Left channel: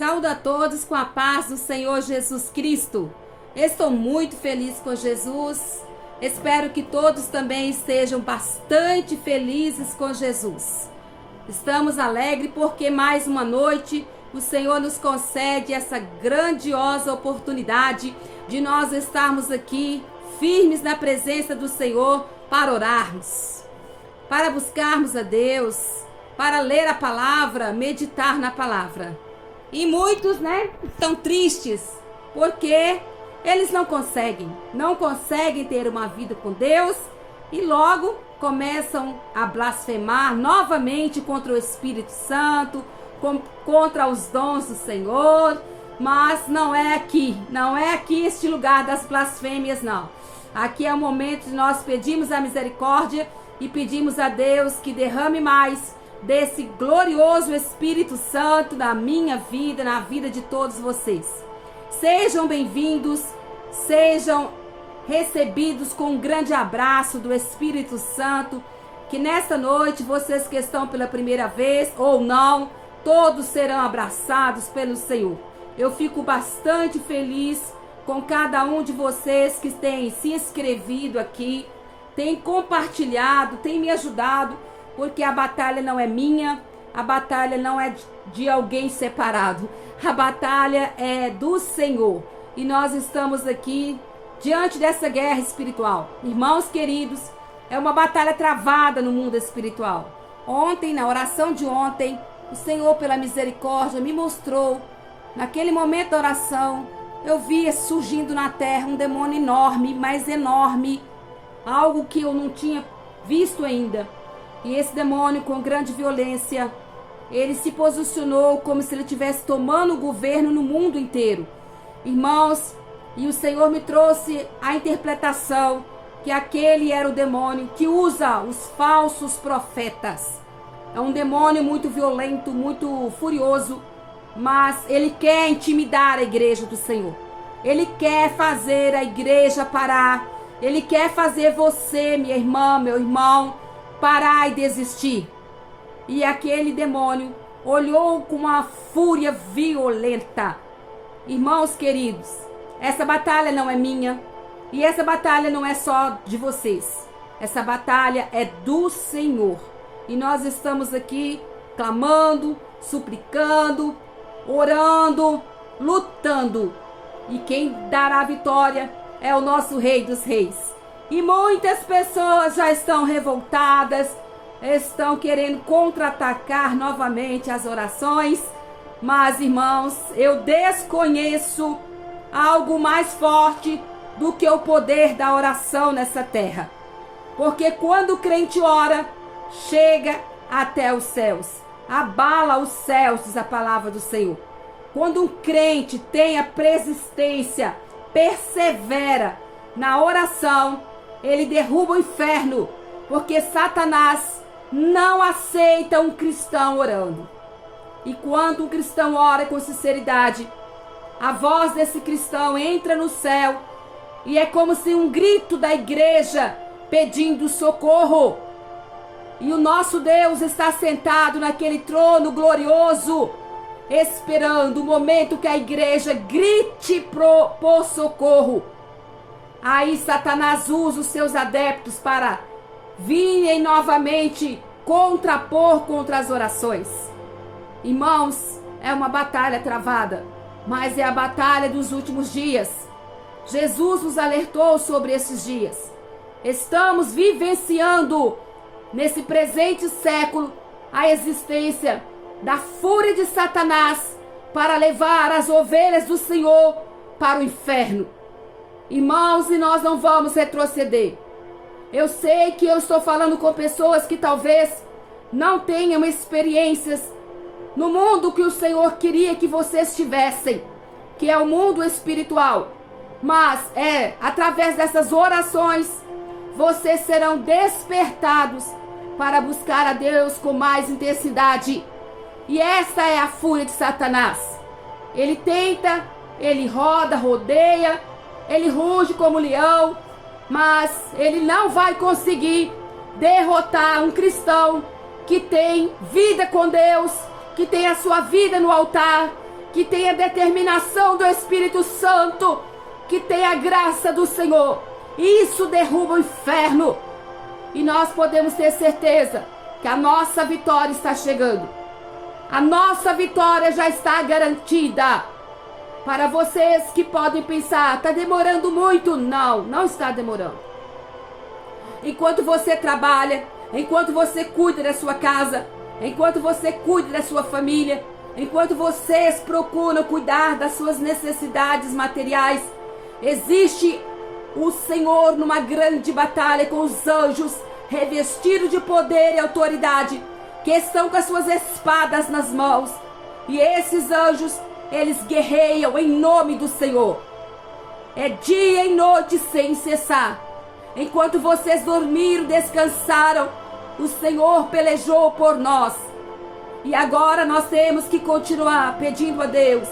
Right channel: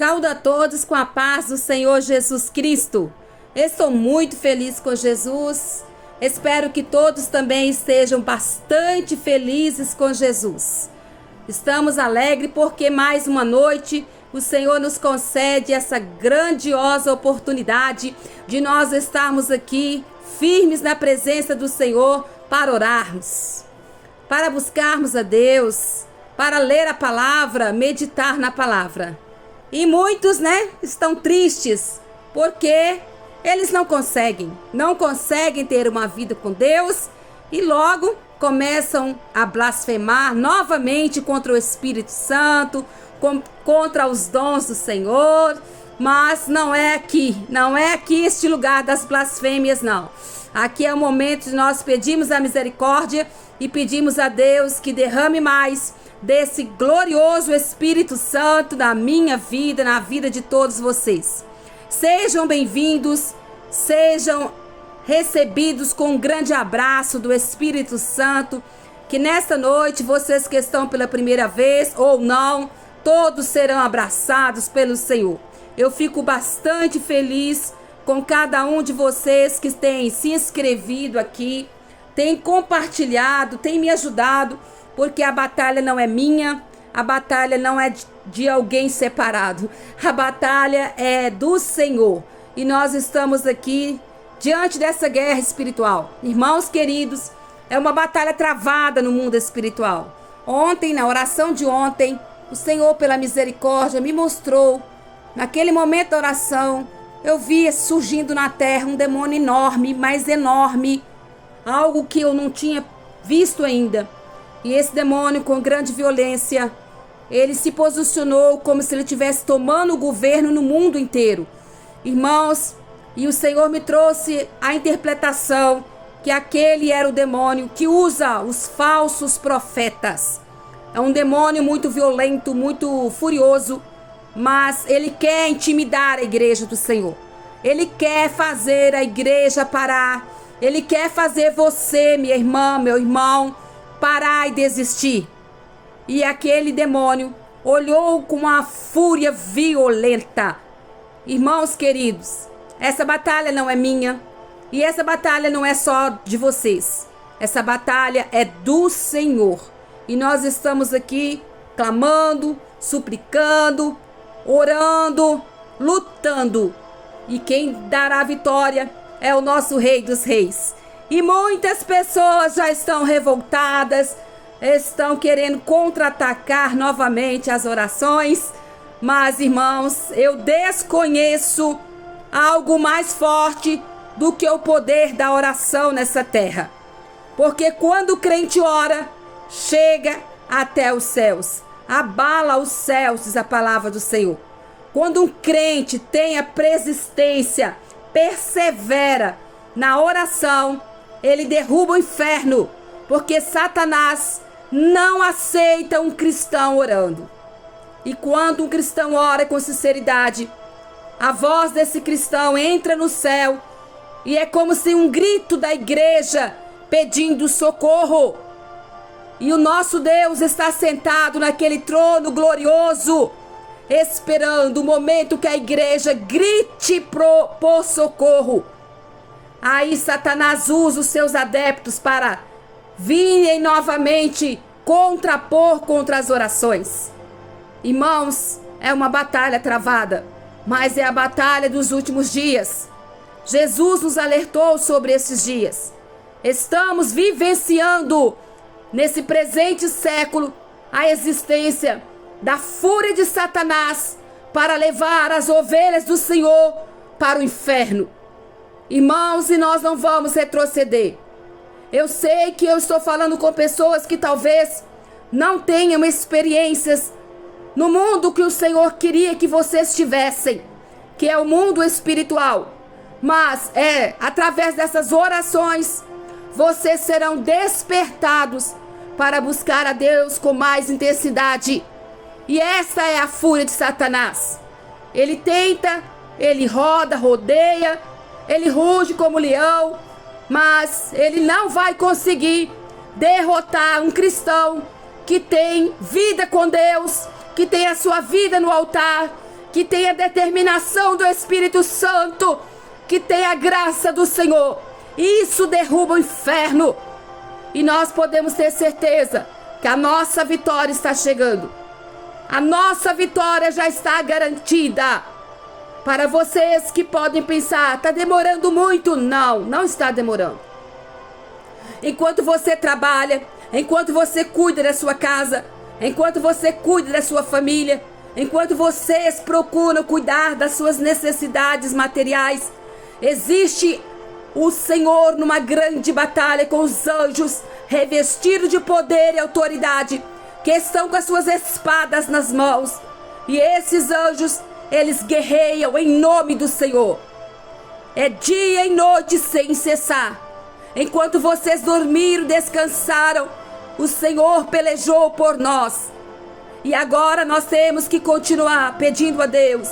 Saúdo a todos com a paz do Senhor Jesus Cristo. Estou muito feliz com Jesus. Espero que todos também estejam bastante felizes com Jesus. Estamos alegres porque mais uma noite o Senhor nos concede essa grandiosa oportunidade de nós estarmos aqui firmes na presença do Senhor para orarmos, para buscarmos a Deus, para ler a palavra, meditar na palavra. E muitos, estão tristes porque eles não conseguem ter uma vida com Deus e logo começam a blasfemar novamente contra o Espírito Santo, contra os dons do Senhor. Mas não é aqui este lugar das blasfêmias, não. Aqui é o momento de nós pedirmos a misericórdia e pedimos a Deus que derrame mais desse glorioso Espírito Santo na minha vida, na vida de todos vocês. Sejam bem-vindos, sejam recebidos com um grande abraço do Espírito Santo, que nesta noite vocês que estão pela primeira vez ou não, todos serão abraçados pelo Senhor. Eu fico bastante feliz com cada um de vocês que tem se inscrevido aqui, tem compartilhado, tem me ajudado, porque a batalha não é minha, a batalha não é de alguém separado, a batalha é do Senhor. E nós estamos aqui diante dessa guerra espiritual. Irmãos queridos, é uma batalha travada no mundo espiritual. Ontem, na oração de ontem, o Senhor, pela misericórdia, me mostrou, naquele momento da oração, eu via surgindo na terra um demônio enorme, mas enorme, algo que eu não tinha visto ainda. E esse demônio, com grande violência, ele se posicionou como se ele estivesse tomando o governo no mundo inteiro. Irmãos, e o Senhor me trouxe a interpretação que aquele era o demônio que usa os falsos profetas. É um demônio muito violento, muito furioso, mas ele quer intimidar a igreja do Senhor. Ele quer fazer a igreja parar. Ele quer fazer você, minha irmã, meu irmão, parar e desistir. E aquele demônio olhou com uma fúria violenta. Irmãos queridos, essa batalha não é minha e essa batalha não é só de vocês. Essa batalha é do Senhor. E nós estamos aqui clamando, suplicando, orando, lutando. E quem dará a vitória é o nosso Rei dos Reis. E muitas pessoas já estão revoltadas, estão querendo contra-atacar novamente as orações. Mas, irmãos, eu desconheço algo mais forte do que o poder da oração nessa terra. Porque quando o crente ora, chega até os céus, abala os céus, diz a palavra do Senhor. Quando um crente tem a persistência, persevera na oração, ele derruba o inferno, porque Satanás não aceita um cristão orando. E quando um cristão ora com sinceridade, a voz desse cristão entra no céu e é como se um grito da igreja pedindo socorro. E o nosso Deus está sentado naquele trono glorioso, esperando o momento que a igreja grite por socorro. Aí Satanás usa os seus adeptos para virem novamente contrapor contra as orações. Irmãos, é uma batalha travada, mas é a batalha dos últimos dias. Jesus nos alertou sobre esses dias. Estamos vivenciando nesse presente século a existência da fúria de Satanás para levar as ovelhas do Senhor para o inferno. Irmãos, e nós não vamos retroceder. Eu sei que eu estou falando com pessoas que talvez não tenham experiências no mundo que o Senhor queria que vocês tivessem, que é o mundo espiritual. Mas através dessas orações, vocês serão despertados para buscar a Deus com mais intensidade. E essa é a fúria de Satanás. Ele tenta, ele rodeia, ele ruge como leão, mas ele não vai conseguir derrotar um cristão que tem vida com Deus, que tem a sua vida no altar, que tenha determinação do Espírito Santo, que tenha a graça do Senhor. Isso derruba o inferno. E nós podemos ter certeza que a nossa vitória está chegando. A nossa vitória já está garantida. Para vocês que podem pensar, está demorando muito. Não, não está demorando. Enquanto você trabalha, enquanto você cuida da sua casa, enquanto você cuida da sua família, enquanto vocês procuram cuidar das suas necessidades materiais, existe o Senhor numa grande batalha com os anjos, revestidos de poder e autoridade, que estão com as suas espadas nas mãos. E esses anjos, eles guerreiam em nome do Senhor. É dia e noite sem cessar. Enquanto vocês dormiram, descansaram, o Senhor pelejou por nós. E agora nós temos que continuar pedindo a Deus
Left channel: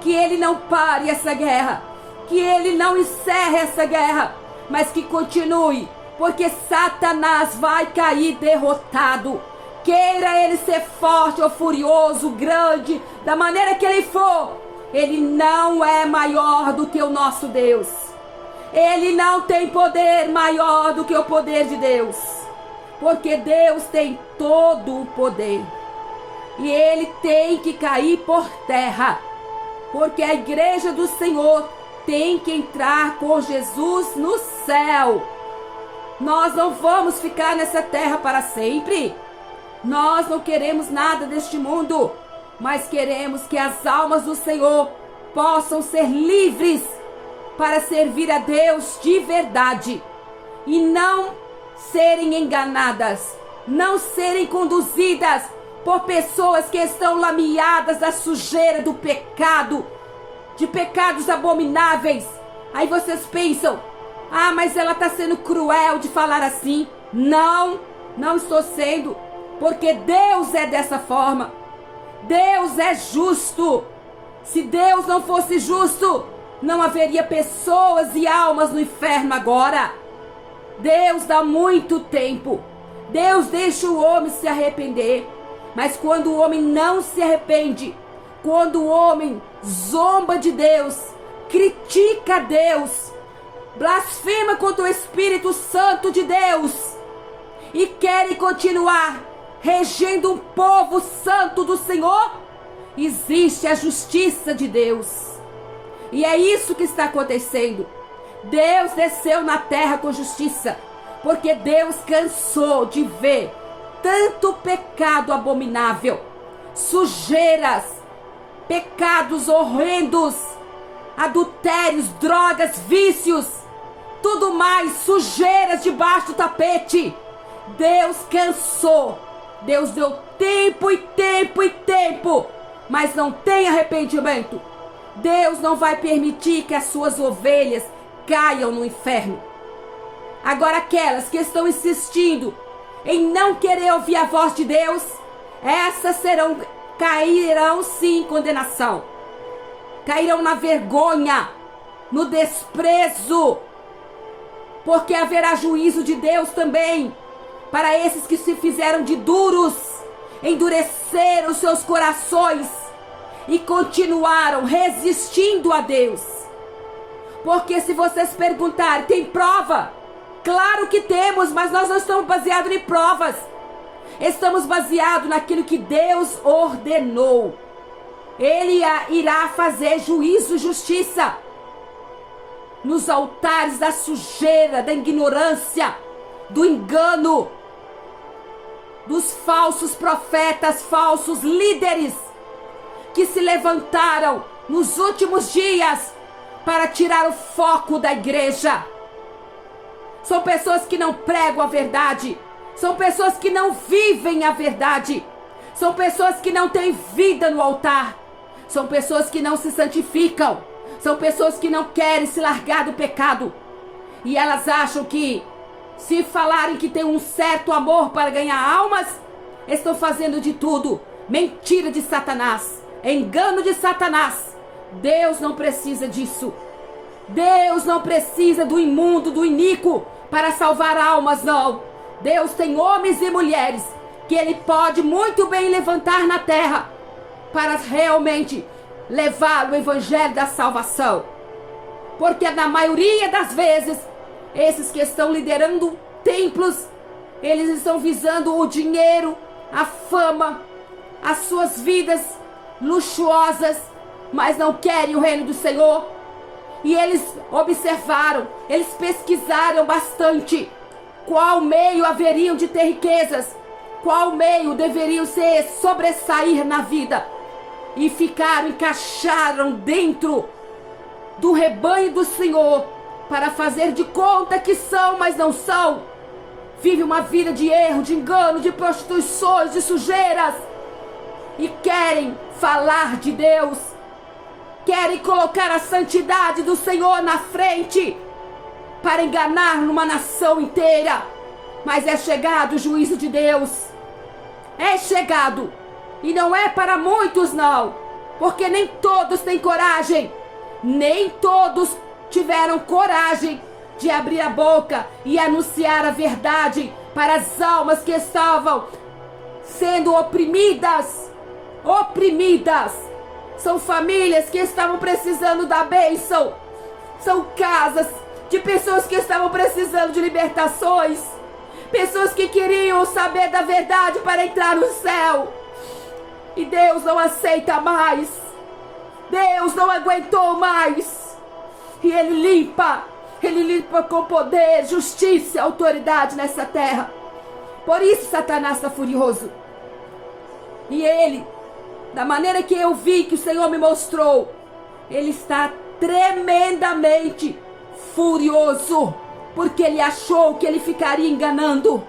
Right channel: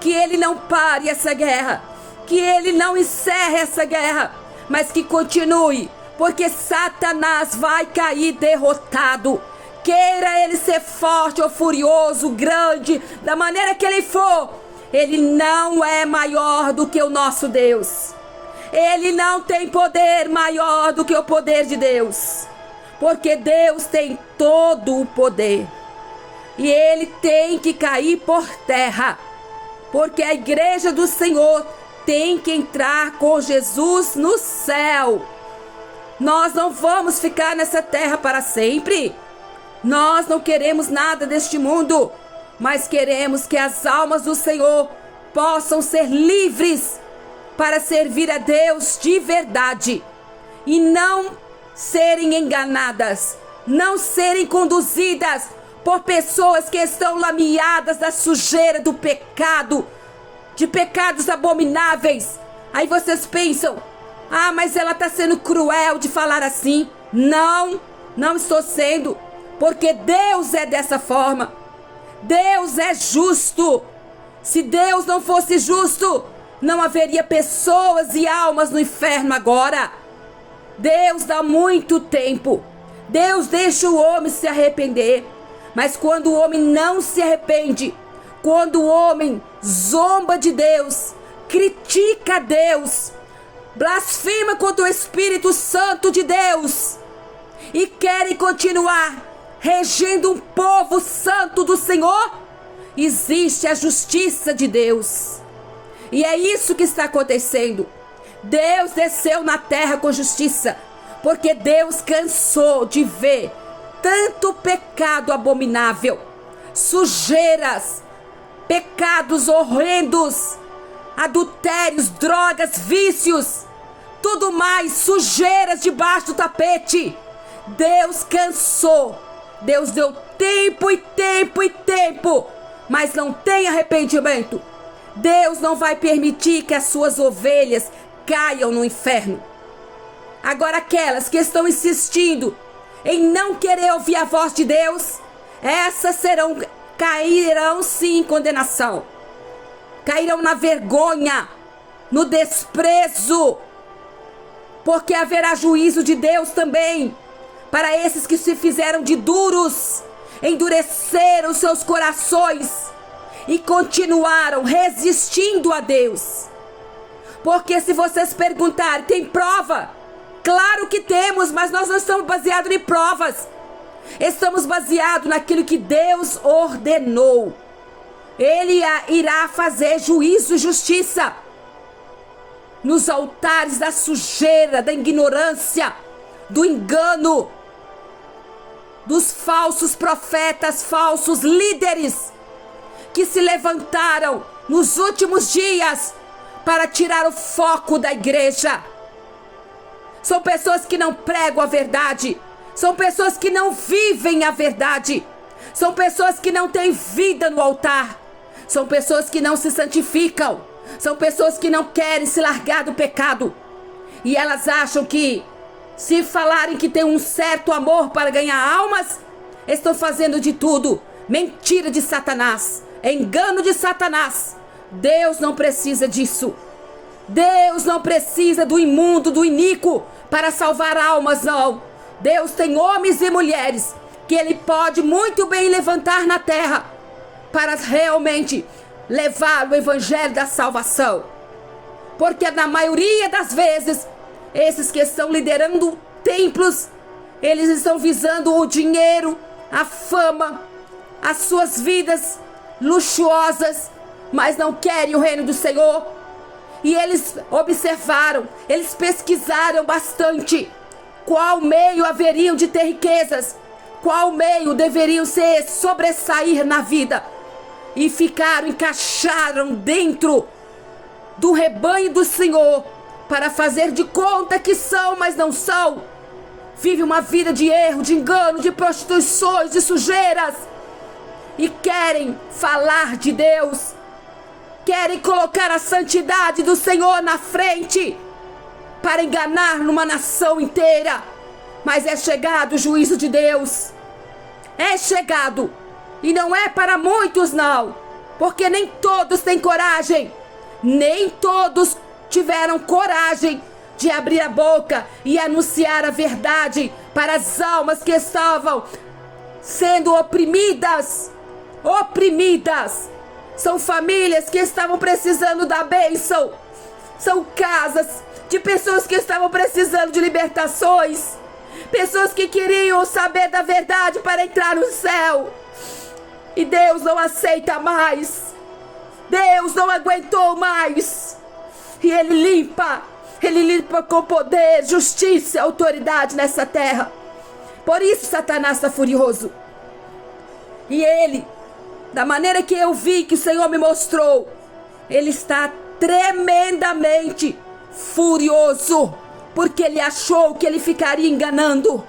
que Ele não pare essa guerra, que Ele não encerre essa guerra, mas que continue, porque Satanás vai cair derrotado. Queira ele ser forte ou furioso, grande, da maneira que ele for, ele não é maior do que o nosso Deus. Ele não tem poder maior do que o poder de Deus, porque Deus tem todo o poder. E ele tem que cair por terra, porque a igreja do Senhor tem que entrar com Jesus no céu. Nós não vamos ficar nessa terra para sempre. Nós não queremos nada deste mundo, mas queremos que as almas do Senhor possam ser livres para servir a Deus de verdade e não serem enganadas, não serem conduzidas por pessoas que estão lameadas da sujeira do pecado, de pecados abomináveis. Aí vocês pensam, mas ela está sendo cruel de falar assim. Não, não estou sendo, porque Deus é dessa forma. Deus é justo. Se Deus não fosse justo, não haveria pessoas e almas no inferno agora. Deus dá muito tempo. Deus deixa o homem se arrepender. Mas quando o homem não se arrepende, quando o homem zomba de Deus, critica Deus, blasfema contra o Espírito Santo de Deus e querem continuar regendo um povo santo do Senhor, existe a justiça de Deus. E é isso que está acontecendo. Deus desceu na terra com justiça, porque Deus cansou de ver tanto pecado abominável, sujeiras, pecados horrendos, adultérios, drogas, vícios, tudo mais, sujeiras debaixo do tapete. Deus cansou. Deus deu tempo e tempo e tempo, mas não tem arrependimento. Deus não vai permitir que as suas ovelhas caiam no inferno. Agora aquelas que estão insistindo em não querer ouvir a voz de Deus, essas cairão sim em condenação. Cairão na vergonha, no desprezo, porque haverá juízo de Deus também para esses que se fizeram de duros, endureceram seus corações e continuaram resistindo a Deus. Porque se vocês perguntarem, tem prova? Claro que temos, mas nós não estamos baseados em provas. Estamos baseados naquilo que Deus ordenou. Ele irá fazer juízo e justiça nos altares da sujeira, da ignorância, do engano, dos falsos profetas, falsos líderes que se levantaram nos últimos dias para tirar o foco da igreja. São pessoas que não pregam a verdade, são pessoas que não vivem a verdade, são pessoas que não têm vida no altar, são pessoas que não se santificam, são pessoas que não querem se largar do pecado. E elas acham que, se falarem que tem um certo amor para ganhar almas, estão fazendo de tudo. Mentira de Satanás, engano de Satanás. Deus não precisa disso. Deus não precisa do imundo, do iníquo para salvar almas, não. Deus tem homens e mulheres que Ele pode muito bem levantar na terra para realmente levá-lo o evangelho da salvação. Porque na maioria das vezes, esses que estão liderando templos, eles estão visando o dinheiro, a fama, as suas vidas luxuosas, mas não querem o reino do Senhor. E eles observaram, eles pesquisaram bastante qual meio haveriam de ter riquezas, qual meio deveriam se sobressair na vida. E encaixaram dentro do rebanho do Senhor para fazer de conta que são, mas não são. Vive uma vida de erro, de engano, de prostituições, de sujeiras. E querem falar de Deus. Querem colocar a santidade do Senhor na frente para enganar numa nação inteira. Mas é chegado o juízo de Deus. É chegado. E não é para muitos, não. Porque nem todos têm coragem. Nem todos tiveram coragem de abrir a boca e anunciar a verdade para as almas que estavam sendo oprimidas. Oprimidas. São famílias que estavam precisando da bênção. São casas de pessoas que estavam precisando de libertações. Pessoas que queriam saber da verdade para entrar no céu. E Deus não aceita mais. Deus não aguentou mais. E Ele limpa com poder, justiça e autoridade nessa terra. Por isso Satanás está furioso. E ele, da maneira que eu vi, que o Senhor me mostrou, ele está tremendamente furioso, porque ele achou que ele ficaria enganando.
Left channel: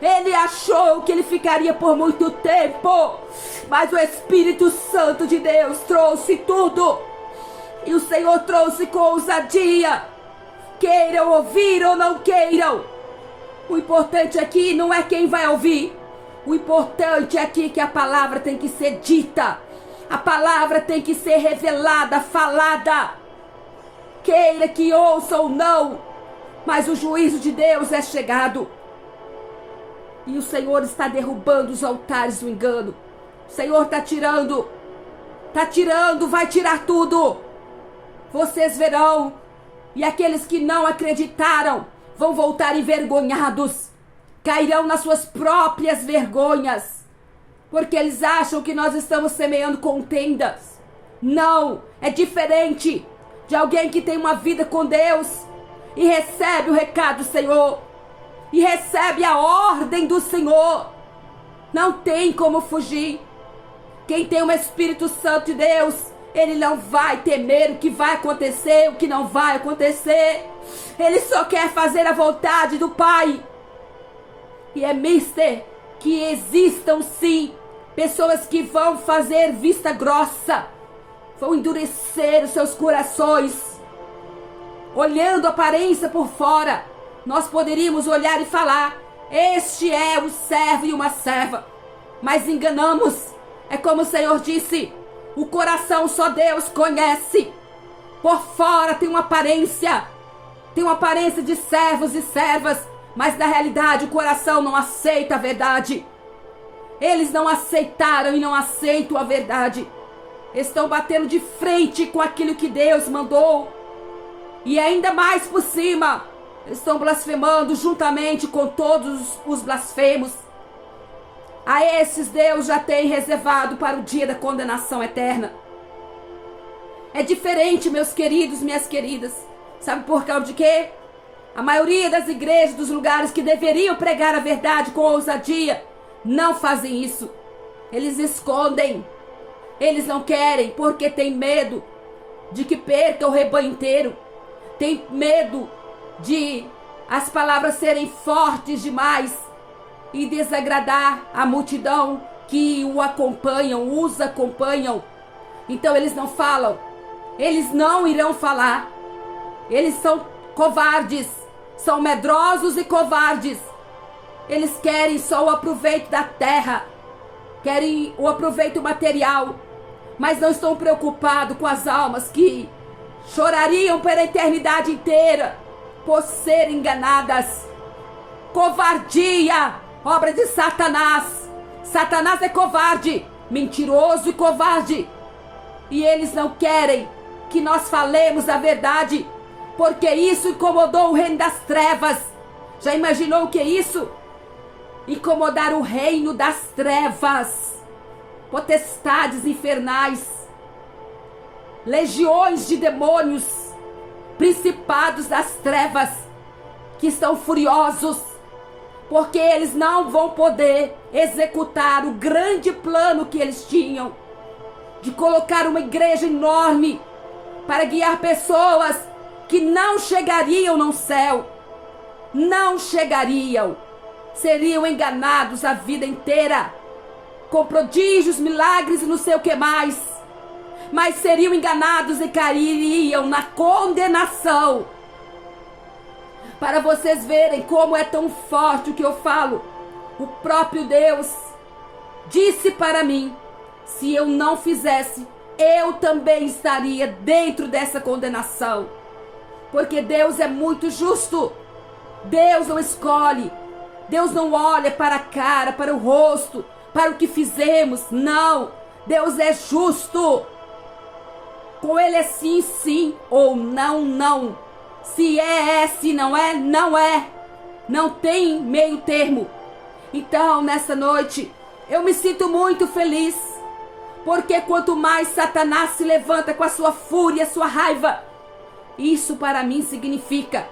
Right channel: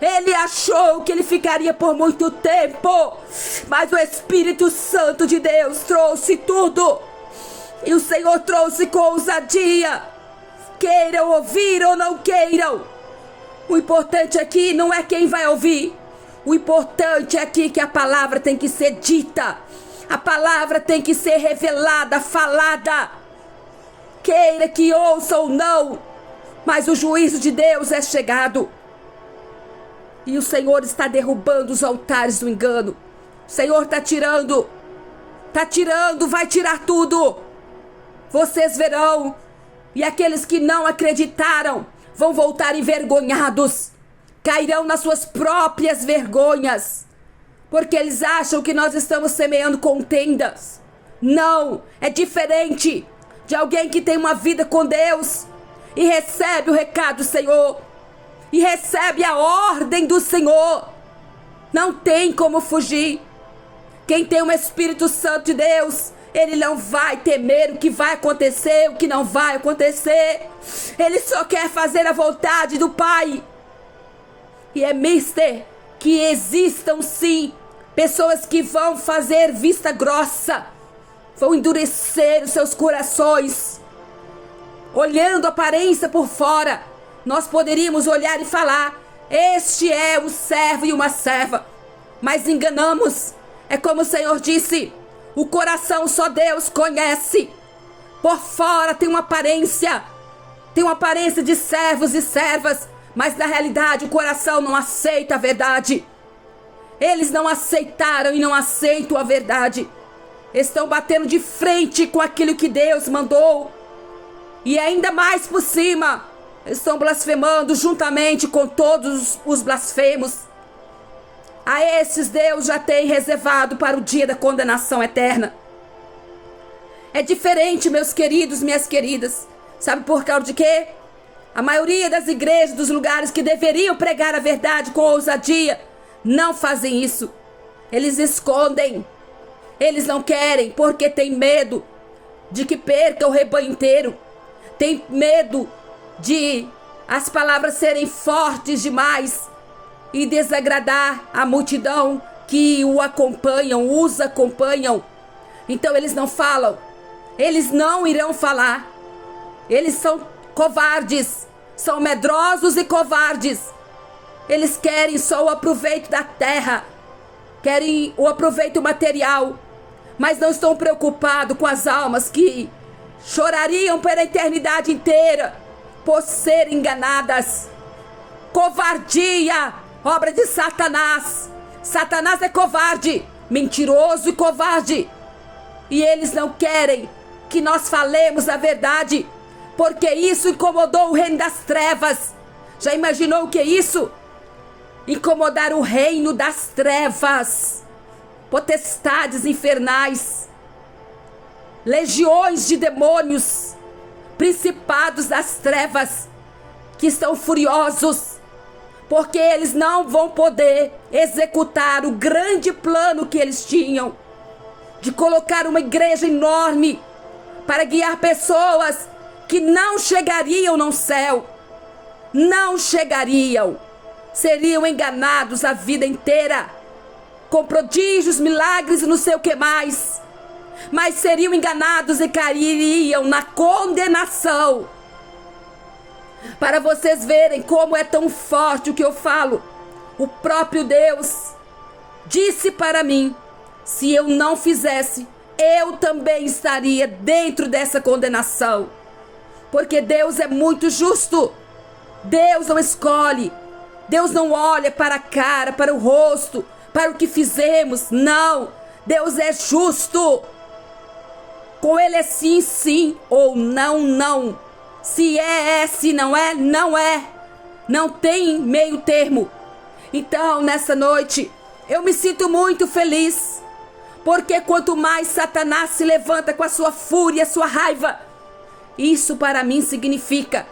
Ele achou que ele ficaria por muito tempo, mas o Espírito Santo de Deus trouxe tudo. E o Senhor trouxe com ousadia. Queiram ouvir ou não queiram, o importante aqui não é quem vai ouvir. O importante aqui é que a palavra tem que ser dita. A palavra tem que ser revelada, falada. Queira que ouça ou não, mas o juízo de Deus é chegado. E o Senhor está derrubando os altares do engano. O Senhor está tirando, vai tirar tudo. Vocês verão, e aqueles que não acreditaram vão voltar envergonhados. Cairão nas suas próprias vergonhas, porque eles acham que nós estamos semeando contendas. Não, é diferente de alguém que tem uma vida com Deus e recebe o recado do Senhor, e recebe a ordem do Senhor. Não tem como fugir. Quem tem o Espírito Santo de Deus, ele não vai temer o que vai acontecer, o que não vai acontecer. Ele só quer fazer a vontade do Pai. E é mister que existam sim pessoas que vão fazer vista grossa, vão endurecer os seus corações. Olhando a aparência por fora, nós poderíamos olhar e falar: este é um servo e uma serva. Mas enganamos. É como o Senhor disse: o coração só Deus conhece. Por fora tem uma aparência de servos e servas, mas na realidade o coração não aceita a verdade. Eles não aceitaram e não aceitam a verdade. Estão batendo de frente com aquilo que Deus mandou. E ainda mais por cima, estão blasfemando juntamente com todos os blasfemos. A esses Deus já tem reservado para o dia da condenação eterna. É diferente, meus queridos, minhas queridas. Sabe por causa de quê? A maioria das igrejas, dos lugares que deveriam pregar a verdade com ousadia, não fazem isso. Eles escondem. Eles não querem porque tem medo de que perca o rebanho inteiro. Tem medo de as palavras serem fortes demais e desagradar a multidão que os acompanham. Então eles não falam. Eles não irão falar. Eles são covardes. São medrosos e covardes. Eles querem só o aproveito da terra. Querem o aproveito material. Mas não estão preocupados com as almas que chorariam pela eternidade inteira por serem enganadas. Covardia, obra de Satanás. Satanás é covarde, mentiroso e covarde. E eles não querem que nós falemos a verdade, porque isso incomodou o reino das trevas. Já imaginou o que é isso? Incomodar o reino das trevas. Potestades infernais, legiões de demônios, principados das trevas, que estão furiosos, porque eles não vão poder executar o grande plano que eles tinham, de colocar uma igreja enorme, para guiar pessoas que não chegariam no céu, não chegariam, seriam enganados a vida inteira, com prodígios, milagres e não sei o que mais, mas seriam enganados e cairiam na condenação. Para vocês verem como é tão forte o que eu falo, o próprio Deus disse para mim, se eu não fizesse, eu também estaria dentro dessa condenação, porque Deus é muito justo. Deus não escolhe, Deus não olha para a cara, para o rosto, para o que fizemos, não. Deus é justo. Com Ele é sim, sim, ou não, não. Se é, se não é, não é. Não tem meio termo. Então, nessa noite, eu me sinto muito feliz, porque quanto mais Satanás se levanta com a sua fúria, a sua raiva, isso para mim significa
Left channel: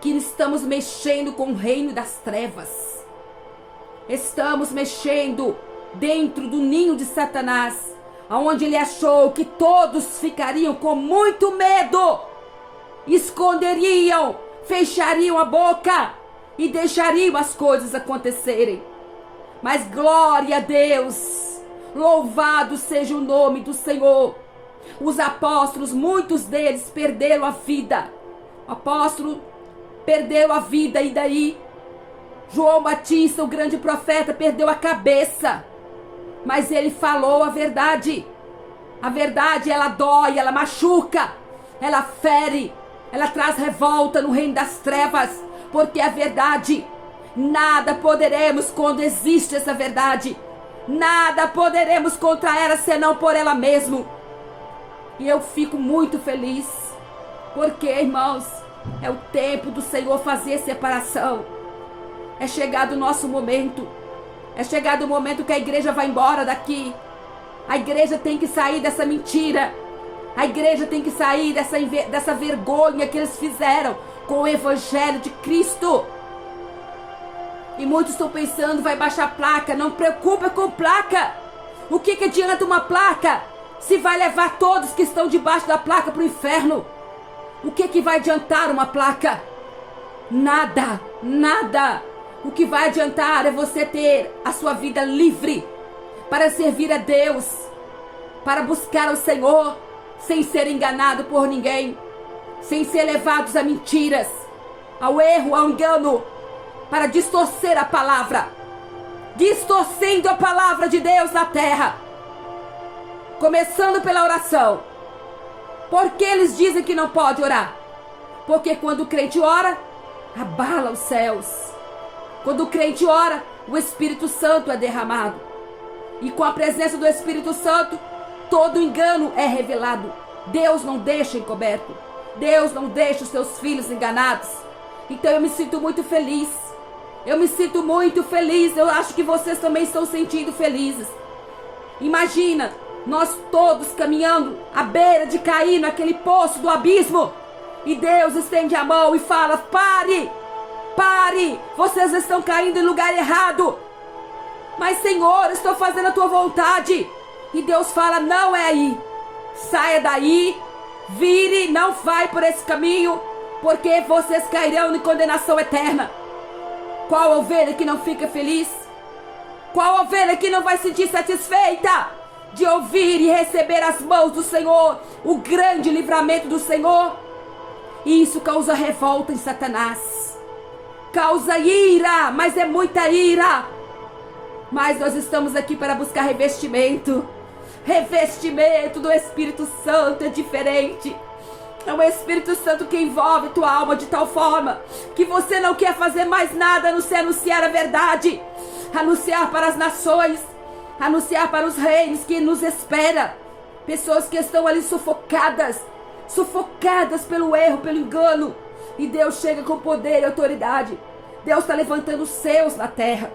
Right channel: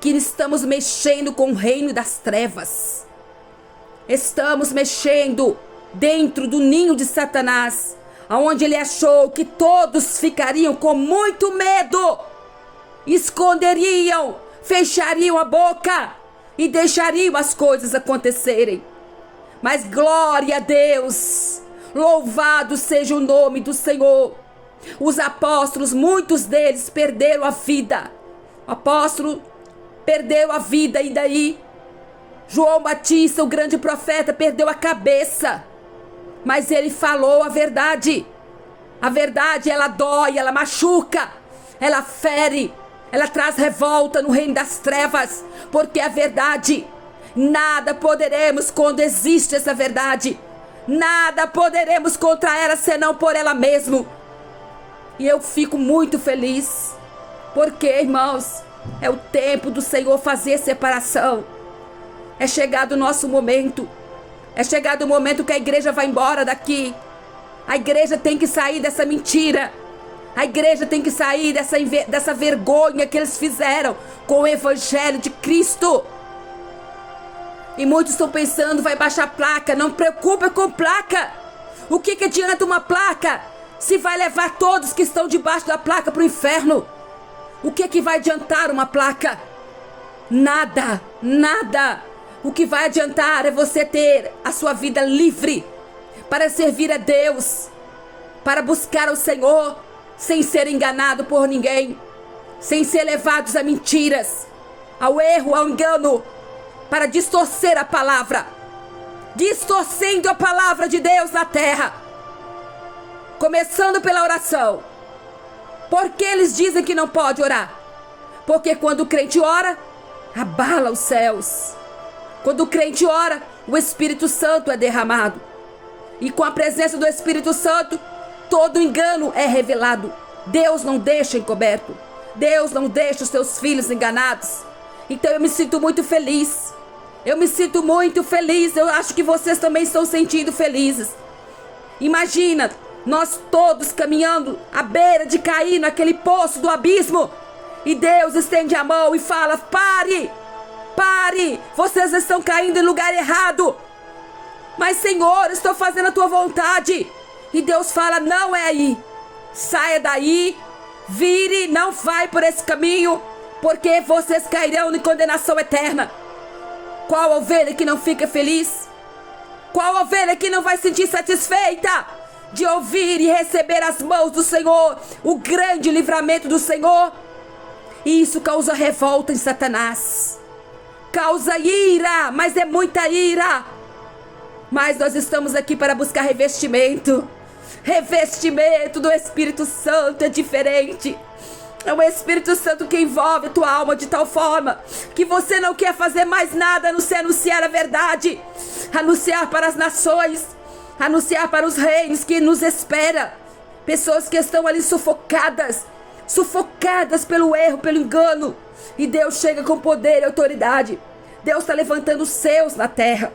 que estamos mexendo com o reino das trevas. Estamos mexendo dentro do ninho de Satanás, aonde ele achou que todos ficariam com muito medo, esconderiam, fechariam a boca e deixariam as coisas acontecerem. Mas glória a Deus, louvado seja o nome do Senhor. Os apóstolos, muitos deles perderam a vida. O apóstolo perdeu a vida, e daí João Batista, o grande profeta, perdeu a cabeça. Mas ele falou a verdade. A verdade, ela dói, ela machuca, ela fere, ela traz revolta no reino das trevas, porque a verdade, nada poderemos quando existe essa verdade. Nada poderemos contra ela senão por ela mesmo. E eu fico muito feliz, porque, irmãos, é o tempo do Senhor fazer separação. É chegado o nosso momento. É chegado o momento que a igreja vai embora daqui. A igreja tem que sair dessa mentira. A igreja tem que sair dessa vergonha que eles fizeram com o evangelho de Cristo. E muitos estão pensando, vai baixar placa. Não preocupa com placa. O que adianta uma placa se vai levar todos que estão debaixo da placa para o inferno? O que vai adiantar uma placa? Nada, nada. O que vai adiantar é você ter a sua vida livre para servir a Deus, para buscar o Senhor, sem ser enganado por ninguém, sem ser levados a mentiras, ao erro, ao engano, para distorcer a palavra, distorcendo a palavra de Deus na terra. Começando pela oração. Por que eles dizem que não pode orar? Porque quando o crente ora, abala os céus. Quando o crente ora, o Espírito Santo é derramado. E com a presença do Espírito Santo, todo engano é revelado. Deus não deixa encoberto. Deus não deixa os seus filhos enganados. Então eu me sinto muito feliz. Eu me sinto muito feliz. Eu acho que vocês também estão sentindo felizes. Imagina, nós todos caminhando à beira de cair naquele poço do abismo. E Deus estende a mão e fala, pare! Pare, vocês estão caindo em lugar errado. Mas Senhor, estou fazendo a tua vontade. E Deus fala, não é aí. Saia daí, vire, não vai por esse caminho, porque vocês cairão em condenação eterna. Qual ovelha que não fica feliz? Qual ovelha que não vai se sentir satisfeita de ouvir e receber as mãos do Senhor, o grande livramento do Senhor? E isso causa revolta em Satanás. Causa ira, mas é muita ira. Mas nós estamos aqui para buscar revestimento. Revestimento do Espírito Santo é diferente. É o Espírito Santo que envolve a tua alma de tal forma que você não quer fazer mais nada a não ser anunciar a verdade. Anunciar para as nações. Anunciar para os reinos que nos espera. Pessoas que estão ali sufocadas pelo erro, pelo engano. E Deus chega com poder e autoridade. Deus está levantando os seus na terra.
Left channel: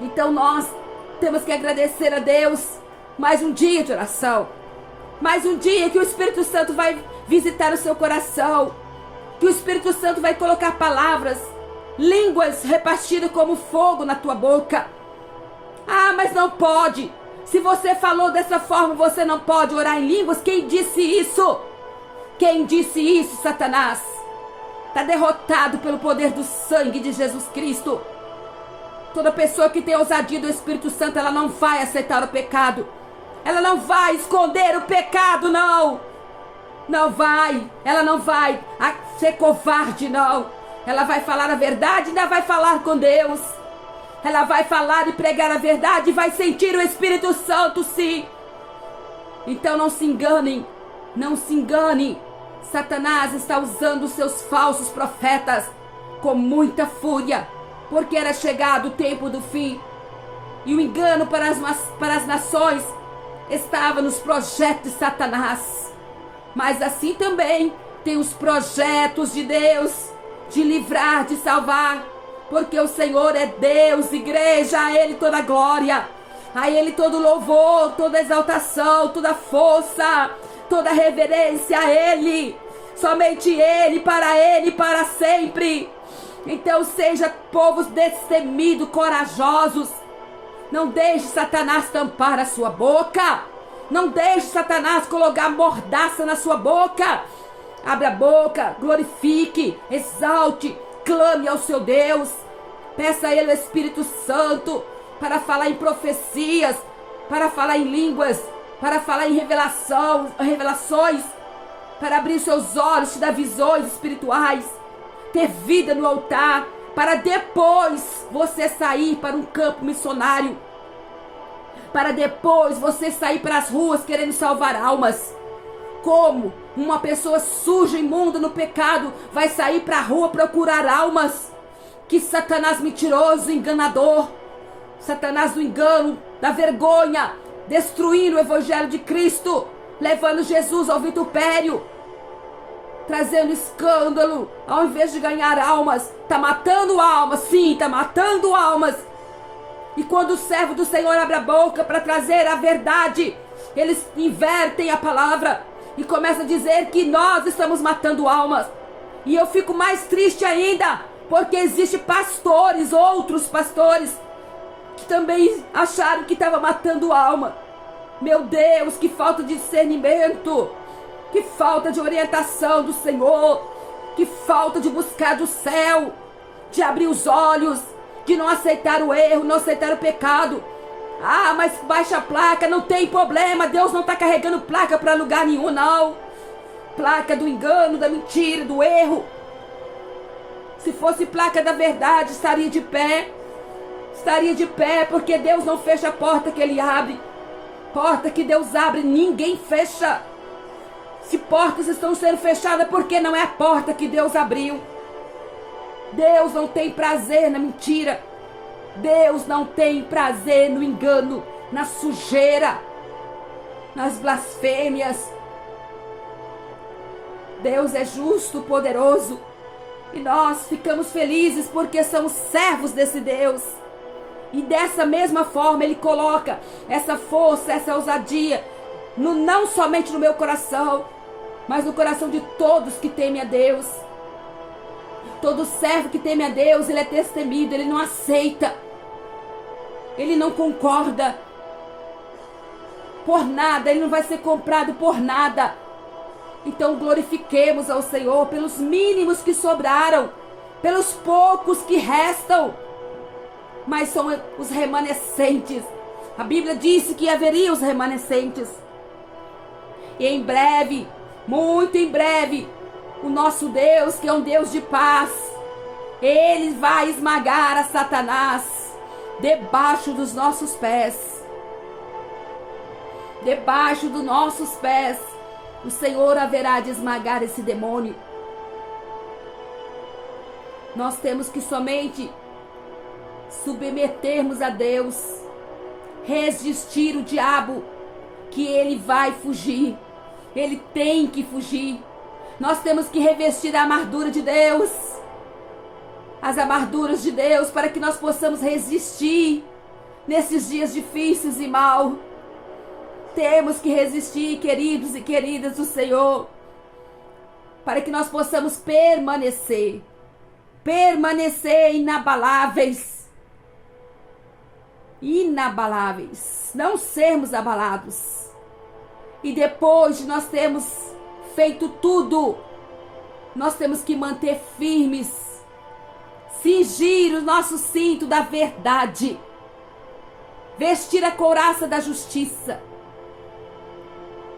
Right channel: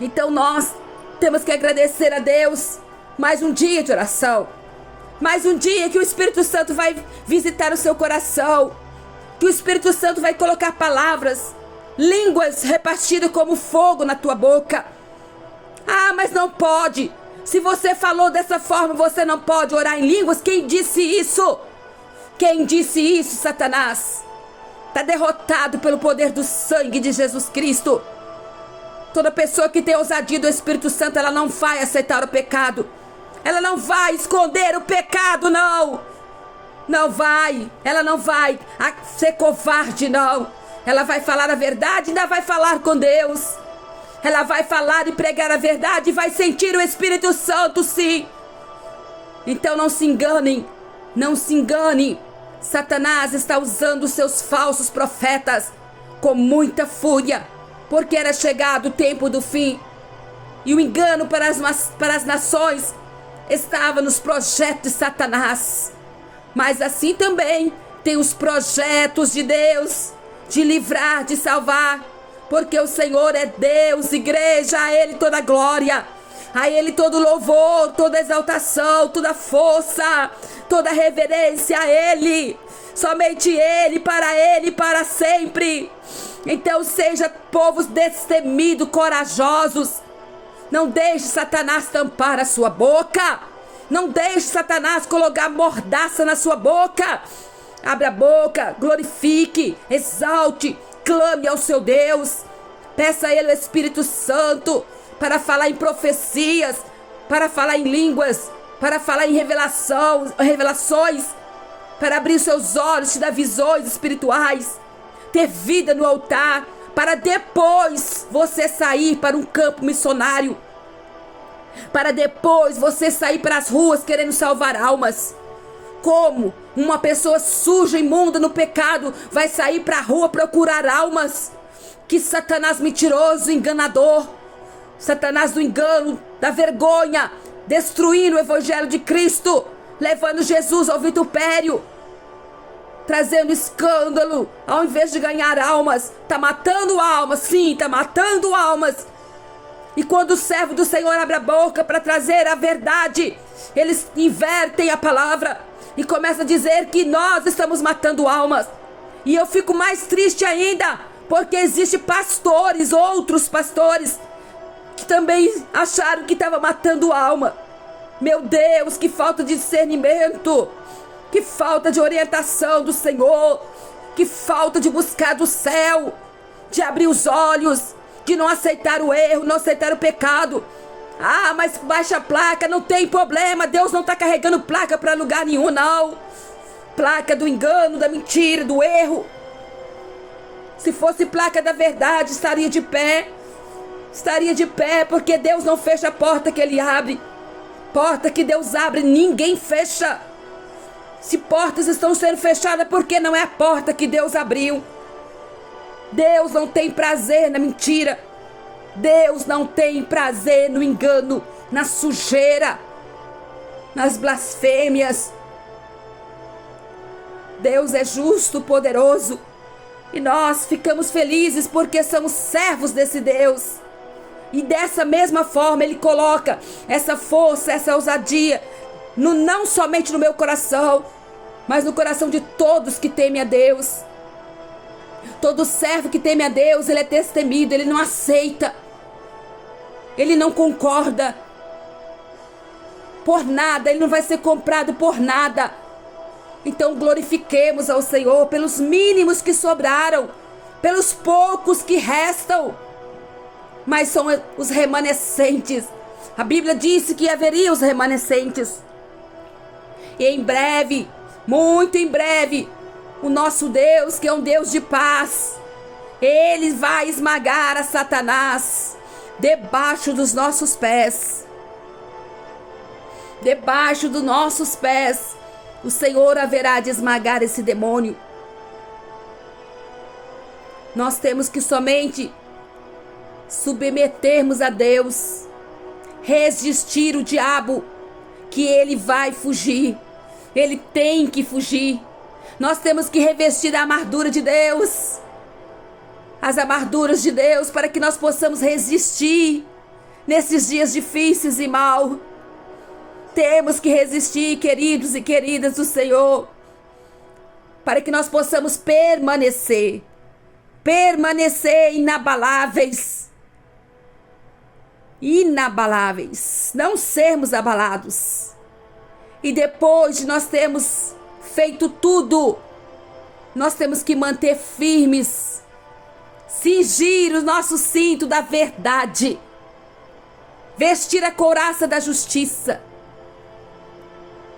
Então nós temos que agradecer a Deus. Mais um dia de oração. Mais um dia que o Espírito Santo vai visitar o seu coração. Que o Espírito Santo vai colocar palavras, línguas repartidas como fogo na tua boca. Ah, mas não pode. Se você falou dessa forma, você não pode orar em línguas. Quem disse isso? Quem disse isso, Satanás? Está derrotado pelo poder do sangue de Jesus Cristo. Toda pessoa que tem ousadia do Espírito Santo, ela não vai aceitar o pecado. Ela não vai esconder o pecado, não. Não vai. Ela não vai ser covarde, não. Ela vai falar a verdade e ainda vai falar com Deus. Ela vai falar e pregar a verdade e vai sentir o Espírito Santo, sim. Então não se enganem. Não se engane. Satanás está usando os seus falsos profetas com muita fúria, porque era chegado o tempo do fim. E o engano para as nações estava nos projetos de Satanás. Mas assim também tem os projetos de Deus, de livrar, de salvar. Porque o Senhor é Deus, igreja, a Ele toda glória, a Ele todo louvor, toda exaltação, toda força, toda reverência a Ele. Somente Ele, para sempre. Então seja povos destemidos, corajosos. Não deixe Satanás tampar a sua boca. Não deixe Satanás colocar mordaça na sua boca. Abra a boca, glorifique, exalte, clame ao seu Deus. Peça a Ele o Espírito Santo para falar em profecias, para falar em línguas, para falar em revelações, para abrir seus olhos, te dar visões espirituais, ter vida no altar, para depois você sair para um campo missionário, para depois você sair para as ruas querendo salvar almas. Como uma pessoa suja, imunda no pecado, vai sair para a rua procurar almas? Que Satanás mentiroso, enganador, Satanás do engano, da vergonha, destruindo o Evangelho de Cristo, levando Jesus ao vitupério, trazendo escândalo, ao invés de ganhar almas, está matando almas, sim, está matando almas. E quando o servo do Senhor abre a boca para trazer a verdade, eles invertem a palavra e começam a dizer que nós estamos matando almas. E eu fico mais triste ainda, porque existem pastores, outros pastores, que também acharam que estava matando alma. Meu Deus, que falta de discernimento, que falta de orientação do Senhor, que falta de buscar do céu, de abrir os olhos, de não aceitar o erro, não aceitar o pecado. Ah, mas baixa a placa, não tem problema, Deus não está carregando placa para lugar nenhum, não. Placa do engano, da mentira, do erro. Se fosse placa da verdade, estaria de pé. Estaria de pé, porque Deus não fecha a porta que Ele abre. Porta que Deus abre, ninguém fecha. Se portas estão sendo fechadas, porque não é a porta que Deus abriu. Deus não tem prazer na mentira. Deus não tem prazer no engano, na sujeira, nas blasfêmias. Deus é justo, poderoso. E nós ficamos felizes porque somos servos desse Deus. E dessa mesma forma Ele coloca essa força, essa ousadia, não somente no meu coração, mas no coração de todos que temem a Deus. Todo servo que teme a Deus, ele é destemido, ele não aceita, ele não concorda por nada, ele não vai ser comprado por nada. Então glorifiquemos ao Senhor pelos mínimos que sobraram, pelos poucos que restam, mas são os remanescentes. A Bíblia disse que haveria os remanescentes. E em breve, muito em breve, o nosso Deus, que é um Deus de paz, Ele vai esmagar a Satanás debaixo dos nossos pés. Debaixo dos nossos pés, o Senhor haverá de esmagar esse demônio. Nós temos que somente submetermos a Deus, resistir o diabo, que ele vai fugir. Ele tem que fugir. Nós temos que revestir a armadura de Deus. As armaduras de Deus, para que nós possamos resistir nesses dias difíceis e mal. Temos que resistir, queridos e queridas do Senhor, para que nós possamos permanecer inabaláveis, não sermos abalados. E depois de nós termos feito tudo, nós temos que manter firmes, cingir o nosso cinto da verdade, vestir a couraça da justiça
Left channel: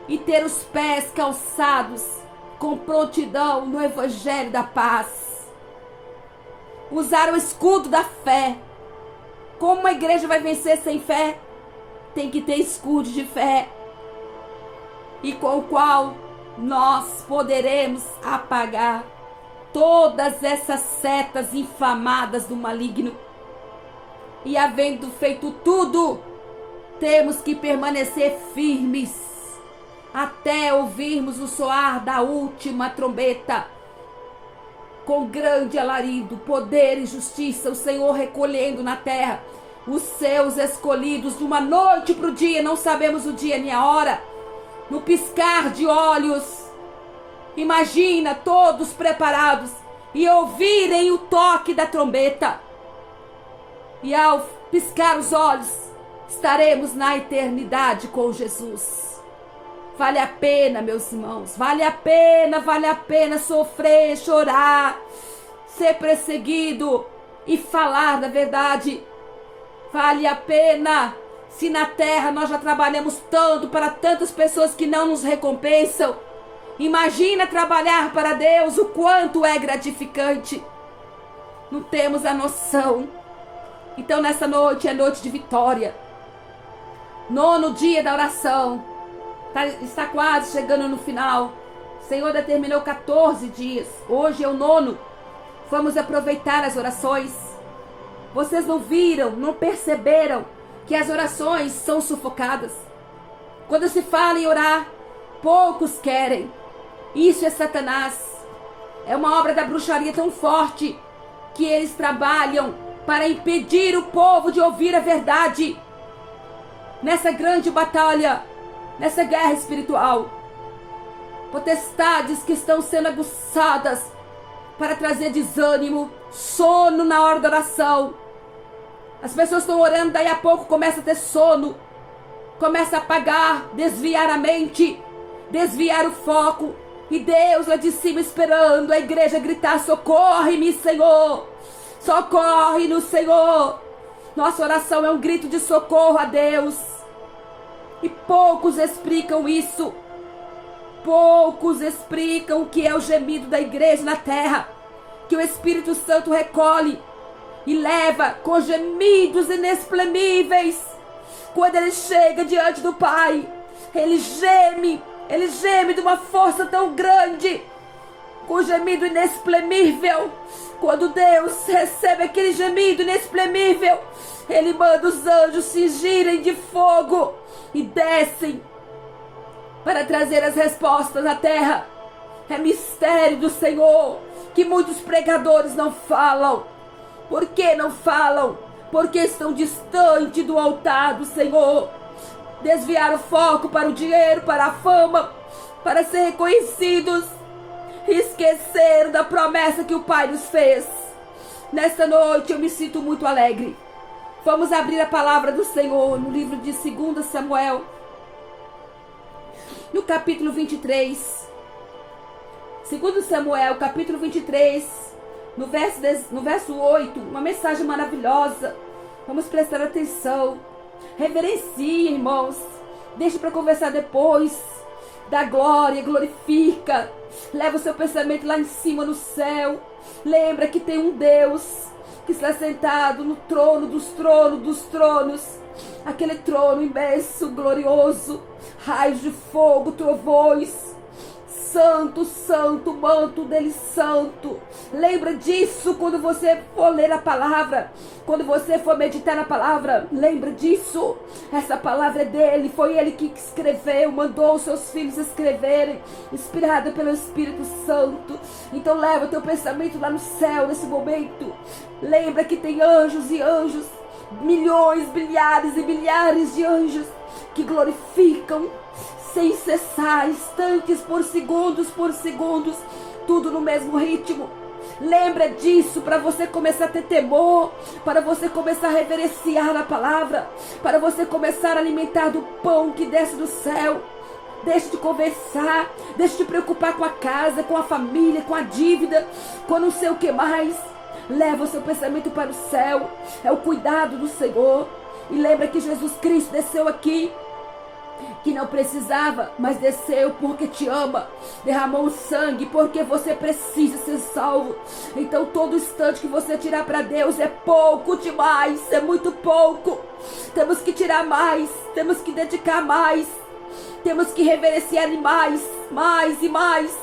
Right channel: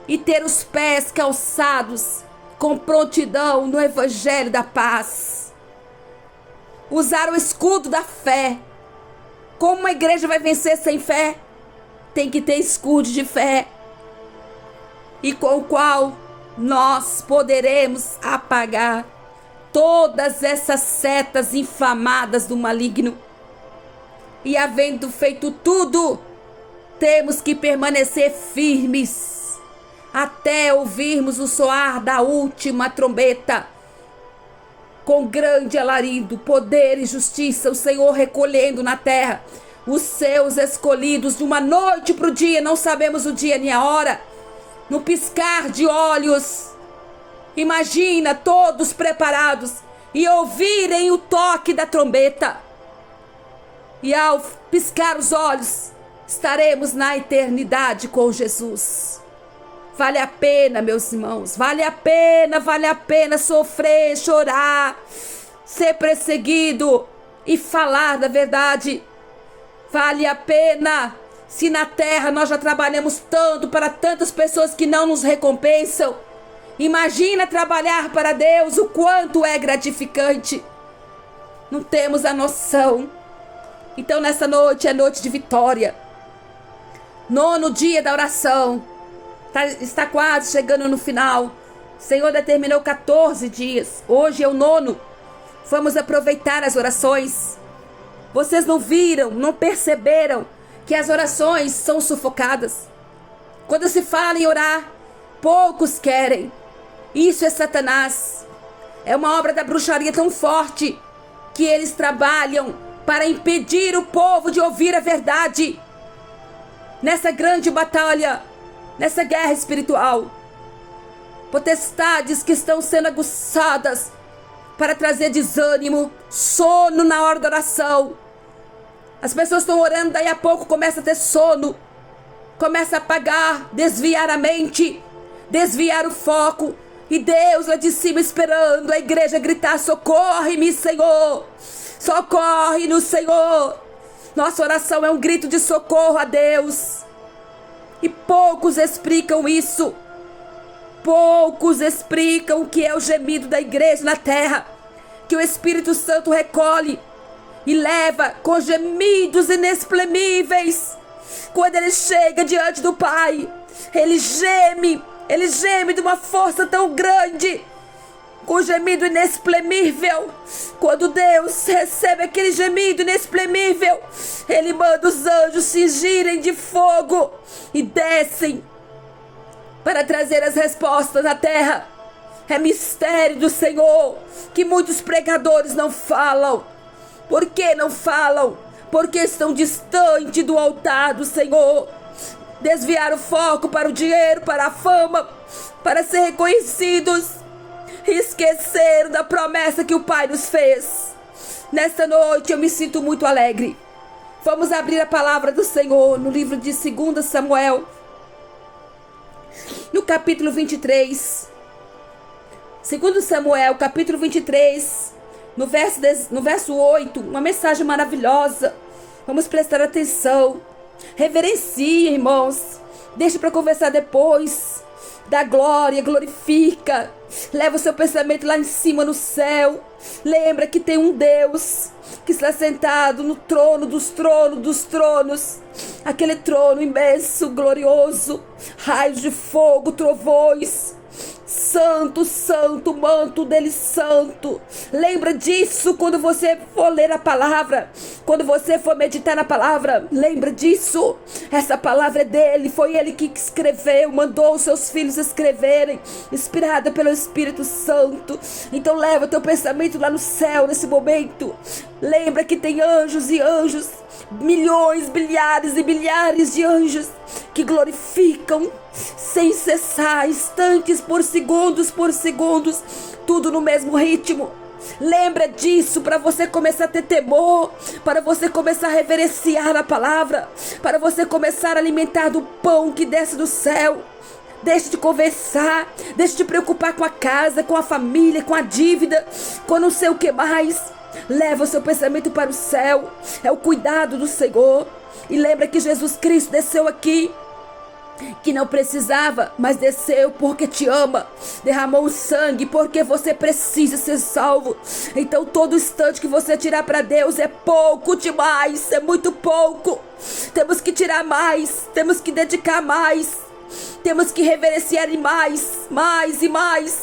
e ter os pés calçados com prontidão no evangelho da paz. Usar o escudo da fé. Como uma igreja vai vencer sem fé? Tem que ter escudo de fé, e com o qual nós poderemos apagar todas essas setas inflamadas do maligno. E havendo feito tudo, temos que permanecer firmes até ouvirmos o soar da última trombeta. Com grande alarido, poder e justiça, o Senhor recolhendo na terra os seus escolhidos de uma noite para o dia, não sabemos o dia nem a hora, no piscar de olhos. Imagina todos preparados e ouvirem o toque da trombeta. E ao piscar os olhos, estaremos na eternidade com Jesus. Vale a pena, meus irmãos, vale a pena sofrer, chorar, ser perseguido e falar da verdade. Vale a pena. Se na terra nós já trabalhamos tanto para tantas pessoas que não nos recompensam, imagina trabalhar para Deus, o quanto é gratificante. Não temos a noção. Então nessa noite é noite de vitória. 9º dia da oração. Está quase chegando no final. O Senhor determinou 14 dias. Hoje é o 9º. Vamos aproveitar as orações. Vocês não viram, não perceberam que as orações são sufocadas? Quando se fala em orar, poucos querem. Isso é Satanás. É uma obra da bruxaria tão forte que eles trabalham para impedir o povo de ouvir a verdade. Nessa grande batalha, nessa guerra espiritual, potestades que estão sendo aguçadas para trazer desânimo, sono na hora da oração. As pessoas estão orando, daí a pouco começa a ter sono, começa a apagar, desviar a mente, desviar o foco, e Deus lá de cima esperando a igreja gritar: socorre-me, Senhor, socorre no Senhor. Nossa oração é um grito de socorro a Deus. E poucos explicam isso. Poucos explicam o que é o gemido da igreja na terra, que o Espírito Santo recolhe e leva com gemidos inexprimíveis. Quando ele chega diante do Pai, ele geme de uma força tão grande, com gemido inexprimível. Quando Deus recebe aquele gemido inexprimível, ele manda os anjos cingirem de fogo e descem para trazer as respostas à terra. É mistério do Senhor que muitos pregadores não falam. Por que não falam? Porque estão distante do altar do Senhor. Desviaram o foco para o dinheiro, para a fama, para ser reconhecidos. Esqueceram da promessa que o Pai nos fez. Nesta noite eu me sinto muito alegre. Vamos abrir a palavra do Senhor no livro de 2 Samuel, no capítulo 23. 2 Samuel, capítulo 23, no verso 8, uma mensagem maravilhosa. Vamos prestar atenção. Reverencie, irmãos. Deixe para conversar depois. Dá glória, glorifica. Leva o seu pensamento lá em cima no céu. Lembra que tem um Deus que está sentado no trono dos tronos. Aquele trono imenso, glorioso. Raios de fogo, trovões. Santo, santo, manto dele santo. Lembra disso quando você for ler a palavra. Quando você for meditar na palavra, lembra disso. Essa palavra é dele, foi ele que escreveu, mandou os seus filhos escreverem, inspirada pelo Espírito Santo. Então leva o teu pensamento lá no céu nesse momento. Lembra que tem anjos e anjos, milhões, bilhares e bilhares de anjos que glorificam sem cessar, instantes por segundos, tudo no mesmo ritmo. Lembra disso para você começar a ter temor, para você começar a reverenciar a palavra, para você começar a alimentar do pão que desce do céu. Deixe de conversar, deixe de preocupar com a casa, com a família, com a dívida, com não sei o que mais. Leva o seu pensamento para o céu, é o cuidado do Senhor. E lembra que Jesus Cristo desceu aqui, que não precisava, mas desceu porque te ama, derramou o sangue porque você precisa ser salvo. Então todo instante que você tirar para Deus é pouco demais, é muito pouco. Temos que tirar mais, temos que dedicar mais, temos que reverenciar mais e mais.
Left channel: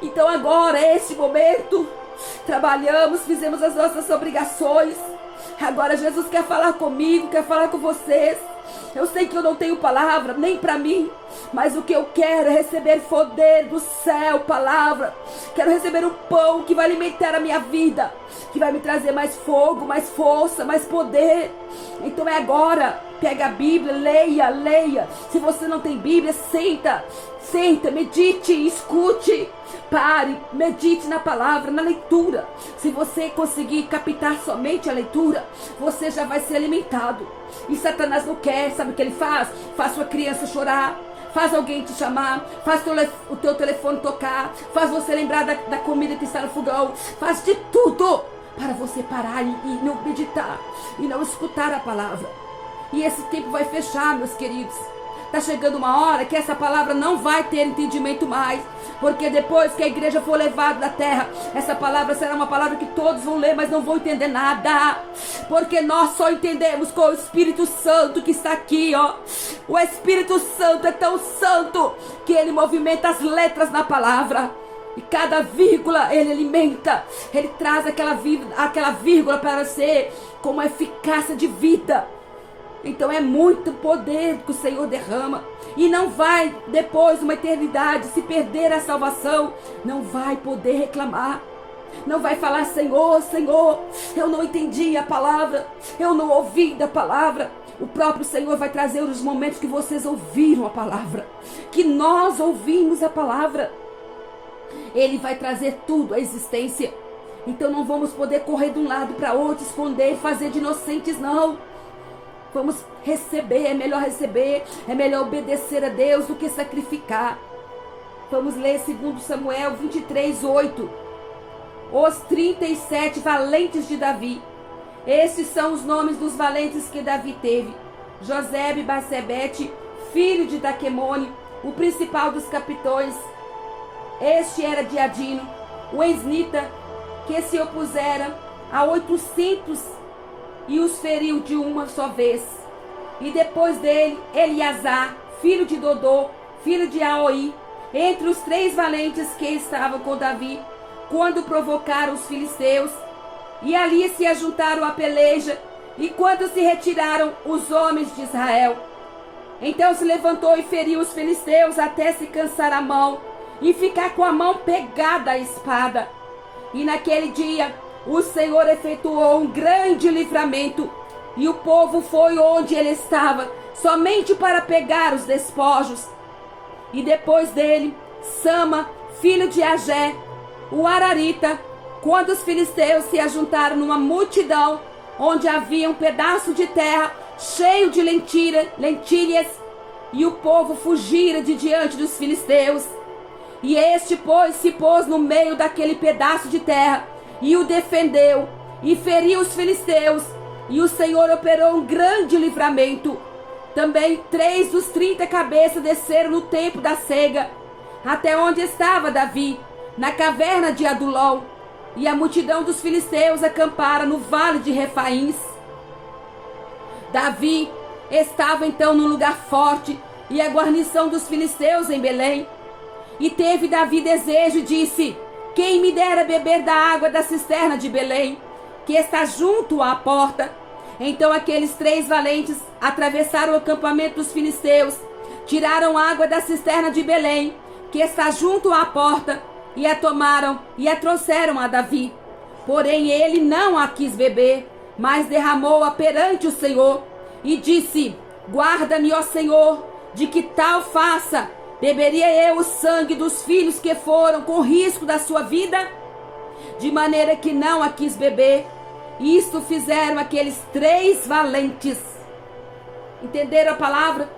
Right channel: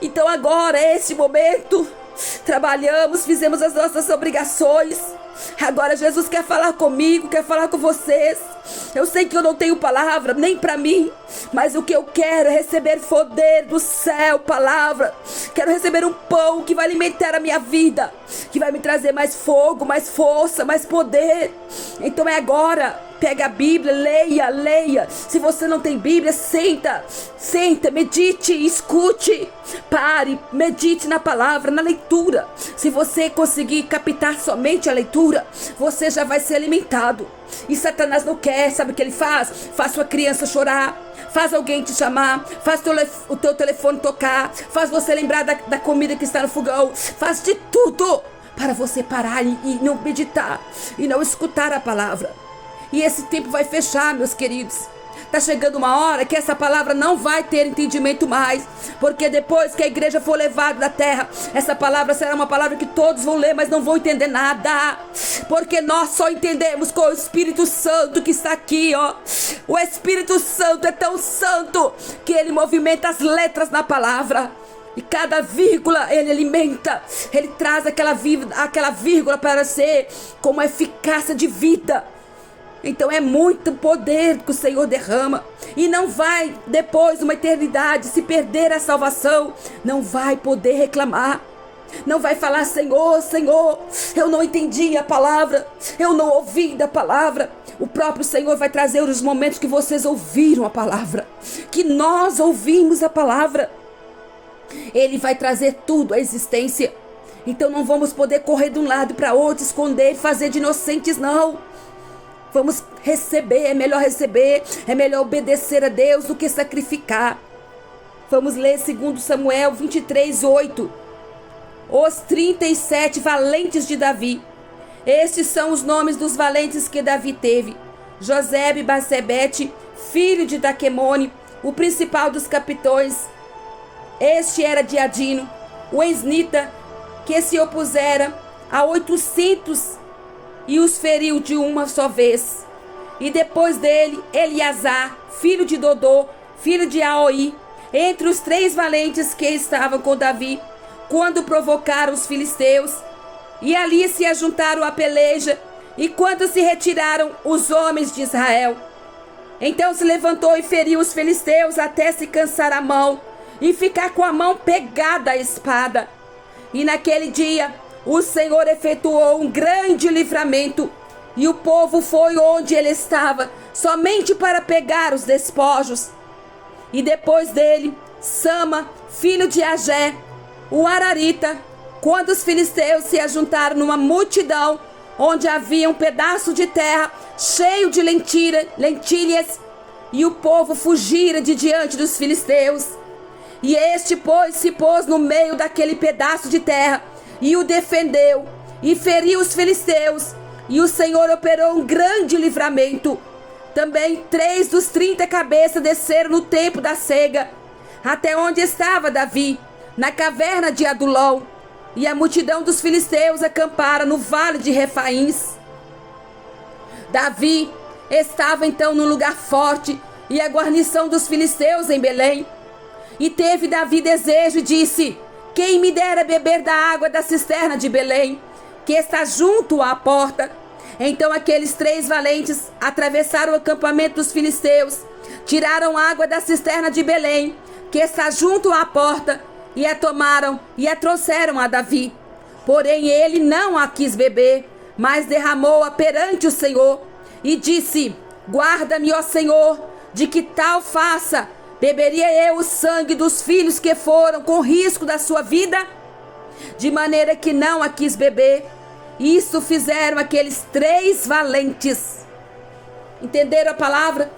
Então agora é esse momento. Trabalhamos, fizemos as nossas obrigações. Agora Jesus quer falar comigo, quer falar com vocês. Eu sei que eu não tenho palavra, nem para mim, mas o que eu quero é receber poder do céu, palavra. Quero receber um pão que vai alimentar a minha vida, que vai me trazer mais fogo, mais força, mais poder. Então é agora. Pega a Bíblia, leia. Se você não tem Bíblia, senta, medite, escute. Pare, medite na palavra, na leitura. Se você conseguir captar somente a leitura, você já vai ser alimentado. E Satanás não quer, sabe o que ele faz? Faz sua criança chorar, faz alguém te chamar, faz o teu telefone tocar, faz você lembrar da comida que está no fogão, faz de tudo para você parar e não meditar, e não escutar a palavra. E esse tempo vai fechar, meus queridos. Está chegando uma hora que essa palavra não vai ter entendimento mais. Porque depois que a igreja for levada da terra, essa palavra será uma palavra que todos vão ler, mas não vão entender nada. Porque nós só entendemos com o Espírito Santo que está aqui, ó. O Espírito Santo é tão santo que ele movimenta as letras na palavra. E cada vírgula ele alimenta. Ele traz aquela vírgula para ser como a eficácia de vida. Então é muito poder que o Senhor derrama. E não vai, depois de uma eternidade, se perder a salvação, não vai poder reclamar. Não vai falar: Senhor, eu não entendi a palavra, eu não ouvi da palavra. O próprio Senhor vai trazer os momentos que vocês ouviram a palavra, que nós ouvimos a palavra. Ele vai trazer tudo à existência. Então não vamos poder correr de um lado para outro, esconder, fazer de inocentes, não. Vamos receber, é melhor obedecer a Deus do que sacrificar. Vamos ler 2 Samuel 23:8. Os 37 valentes de Davi. Estes são os nomes dos valentes que Davi teve: Josebe Basebete, filho de Daquemone, o principal dos capitões. Este era de Adino, o Esnita, que se opusera a 800 e os feriu de uma só vez. E depois dele, Eleazar, filho de Dodô, filho de Aoi, entre os 3 valentes que estavam com Davi, quando provocaram os filisteus. E ali se ajuntaram a peleja, e quando se retiraram os homens de Israel. Então se levantou e feriu os filisteus até se cansar a mão, e ficar com a mão pegada à espada. E naquele dia o Senhor efetuou um grande livramento, e o povo foi onde ele estava, somente para pegar os despojos. E depois dele, Sama, filho de Agé, o Ararita, quando os filisteus se ajuntaram numa multidão, onde havia um pedaço de terra cheio de lentilhas, e o povo fugira de diante dos filisteus. E este, pois, se pôs no meio daquele pedaço de terra, e o defendeu, e feriu os filisteus, e o Senhor operou um grande livramento. Também 3 dos 30 cabeças desceram no tempo da cega, até onde estava Davi, na caverna de Adulão, e a multidão dos filisteus acampara no vale de Refaíns. Davi estava então num lugar forte, e a guarnição dos filisteus em Belém. E teve Davi desejo e disse: quem me dera beber da água da cisterna de Belém, que está junto à porta. Então aqueles 3 valentes atravessaram o acampamento dos filisteus, tiraram água da cisterna de Belém, que está junto à porta, e a tomaram e a trouxeram a Davi. Porém ele não a quis beber, mas derramou-a perante o Senhor, e disse: guarda-me, ó Senhor, de que tal faça. Beberia eu o sangue dos filhos que foram com risco da sua vida? De maneira que não a quis beber. Isso fizeram aqueles 3 valentes. Entenderam a palavra?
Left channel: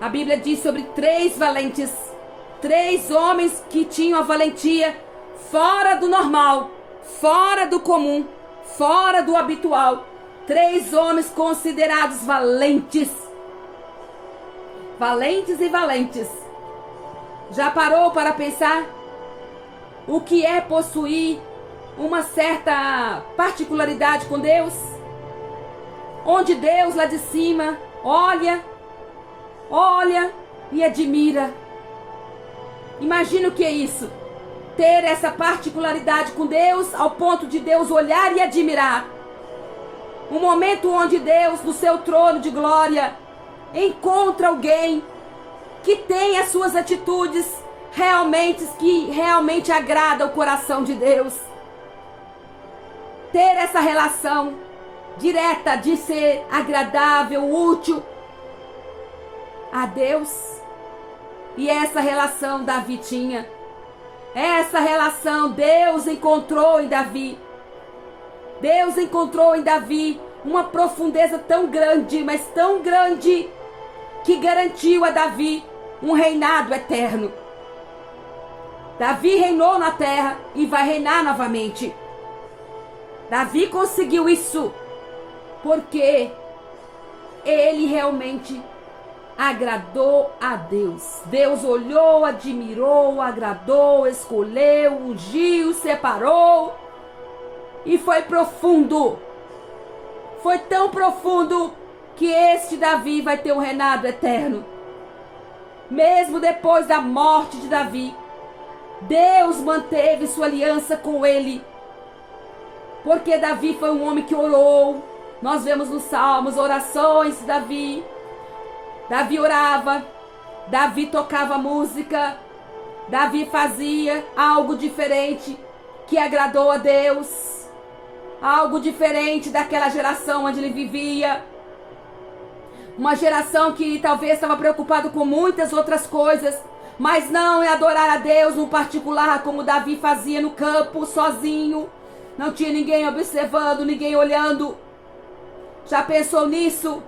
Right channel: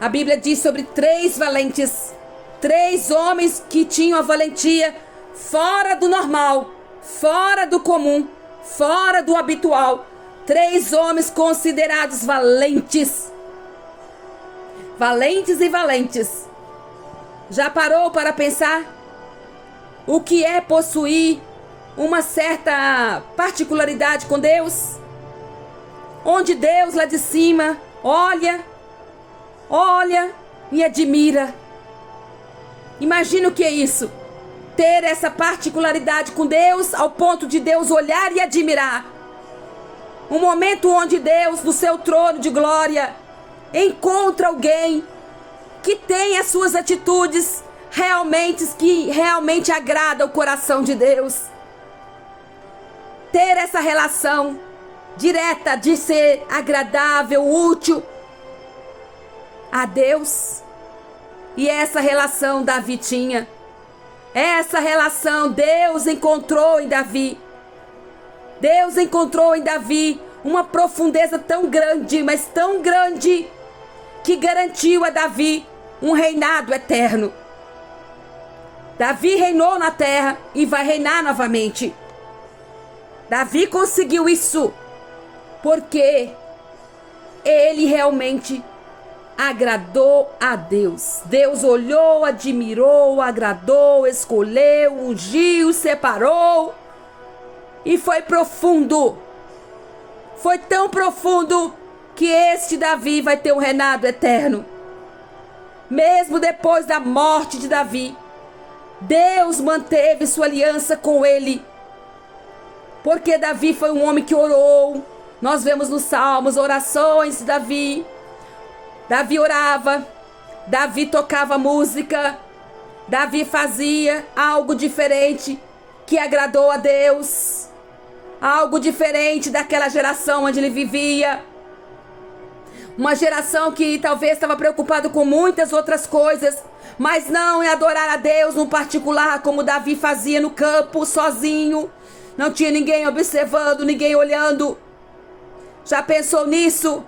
A Bíblia diz sobre 3 valentes. 3 homens que tinham a valentia fora do normal, fora do comum, fora do habitual. 3 homens considerados valentes. Valentes e valentes. Já parou para pensar o que é possuir uma certa particularidade com Deus? Onde Deus lá de cima olha e admira. Imagina o que é isso. Ter essa particularidade com Deus ao ponto de Deus olhar e admirar. Um momento onde Deus, no seu trono de glória, encontra alguém que tem as suas atitudes que realmente agrada o coração de Deus. Ter essa relação direta de ser agradável, útil a Deus. E essa relação Davi tinha. Essa relação Deus encontrou em Davi. Deus encontrou em Davi uma profundeza tão grande, mas tão grande, que garantiu a Davi um reinado eterno. Davi reinou na terra e vai reinar novamente. Davi conseguiu isso porque ele realmente agradou a Deus. Deus olhou, admirou, agradou, escolheu, ungiu, separou. E foi profundo. Foi tão profundo que este Davi vai ter um reinado eterno. Mesmo depois da morte de Davi, Deus manteve sua aliança com ele. Porque Davi foi um homem que orou. Nós vemos nos Salmos orações de Davi. Davi orava, Davi tocava música, Davi fazia algo diferente que agradou a Deus, algo diferente daquela geração onde ele vivia. Uma geração que talvez estava preocupada com muitas outras coisas, mas não é adorar a Deus no particular, como Davi fazia no campo, sozinho. Não tinha ninguém observando, ninguém olhando. Já pensou nisso?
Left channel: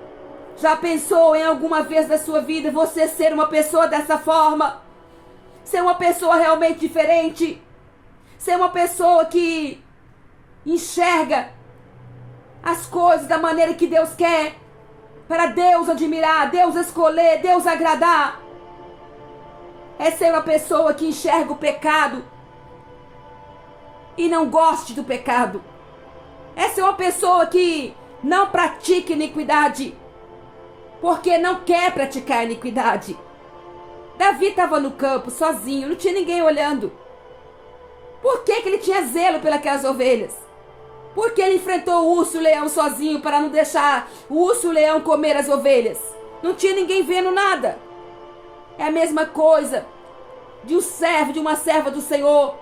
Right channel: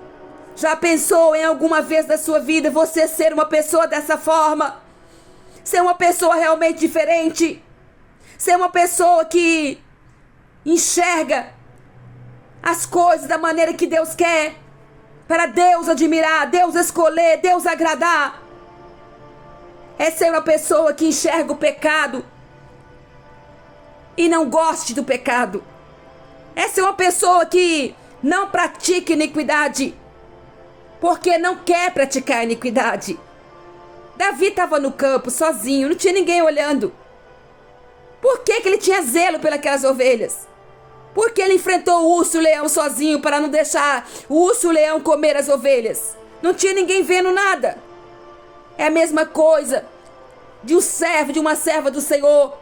Já pensou em alguma vez da sua vida você ser uma pessoa dessa forma? Ser uma pessoa realmente diferente? Ser uma pessoa que enxerga as coisas da maneira que Deus quer? Para Deus admirar, Deus escolher, Deus agradar? É ser uma pessoa que enxerga o pecado e não goste do pecado. É ser uma pessoa que não pratica iniquidade porque não quer praticar iniquidade. Davi estava no campo sozinho, não tinha ninguém olhando. Por que ele tinha zelo pelas ovelhas? Por que ele enfrentou o urso e o leão sozinho para não deixar o urso e o leão comer as ovelhas? Não tinha ninguém vendo nada. É a mesma coisa de um servo, de uma serva do Senhor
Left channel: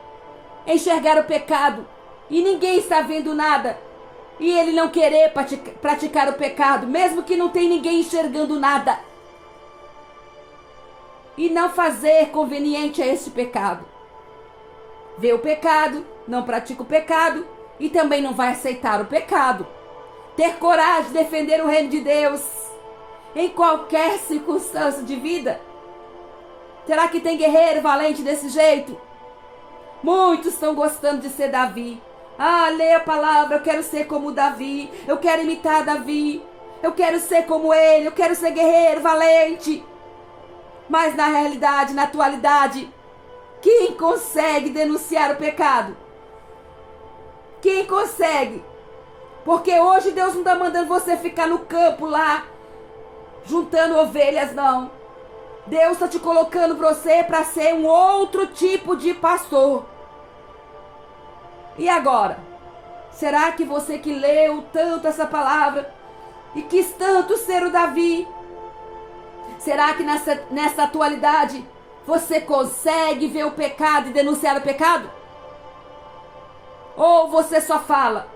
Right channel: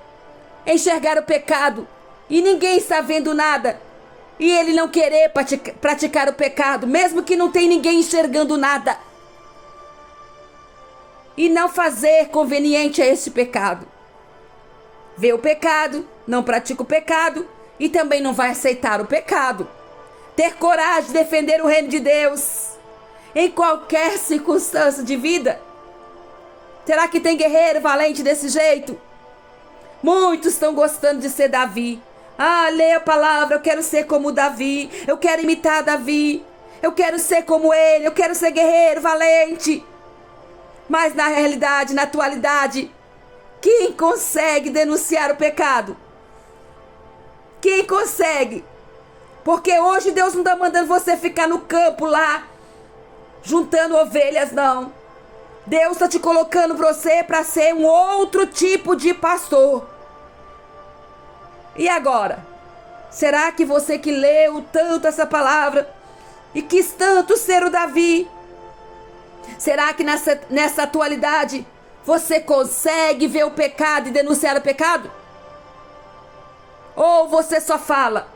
enxergar o pecado e ninguém está vendo nada. E ele não querer praticar o pecado, mesmo que não tem ninguém enxergando nada. E não fazer conveniente a esse pecado. Vê o pecado, não pratica o pecado e também não vai aceitar o pecado. Ter coragem de defender o reino de Deus em qualquer circunstância de vida. Será que tem guerreiro valente desse jeito? Muitos estão gostando de ser Davi. Ah, leia a palavra, eu quero ser como Davi, eu quero imitar Davi, eu quero ser como ele, eu quero ser guerreiro, valente. Mas na realidade, na atualidade, quem consegue denunciar o pecado? Quem consegue? Porque hoje Deus não está mandando você ficar no campo lá, juntando ovelhas, não. Deus está te colocando você para ser um outro tipo de pastor. E agora? Será que você que leu tanto essa palavra e quis tanto ser o Davi, será que nessa atualidade você consegue ver o pecado e denunciar o pecado? Ou você só fala?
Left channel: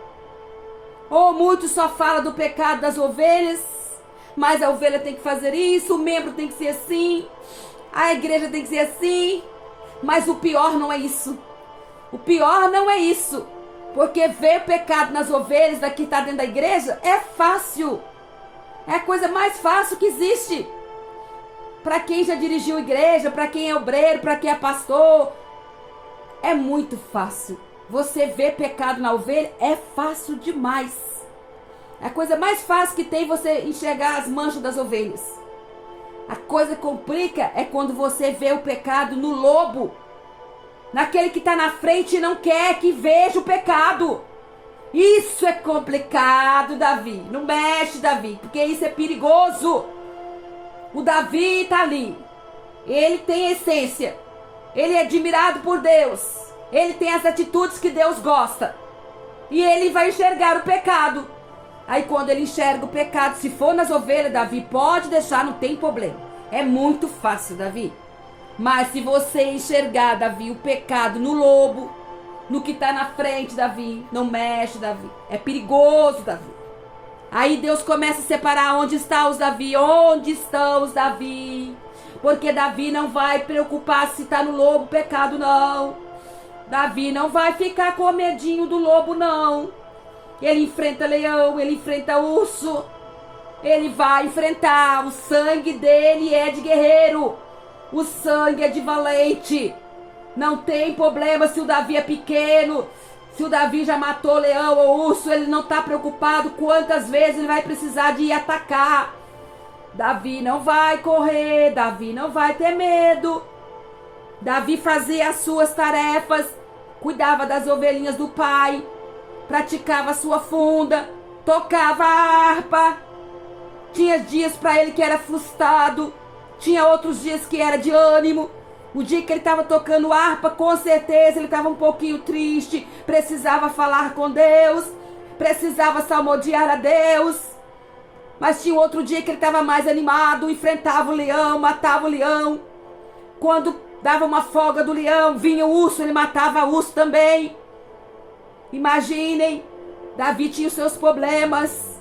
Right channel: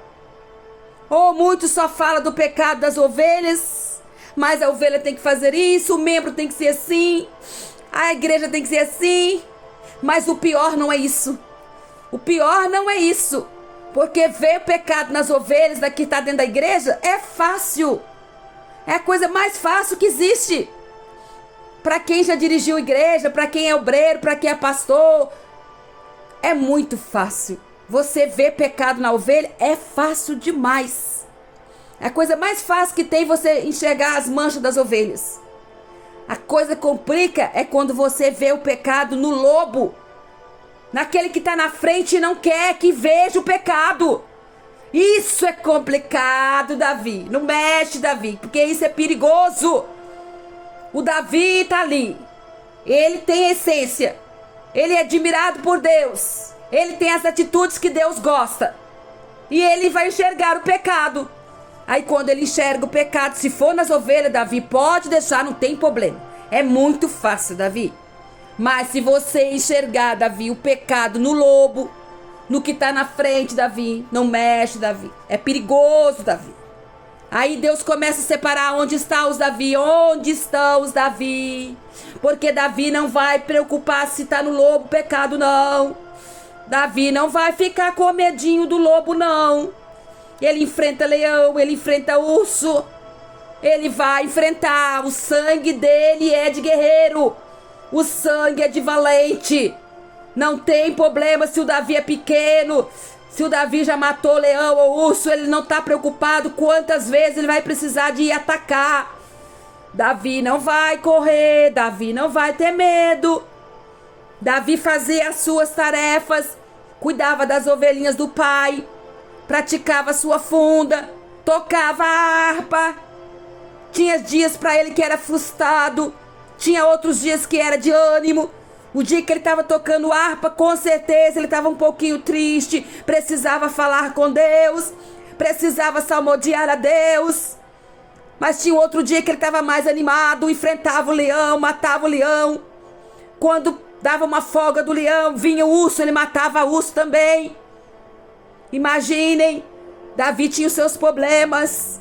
Ou muitos só falam do pecado das ovelhas, mas a ovelha tem que fazer isso, o membro tem que ser assim, a igreja tem que ser assim. Mas o pior não é isso. O pior não é isso. Porque ver o pecado nas ovelhas daqui está dentro da igreja é fácil. É a coisa mais fácil que existe. Para quem já dirigiu igreja, para quem é obreiro, para quem é pastor, é muito fácil. Você ver pecado na ovelha é fácil demais. A coisa mais fácil que tem é você enxergar as manchas das ovelhas. A coisa que complica é quando você vê o pecado no lobo, naquele que está na frente e não quer que veja o pecado. Isso é complicado, Davi. Não mexe, Davi, porque isso é perigoso. O Davi está ali. Ele tem essência. Ele é admirado por Deus. Ele tem as atitudes que Deus gosta. E ele vai enxergar o pecado. Aí quando ele enxerga o pecado, se for nas ovelhas, Davi, pode deixar, não tem problema. É muito fácil, Davi. Mas se você enxergar, Davi, o pecado no lobo, no que está na frente, Davi, não mexe, Davi. É perigoso, Davi. Aí Deus começa a separar onde estão os Davi, onde estão os Davi. Porque Davi não vai preocupar se está no lobo o pecado, não. Davi não vai ficar com medinho do lobo, não. Ele enfrenta leão, ele enfrenta urso. Ele vai enfrentar. O sangue dele é de guerreiro. O sangue é de valente. Não tem problema se o Davi é pequeno. Se o Davi já matou leão ou urso, ele não está preocupado quantas vezes ele vai precisar de ir atacar. Davi não vai correr. Davi não vai ter medo. Davi fazia as suas tarefas, cuidava das ovelhinhas do pai, praticava a sua funda, tocava a harpa. Tinha dias para ele que era frustrado, tinha outros dias que era de ânimo. O dia que ele estava tocando harpa, com certeza ele estava um pouquinho triste, precisava falar com Deus, precisava salmodiar a Deus. Mas tinha outro dia que ele estava mais animado, enfrentava o leão, matava o leão. Quando dava uma folga do leão, vinha o urso, ele matava o urso também. Imaginem, Davi tinha os seus problemas.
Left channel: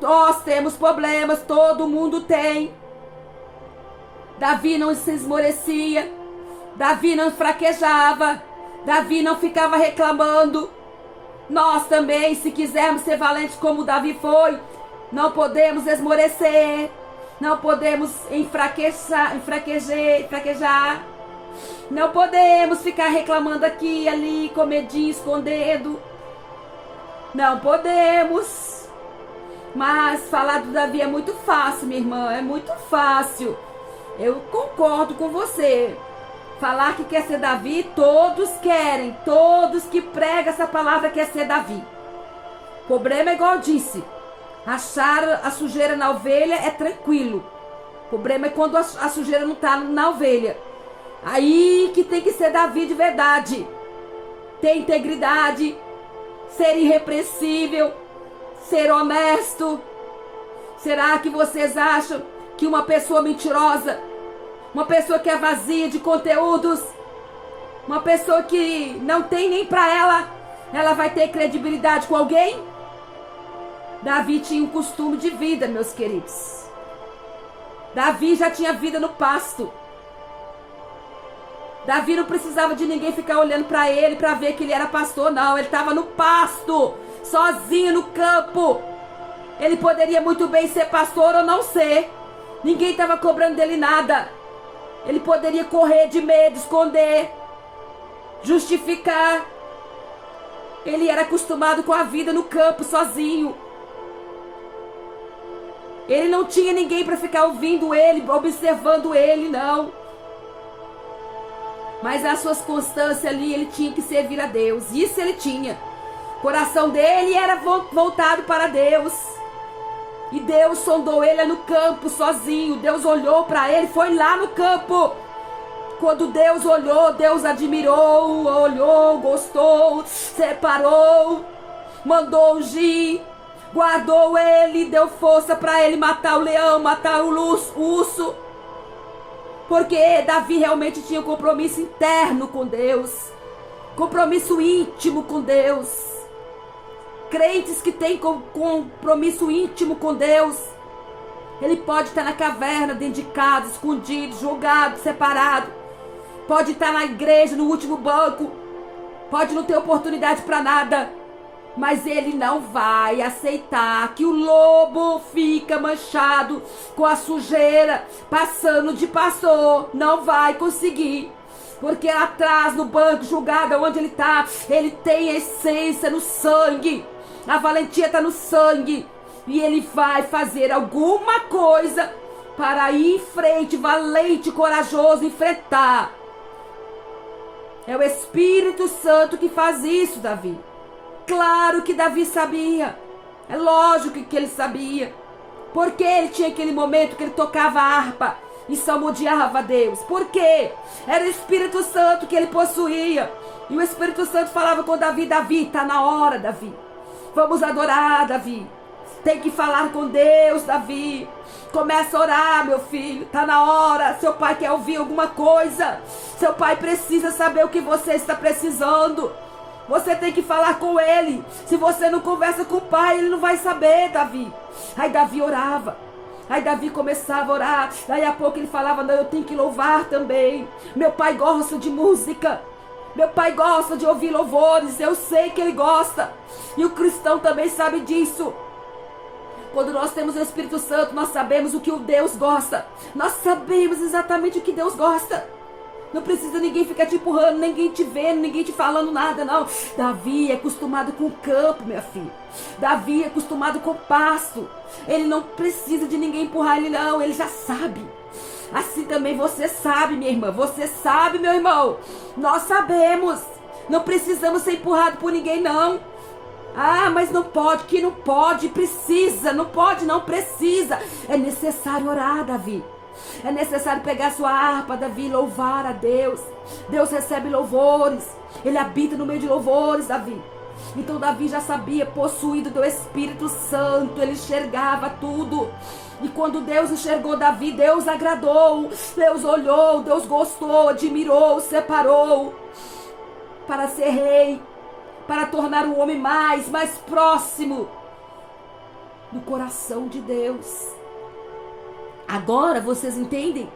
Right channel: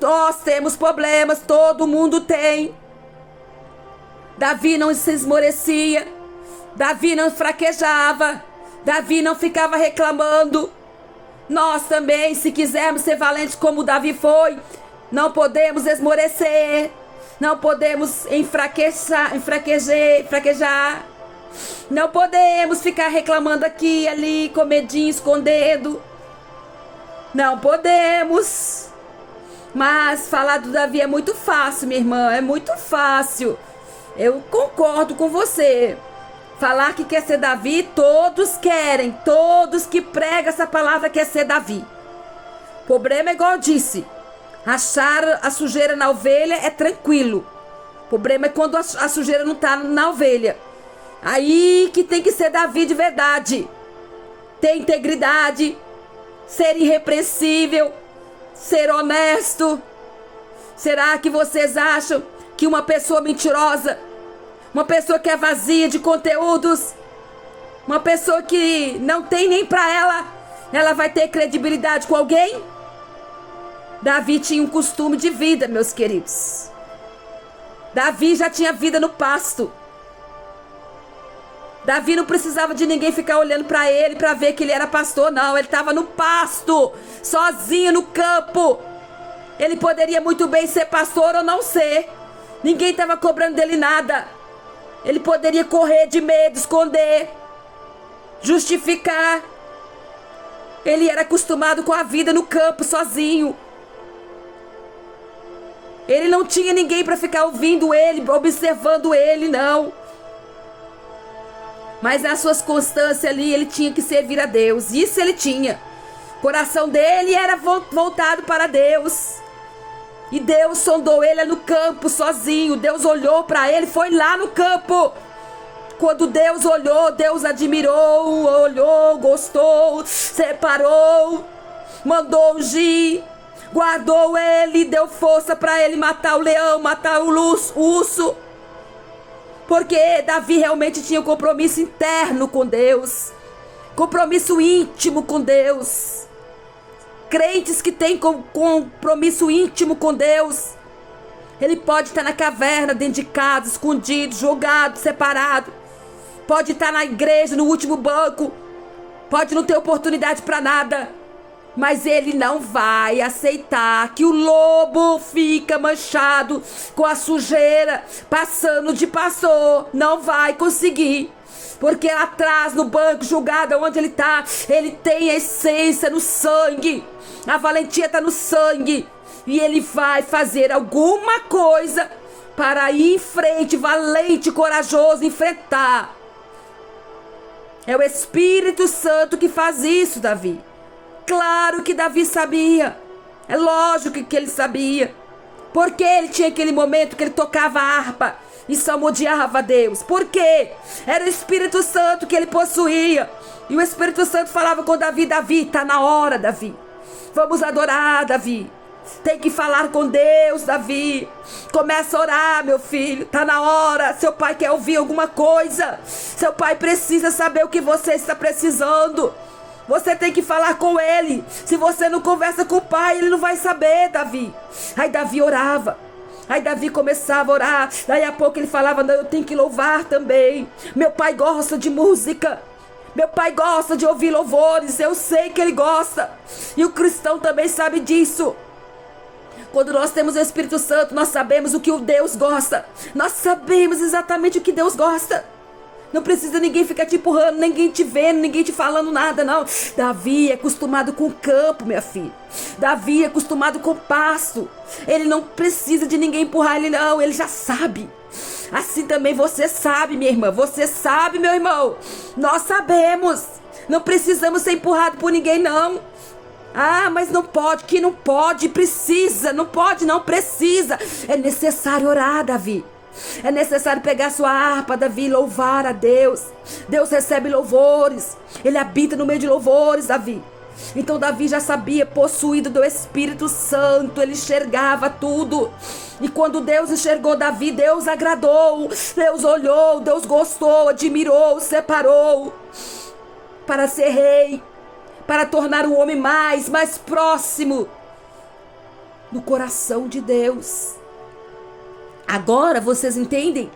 Nós temos problemas, todo mundo tem. Davi não se esmorecia, Davi não fraquejava, Davi não ficava reclamando. Nós também, se quisermos ser valentes como Davi foi, não podemos esmorecer, não podemos fraquejar. Não podemos ficar reclamando aqui e ali, com medinho, escondendo. Não podemos. Mas falar do Davi é muito fácil, minha irmã, é muito fácil. Eu concordo com você. Falar que quer ser Davi, todos querem. Todos que pregam essa palavra quer ser Davi. O problema é igual eu disse. Achar a sujeira na ovelha é tranquilo. O problema é quando a sujeira não está na ovelha. Aí que tem que ser Davi de verdade. Ter integridade, ser irrepreensível, ser honesto. Será que vocês acham que uma pessoa mentirosa, uma pessoa que é vazia de conteúdos, uma pessoa que não tem nem pra ela vai ter credibilidade com alguém? Davi tinha um costume de vida, meus queridos. Davi já tinha vida no pasto. Davi não precisava de ninguém ficar olhando para ele para ver que ele era pastor, não. Ele estava no pasto, sozinho no campo. Ele poderia muito bem ser pastor ou não ser. Ninguém estava cobrando dele nada. Ele poderia correr de medo, esconder, justificar. Ele era acostumado com a vida no campo, sozinho. Ele não tinha ninguém para ficar ouvindo ele, observando ele, não. Mas nas suas constâncias ali, ele tinha que servir a Deus. Isso ele tinha. O coração dele era voltado para Deus. E Deus sondou ele no campo, sozinho. Deus olhou para ele, foi lá no campo. Quando Deus olhou, Deus admirou, olhou, gostou, separou. mandou ungir, guardou ele, deu força para ele matar o leão, matar o urso. Porque Davi realmente tinha um compromisso interno com Deus, compromisso íntimo com Deus. Crentes que têm compromisso íntimo com Deus, ele pode estar na caverna, dentro de casa, escondido, jogado, separado. Pode estar na igreja, no último banco. Pode não ter oportunidade para nada. Mas ele não vai aceitar que o lobo fica manchado com a sujeira, passando de pastor. Não vai conseguir. Porque lá atrás, no banco, julgado, onde ele está, ele tem a essência no sangue. A valentia está no sangue. E ele vai fazer alguma coisa para ir em frente, valente, corajoso, enfrentar. É o Espírito Santo que faz isso, Davi. Claro que Davi sabia. É lógico que ele sabia. Porque ele tinha aquele momento que ele tocava a harpa e salmodiava a Deus. Por quê? Era o Espírito Santo que ele possuía. E o Espírito Santo falava com Davi: Davi, está na hora, Davi. Vamos adorar, Davi. Tem que falar com Deus, Davi. Começa a orar, meu filho. Tá na hora. Seu pai quer ouvir alguma coisa. Seu pai precisa saber o que você está precisando. Você tem que falar com ele. Se você não conversa com o pai, ele não vai saber, Davi. Aí Davi orava. Aí Davi começava a orar. Daí a pouco ele falava: não, eu tenho que louvar também. Meu pai gosta de música. Meu pai gosta de ouvir louvores. Eu sei que ele gosta. E o cristão também sabe disso. Quando nós temos o Espírito Santo, nós sabemos o que o Deus gosta. Nós sabemos exatamente o que Deus gosta. Não precisa ninguém ficar te empurrando, ninguém te vendo, ninguém te falando nada, não. Davi é acostumado com o campo, minha filha. Davi é acostumado com o pasto. Ele não precisa de ninguém empurrar ele, não. Ele já sabe. Assim também você sabe, minha irmã. Você sabe, meu irmão. Nós sabemos. Não precisamos ser empurrados por ninguém, não. Ah, mas não pode, que não pode, precisa, não pode, não precisa. É necessário orar, Davi. É necessário pegar sua harpa, Davi, e louvar a Deus. Deus recebe louvores. Ele habita no meio de louvores, Davi. Então Davi já sabia, possuído do Espírito Santo, ele enxergava tudo. E quando Deus enxergou Davi, Deus agradou, Deus olhou, Deus gostou, admirou, separou para ser rei, para tornar o homem mais próximo do coração de Deus. Agora vocês entendem?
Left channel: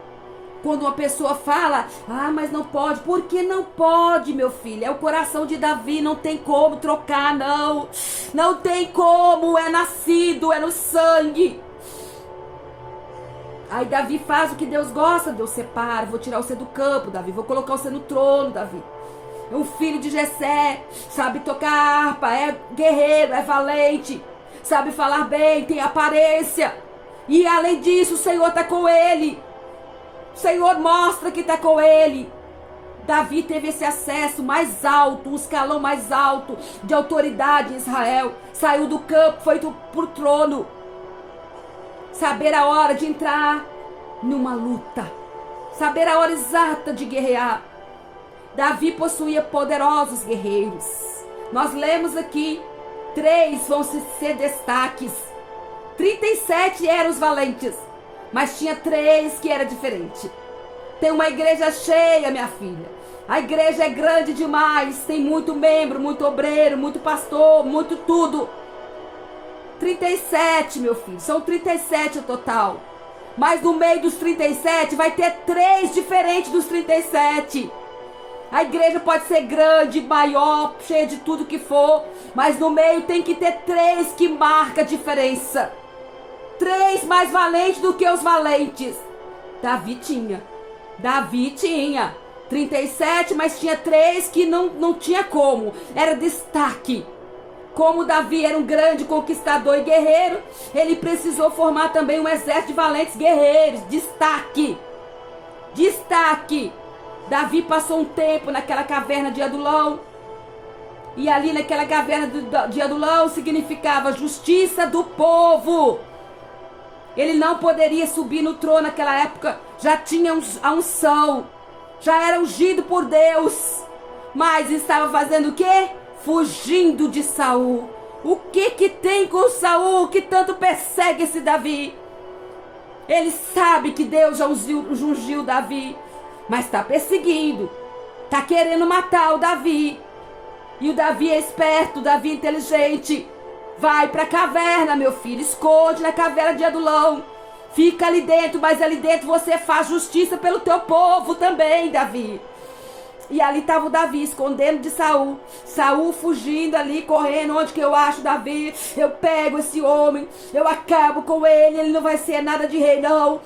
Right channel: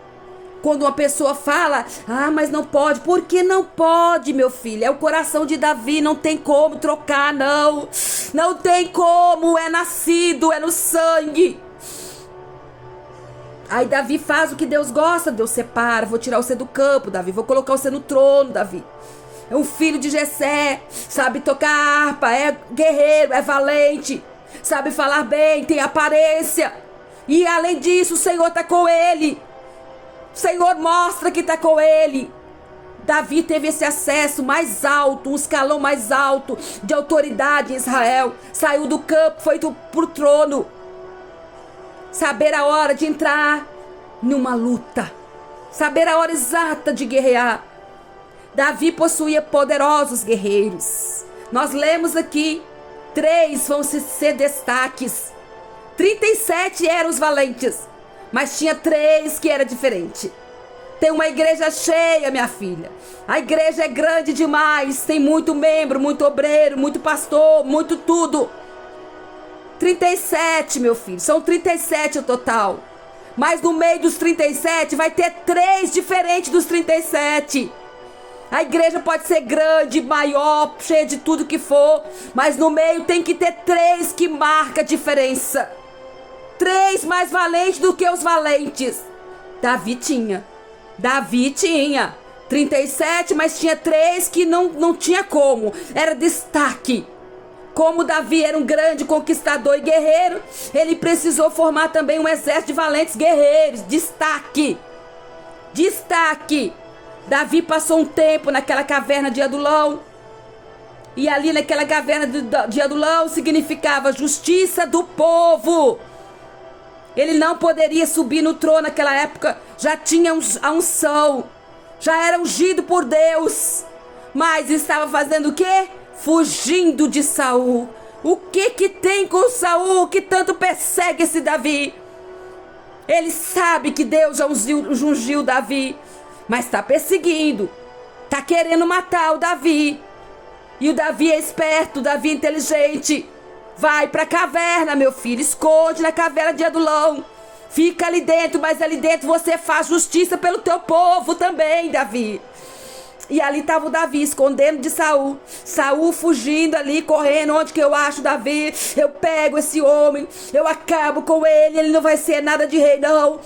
Quando uma pessoa fala: ah, mas não pode. Por que não pode, meu filho? É o coração de Davi, não tem como trocar, não. Não tem como, é nascido, é no sangue. Aí Davi faz o que Deus gosta. Deus separa: vou tirar você do campo, Davi. Vou colocar você no trono, Davi. É um filho de Jessé, sabe tocar harpa, é guerreiro, é valente, sabe falar bem, tem aparência. E além disso, o Senhor está com ele. O Senhor mostra que está com ele. Davi teve esse acesso mais alto, um escalão mais alto de autoridade em Israel. Saiu do campo, foi para o trono. Saber a hora de entrar numa luta. Saber a hora exata de guerrear. Davi possuía poderosos guerreiros. Nós lemos aqui, 3 vão ser destaques. 37 eram os valentes, mas tinha 3 que era diferente. Tem uma igreja cheia, minha filha. A igreja é grande demais, tem muito membro, muito obreiro, muito pastor, muito tudo. 37, meu filho, são 37 o total. Mas no meio dos 37 vai ter 3 diferentes dos 37. A igreja pode ser grande, maior, cheia de tudo que for, mas no meio tem que ter 3 que marca a diferença. 3 mais valentes do que os valentes. Davi tinha 37, mas tinha 3 que não tinha como. Era destaque. Como Davi era um grande conquistador e guerreiro, ele precisou formar também um exército de valentes guerreiros. Destaque. Davi passou um tempo naquela caverna de Adulão. E ali naquela caverna de Adulão significava justiça do povo. Ele não poderia subir no trono naquela época. Já tinha a unção. Já era ungido por Deus. Mas estava fazendo o quê? Fugindo de Saul. O que tem com Saul que tanto persegue esse Davi? Ele sabe que Deus já ungiu Davi, mas está perseguindo, está querendo matar o Davi. E o Davi é esperto, o Davi é inteligente. Vai para a caverna, meu filho, esconde na caverna de Adulão. Fica ali dentro, mas ali dentro você faz justiça pelo teu povo também, Davi. E ali estava o Davi, escondendo de Saul. Saul fugindo ali, correndo. Onde que eu acho Davi? Eu pego esse homem, eu acabo com ele. Ele não vai ser nada de rei, não.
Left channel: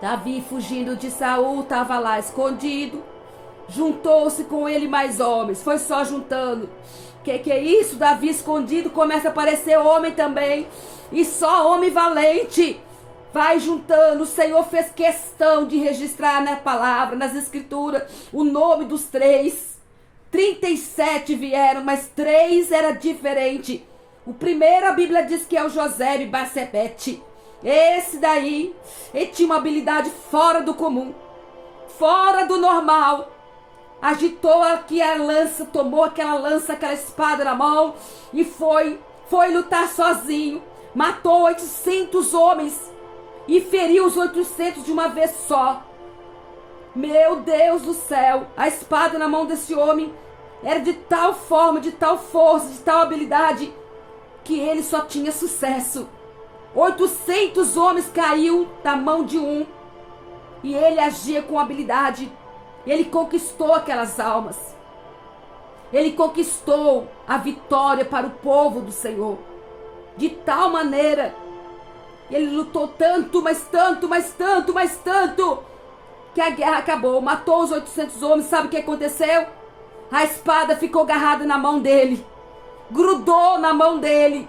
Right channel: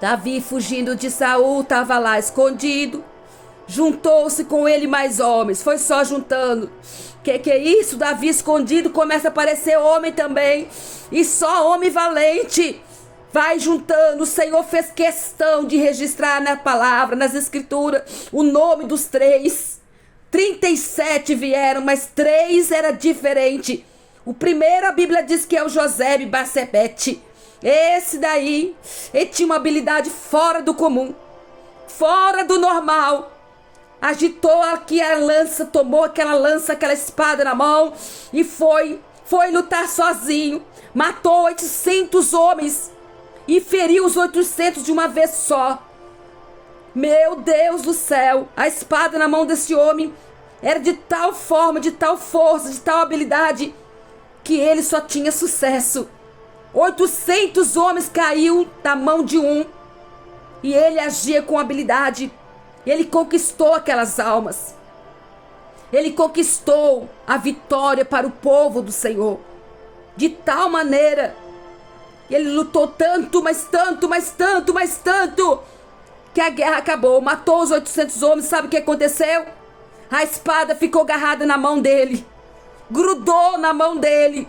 Davi, fugindo de Saul, estava lá escondido. Juntou-se com ele mais homens. Foi só juntando. Que é isso? Davi escondido, começa a aparecer homem também. E só homem valente. Vai juntando. O Senhor fez questão de registrar na palavra, nas escrituras, o nome dos 3. 37 vieram, mas 3 era diferente. O primeiro, a Bíblia diz que é o Josebe Bassebete. Esse daí, ele tinha uma habilidade fora do comum, fora do normal. Agitou aqui a lança, tomou aquela lança, aquela espada na mão e foi lutar sozinho. Matou 800 homens e feriu os 800 de uma vez só. Meu Deus do céu, a espada na mão desse homem era de tal forma, de tal força, de tal habilidade, que ele só tinha sucesso. 800 homens caiu da mão de um e ele agia com habilidade. Ele conquistou aquelas almas. Ele conquistou a vitória para o povo do Senhor. De tal maneira, ele lutou tanto, mas tanto, mas tanto, mas tanto, que a guerra acabou. Matou os 800 homens. Sabe o que aconteceu? A espada ficou agarrada na mão dele. Grudou na mão dele.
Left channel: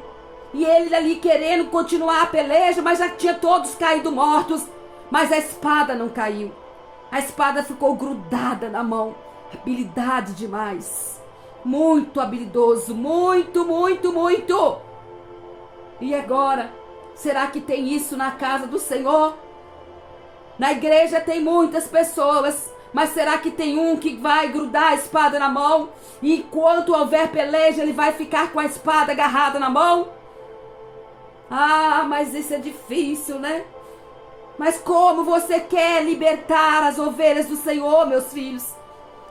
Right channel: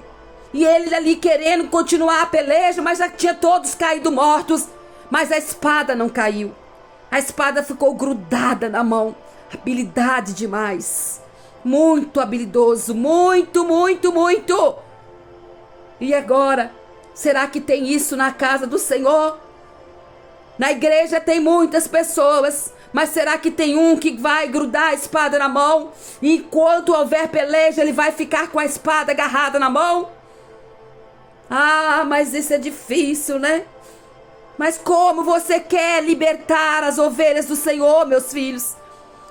E ele ali querendo continuar a peleja, mas já tinha todos caído mortos. Mas a espada não caiu. A espada ficou grudada na mão. Habilidade demais. Muito habilidoso. Muito, muito, muito. E agora? Será que tem isso na casa do Senhor? Na igreja tem muitas pessoas. Mas será que tem um que vai grudar a espada na mão? E enquanto houver peleja, ele vai ficar com a espada agarrada na mão? Ah, mas isso é difícil, né? Mas como você quer libertar as ovelhas do Senhor, meus filhos?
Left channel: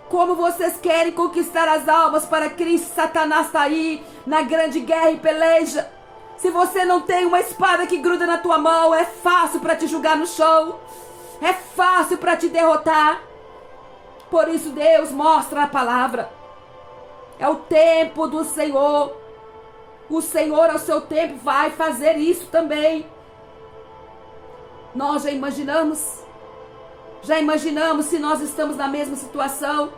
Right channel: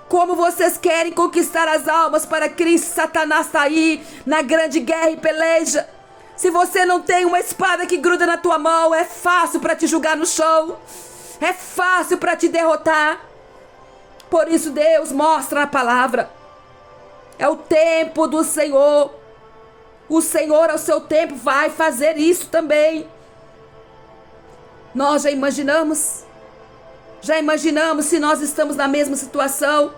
Como vocês querem conquistar as almas para Cristo? Satanás está aí na grande guerra e peleja. Se você não tem uma espada que gruda na tua mão, é fácil para te jogar no chão. É fácil para te derrotar. Por isso Deus mostra na palavra. É o tempo do Senhor. O Senhor, ao seu tempo, vai fazer isso também. Nós já imaginamos? Já imaginamos se nós estamos na mesma situação?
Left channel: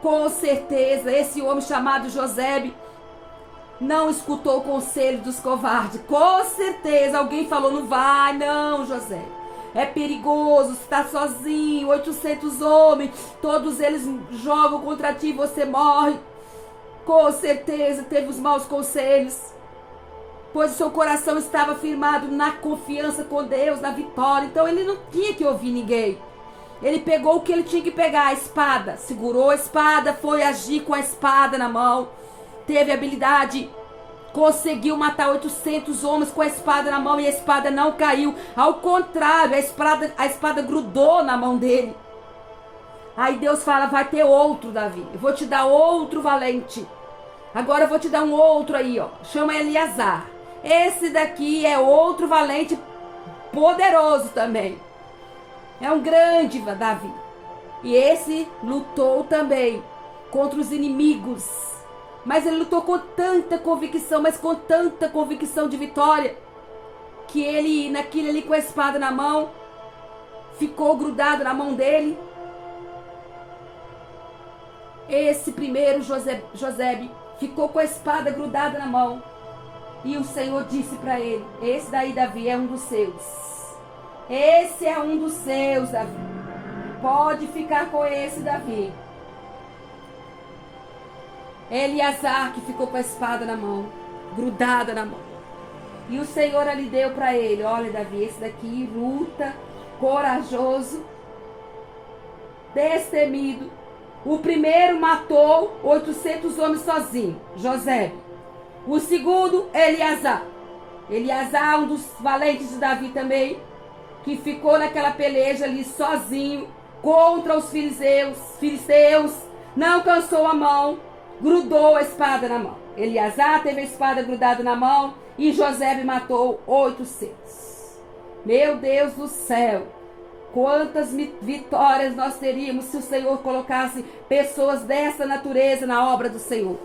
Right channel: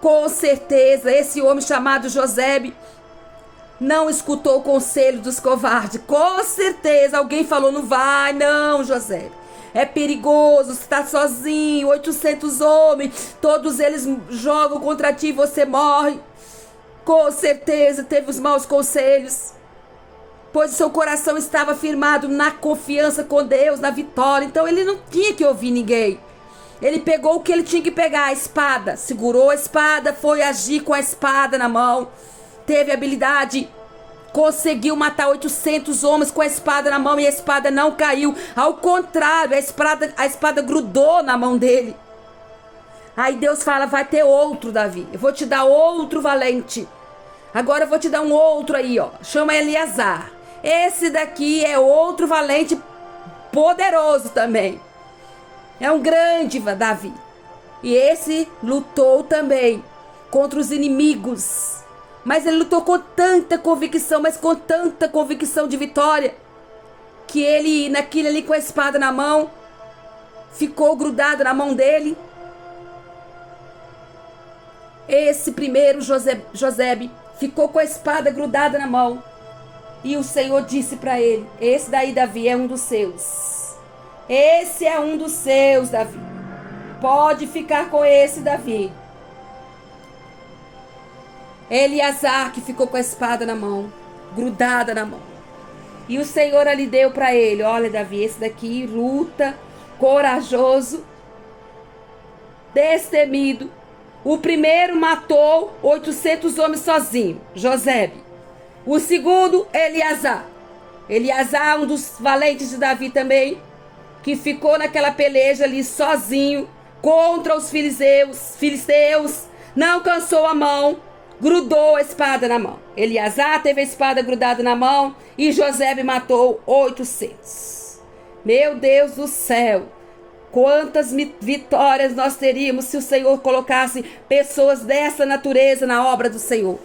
Com certeza, esse homem chamado Josebe não escutou o conselho dos covardes. Com certeza, alguém falou, não vai não, Josebe. É perigoso, você está sozinho, 800 homens, todos eles jogam contra ti e você morre. Com certeza, teve os maus conselhos. Pois o seu coração estava firmado na confiança com Deus, na vitória. Então ele não tinha que ouvir ninguém. Ele pegou o que ele tinha que pegar, a espada. Segurou a espada, foi agir com a espada na mão. Teve habilidade. Conseguiu matar 800 homens com a espada na mão e a espada não caiu. Ao contrário, a espada grudou na mão dele. Aí Deus fala, vai ter outro, Davi. Eu vou te dar outro valente. Agora eu vou te dar um outro aí, ó. Chama Eleazar. Esse daqui é outro valente poderoso também. É um grande Davi. E esse lutou também contra os inimigos. Mas ele lutou com tanta convicção, mas com tanta convicção de vitória, que ele, naquele ali com a espada na mão, ficou grudado na mão dele. Esse primeiro Josebe ficou com a espada grudada na mão. E o Senhor disse para ele, esse daí, Davi, é um dos seus. Esse é um dos seus, Davi. Pode ficar com esse, Davi. Eleazar, que ficou com a espada na mão, grudada na mão. E o Senhor ali deu para ele, olha, Davi, esse daqui luta, corajoso, destemido. O primeiro matou 800 homens sozinho, Josebe. O segundo, Eleazar. Eleazar, um dos valentes de Davi também, que ficou naquela peleja ali sozinho contra os filisteus, não cansou a mão, grudou a espada na mão. Eleazar teve a espada grudada na mão e Josebe matou 800. Meu Deus do céu! Quantas vitórias nós teríamos se o Senhor colocasse pessoas dessa natureza na obra do Senhor.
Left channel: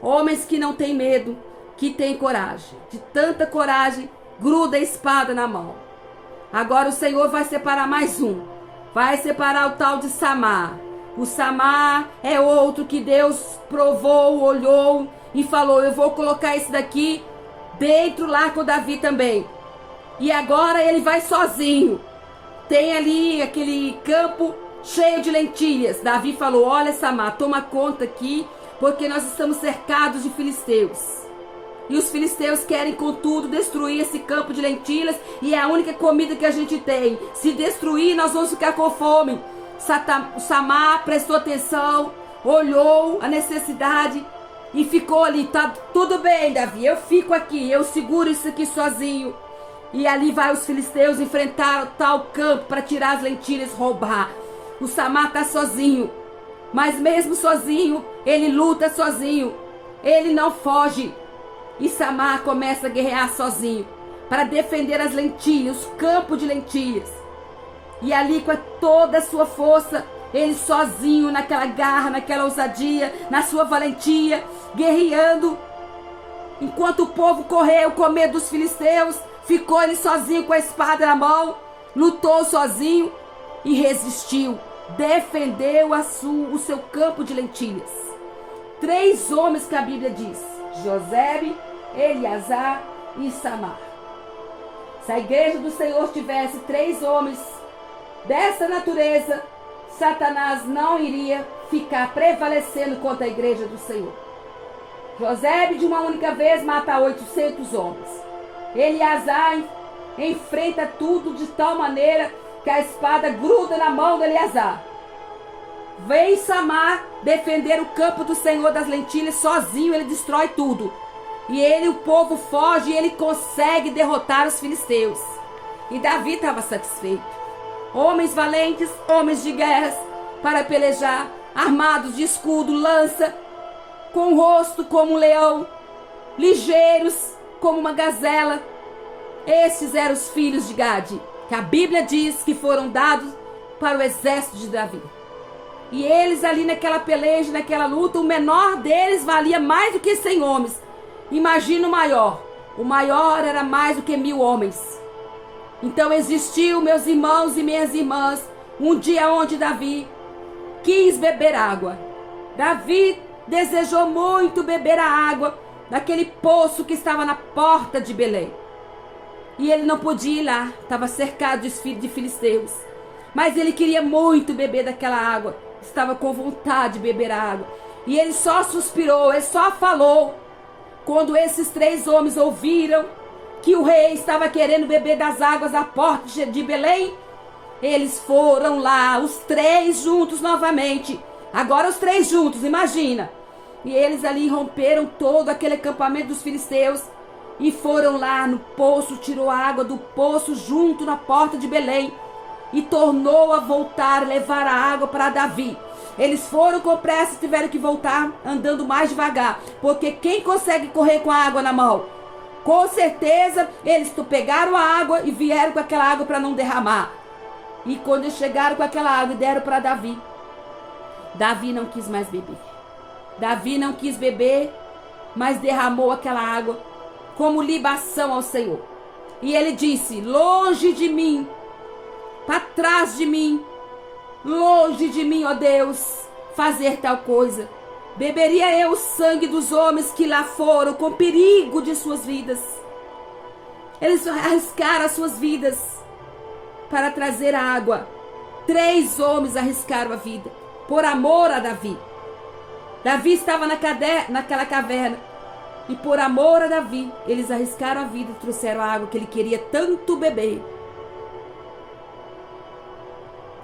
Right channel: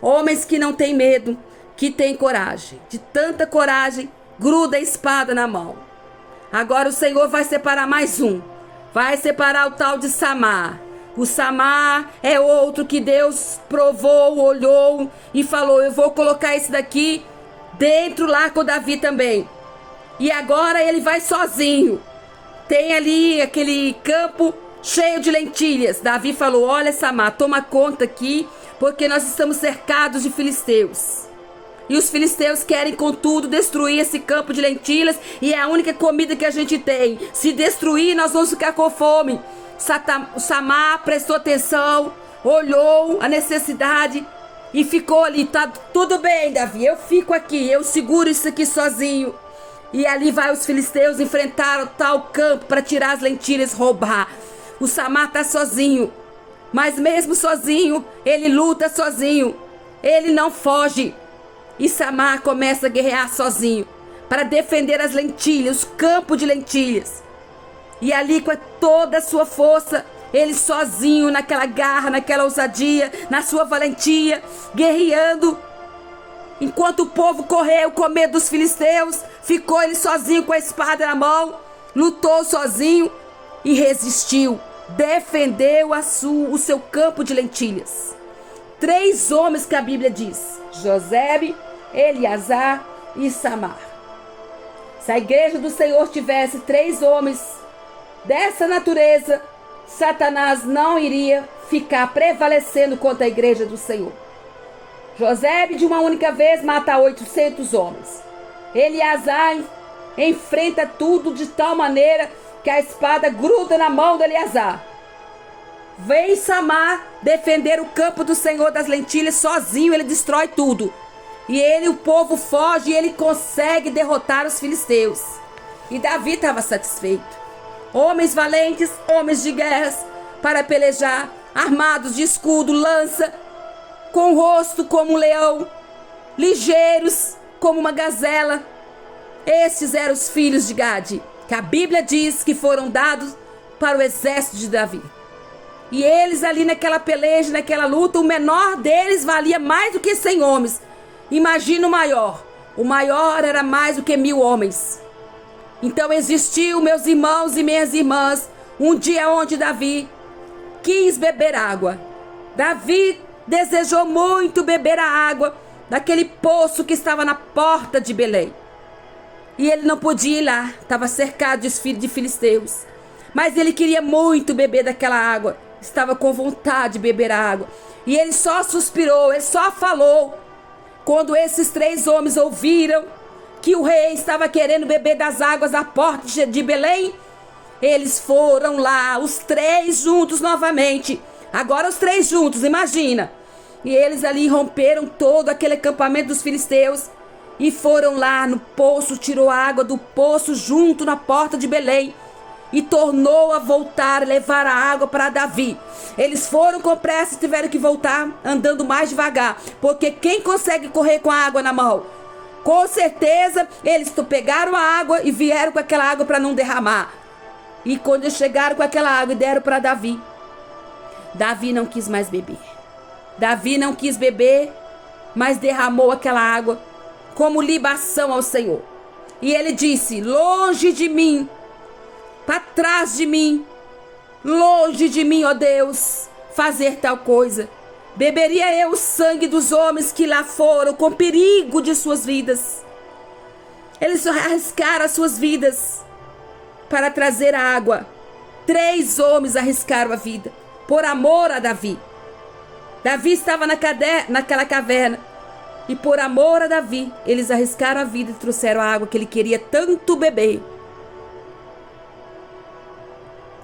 Homens que não têm medo, que têm coragem. De tanta coragem, gruda a espada na mão. Agora o Senhor vai separar mais um. Vai separar o tal de Samar. O Samar é outro que Deus provou, olhou e falou: eu vou colocar esse daqui dentro lá com Davi também. E agora ele vai sozinho. Tem ali aquele campo cheio de lentilhas. Davi falou: olha, Samar, toma conta aqui, porque nós estamos cercados de filisteus. E os filisteus querem, contudo, destruir esse campo de lentilhas, e é a única comida que a gente tem. Se destruir, nós vamos ficar com fome. O Samar prestou atenção, olhou a necessidade e ficou ali. Tá tudo bem, Davi, eu fico aqui, eu seguro isso aqui sozinho. E ali vai os filisteus enfrentar o tal campo para tirar as lentilhas, roubar. O Samar está sozinho, mas mesmo sozinho, ele luta sozinho. Ele não foge. E Samar começa a guerrear sozinho para defender as lentilhas, o campo de lentilhas. E ali com toda a sua força, ele sozinho, naquela garra, naquela ousadia, na sua valentia, guerreando. Enquanto o povo correu com medo dos filisteus, ficou ele sozinho com a espada na mão, lutou sozinho e resistiu, defendeu o seu campo de lentilhas. 3 homens que a Bíblia diz: Josebe, Eleazar e Samar. Se a igreja do Senhor tivesse 3 homens dessa natureza, Satanás não iria ficar prevalecendo contra a igreja do Senhor. Josebe, de uma única vez, mata 800 homens. Eleazar enfrenta tudo de tal maneira que a espada gruda na mão de Eleazar. Vem Samar defender o campo do Senhor das lentilhas sozinho, ele destrói tudo. E o povo foge e ele consegue derrotar os filisteus. E Davi estava satisfeito. Homens valentes, homens de guerras, para pelejar, armados de escudo, lança, com o rosto como um leão, ligeiros como uma gazela. Esses eram os filhos de Gade, que a Bíblia diz que foram dados para o exército de Davi. E eles ali naquela peleja, naquela luta, o menor deles valia mais do que 100 homens. Imagina o maior. O maior era mais do que 1000 homens. Então existiu, meus irmãos e minhas irmãs, um dia onde Davi quis beber água. Davi desejou muito beber a água daquele poço que estava na porta de Belém. E ele não podia ir lá, estava cercado de filisteus. Mas ele queria muito beber daquela água, estava com vontade de beber a água. E ele só suspirou, ele só falou. Quando esses 3 homens ouviram que o rei estava querendo beber das águas da porta de Belém, eles foram lá, os 3 juntos novamente. Agora os 3 juntos, imagina. E eles ali romperam todo aquele acampamento dos filisteus e foram lá no poço, tirou a água do poço junto na porta de Belém e tornou a voltar, levar a água para Davi. Eles foram com pressa e tiveram que voltar andando mais devagar, porque quem consegue correr com a água na mão? Com certeza eles pegaram a água e vieram com aquela água para não derramar. E quando eles chegaram com aquela água e deram para Davi, Davi não quis mais beber. Davi não quis beber, mas derramou aquela água como libação ao Senhor. E ele disse: longe de mim, para trás de mim, longe de mim, ó Deus, fazer tal coisa. Beberia eu o sangue dos homens que lá foram com perigo de suas vidas. Eles arriscaram as suas vidas para trazer a água. 3 homens arriscaram a vida por amor a Davi. Davi estava naquela caverna e por amor a Davi, eles arriscaram a vida e trouxeram a água que ele queria tanto beber.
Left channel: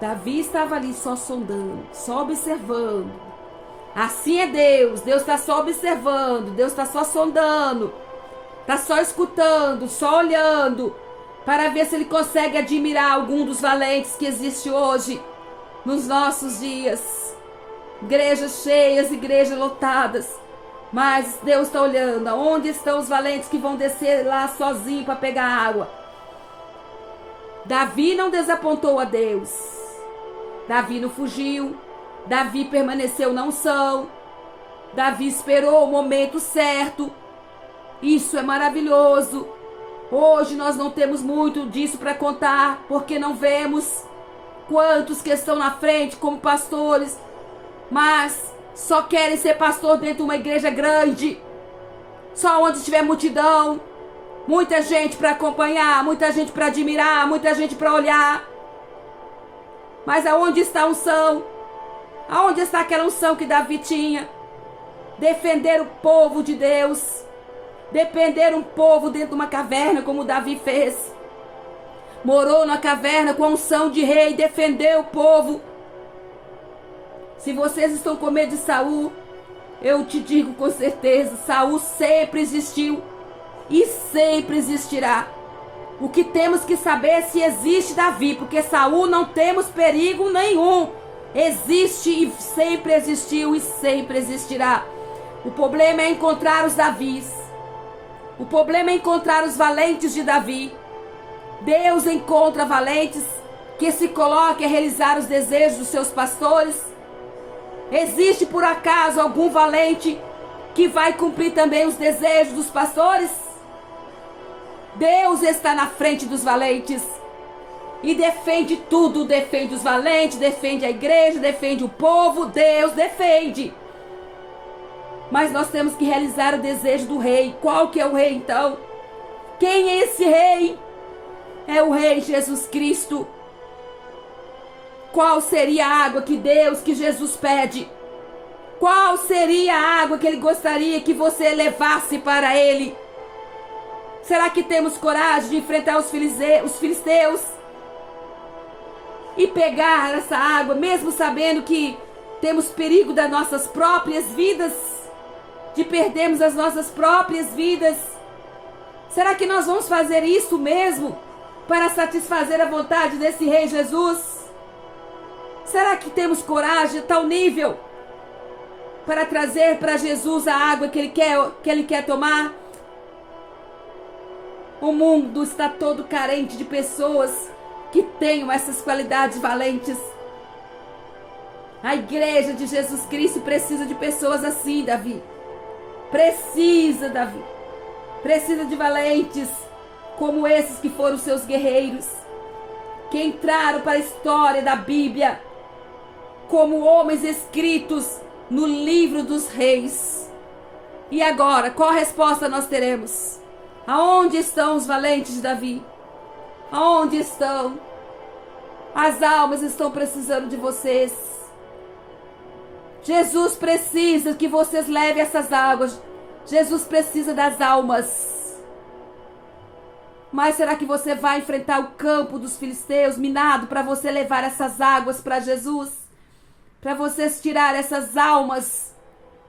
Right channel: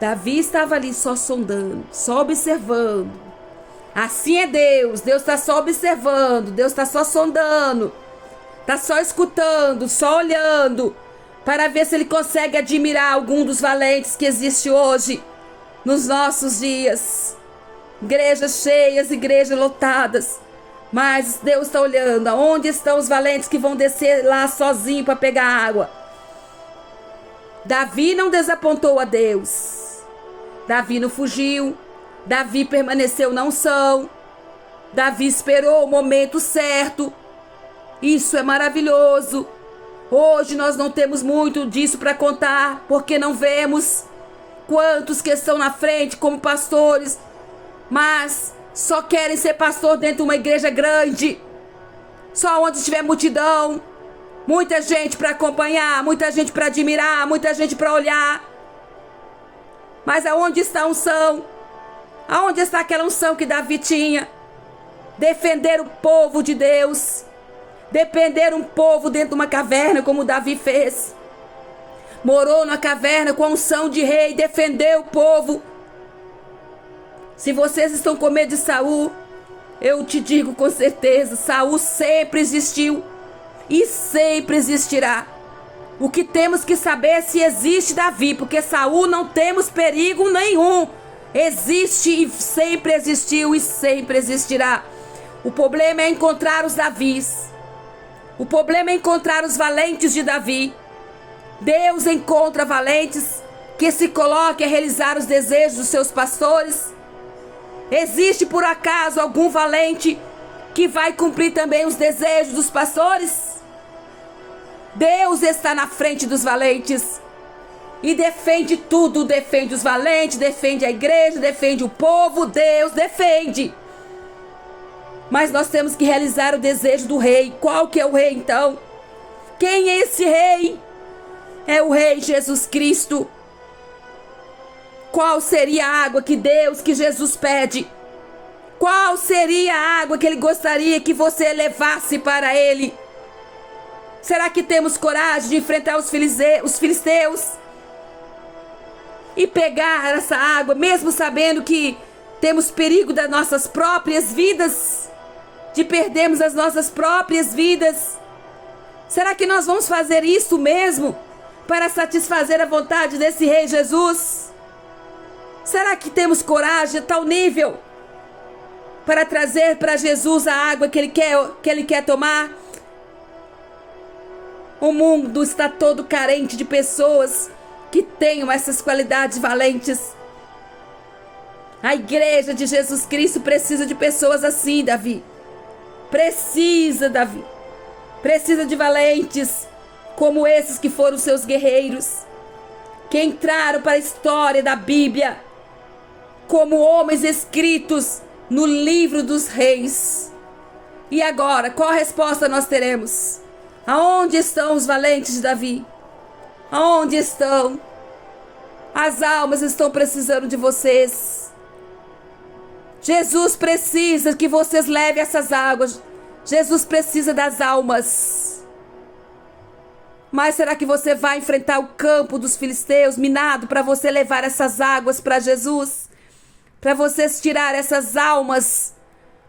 Davi estava ali só sondando, só observando. Assim é Deus. Deus está só observando, Deus está só sondando, está só escutando, só olhando, para ver se ele consegue admirar algum dos valentes que existe hoje, nos nossos dias. Igrejas cheias, igrejas lotadas. Mas Deus está olhando. Onde estão os valentes que vão descer lá sozinho para pegar água? Davi não desapontou a Deus. Davi não fugiu. Davi permaneceu na unção. Davi esperou o momento certo. Isso é maravilhoso. Hoje nós não temos muito disso para contar, porque não vemos quantos que estão na frente como pastores, mas só querem ser pastor dentro de uma igreja grande, só onde tiver multidão, muita gente para acompanhar, muita gente para admirar, muita gente para olhar. Mas aonde está a unção? Aonde está aquela unção que Davi tinha? Defender o povo de Deus, defender um povo dentro de uma caverna, como Davi fez. Morou na caverna com a unção de rei, defendeu o povo. Se vocês estão com medo de Saul, eu te digo com certeza, Saul sempre existiu e sempre existirá. O que temos que saber é se existe Davi, porque Saul não temos perigo nenhum. Existe e sempre existiu e sempre existirá. O problema é encontrar os Davis. O problema é encontrar os valentes de Davi. Deus encontra valentes que se colocam a realizar os desejos dos seus pastores. Existe por acaso algum valente que vai cumprir também os desejos dos pastores? Deus está na frente dos valentes e defende tudo, defende os valentes, defende a igreja, defende o povo. Deus defende. Mas nós temos que realizar o desejo do rei. Qual que é o rei então? Quem é esse rei? É o rei Jesus Cristo. Qual seria a água que Jesus pede? Qual seria a água que ele gostaria que você levasse para ele? Será que temos coragem de enfrentar os filisteus e pegar essa água, mesmo sabendo que temos perigo das nossas próprias vidas, de perdermos as nossas próprias vidas? Será que nós vamos fazer isso mesmo para satisfazer a vontade desse rei Jesus? Será que temos coragem a tal nível para trazer para Jesus a água que ele quer tomar? O mundo está todo carente de pessoas que tenham essas qualidades valentes. A igreja de Jesus Cristo precisa de pessoas assim, Davi. Precisa, Davi. Precisa de valentes como esses que foram seus guerreiros, que entraram para a história da Bíblia como homens escritos no livro dos reis. E agora, qual resposta nós teremos? Aonde estão os valentes de Davi? Aonde estão? As almas estão precisando de vocês. Jesus precisa que vocês levem essas águas. Jesus precisa das almas. Mas será que você vai enfrentar o campo dos filisteus minado para você levar essas águas para Jesus? Para vocês tirar essas almas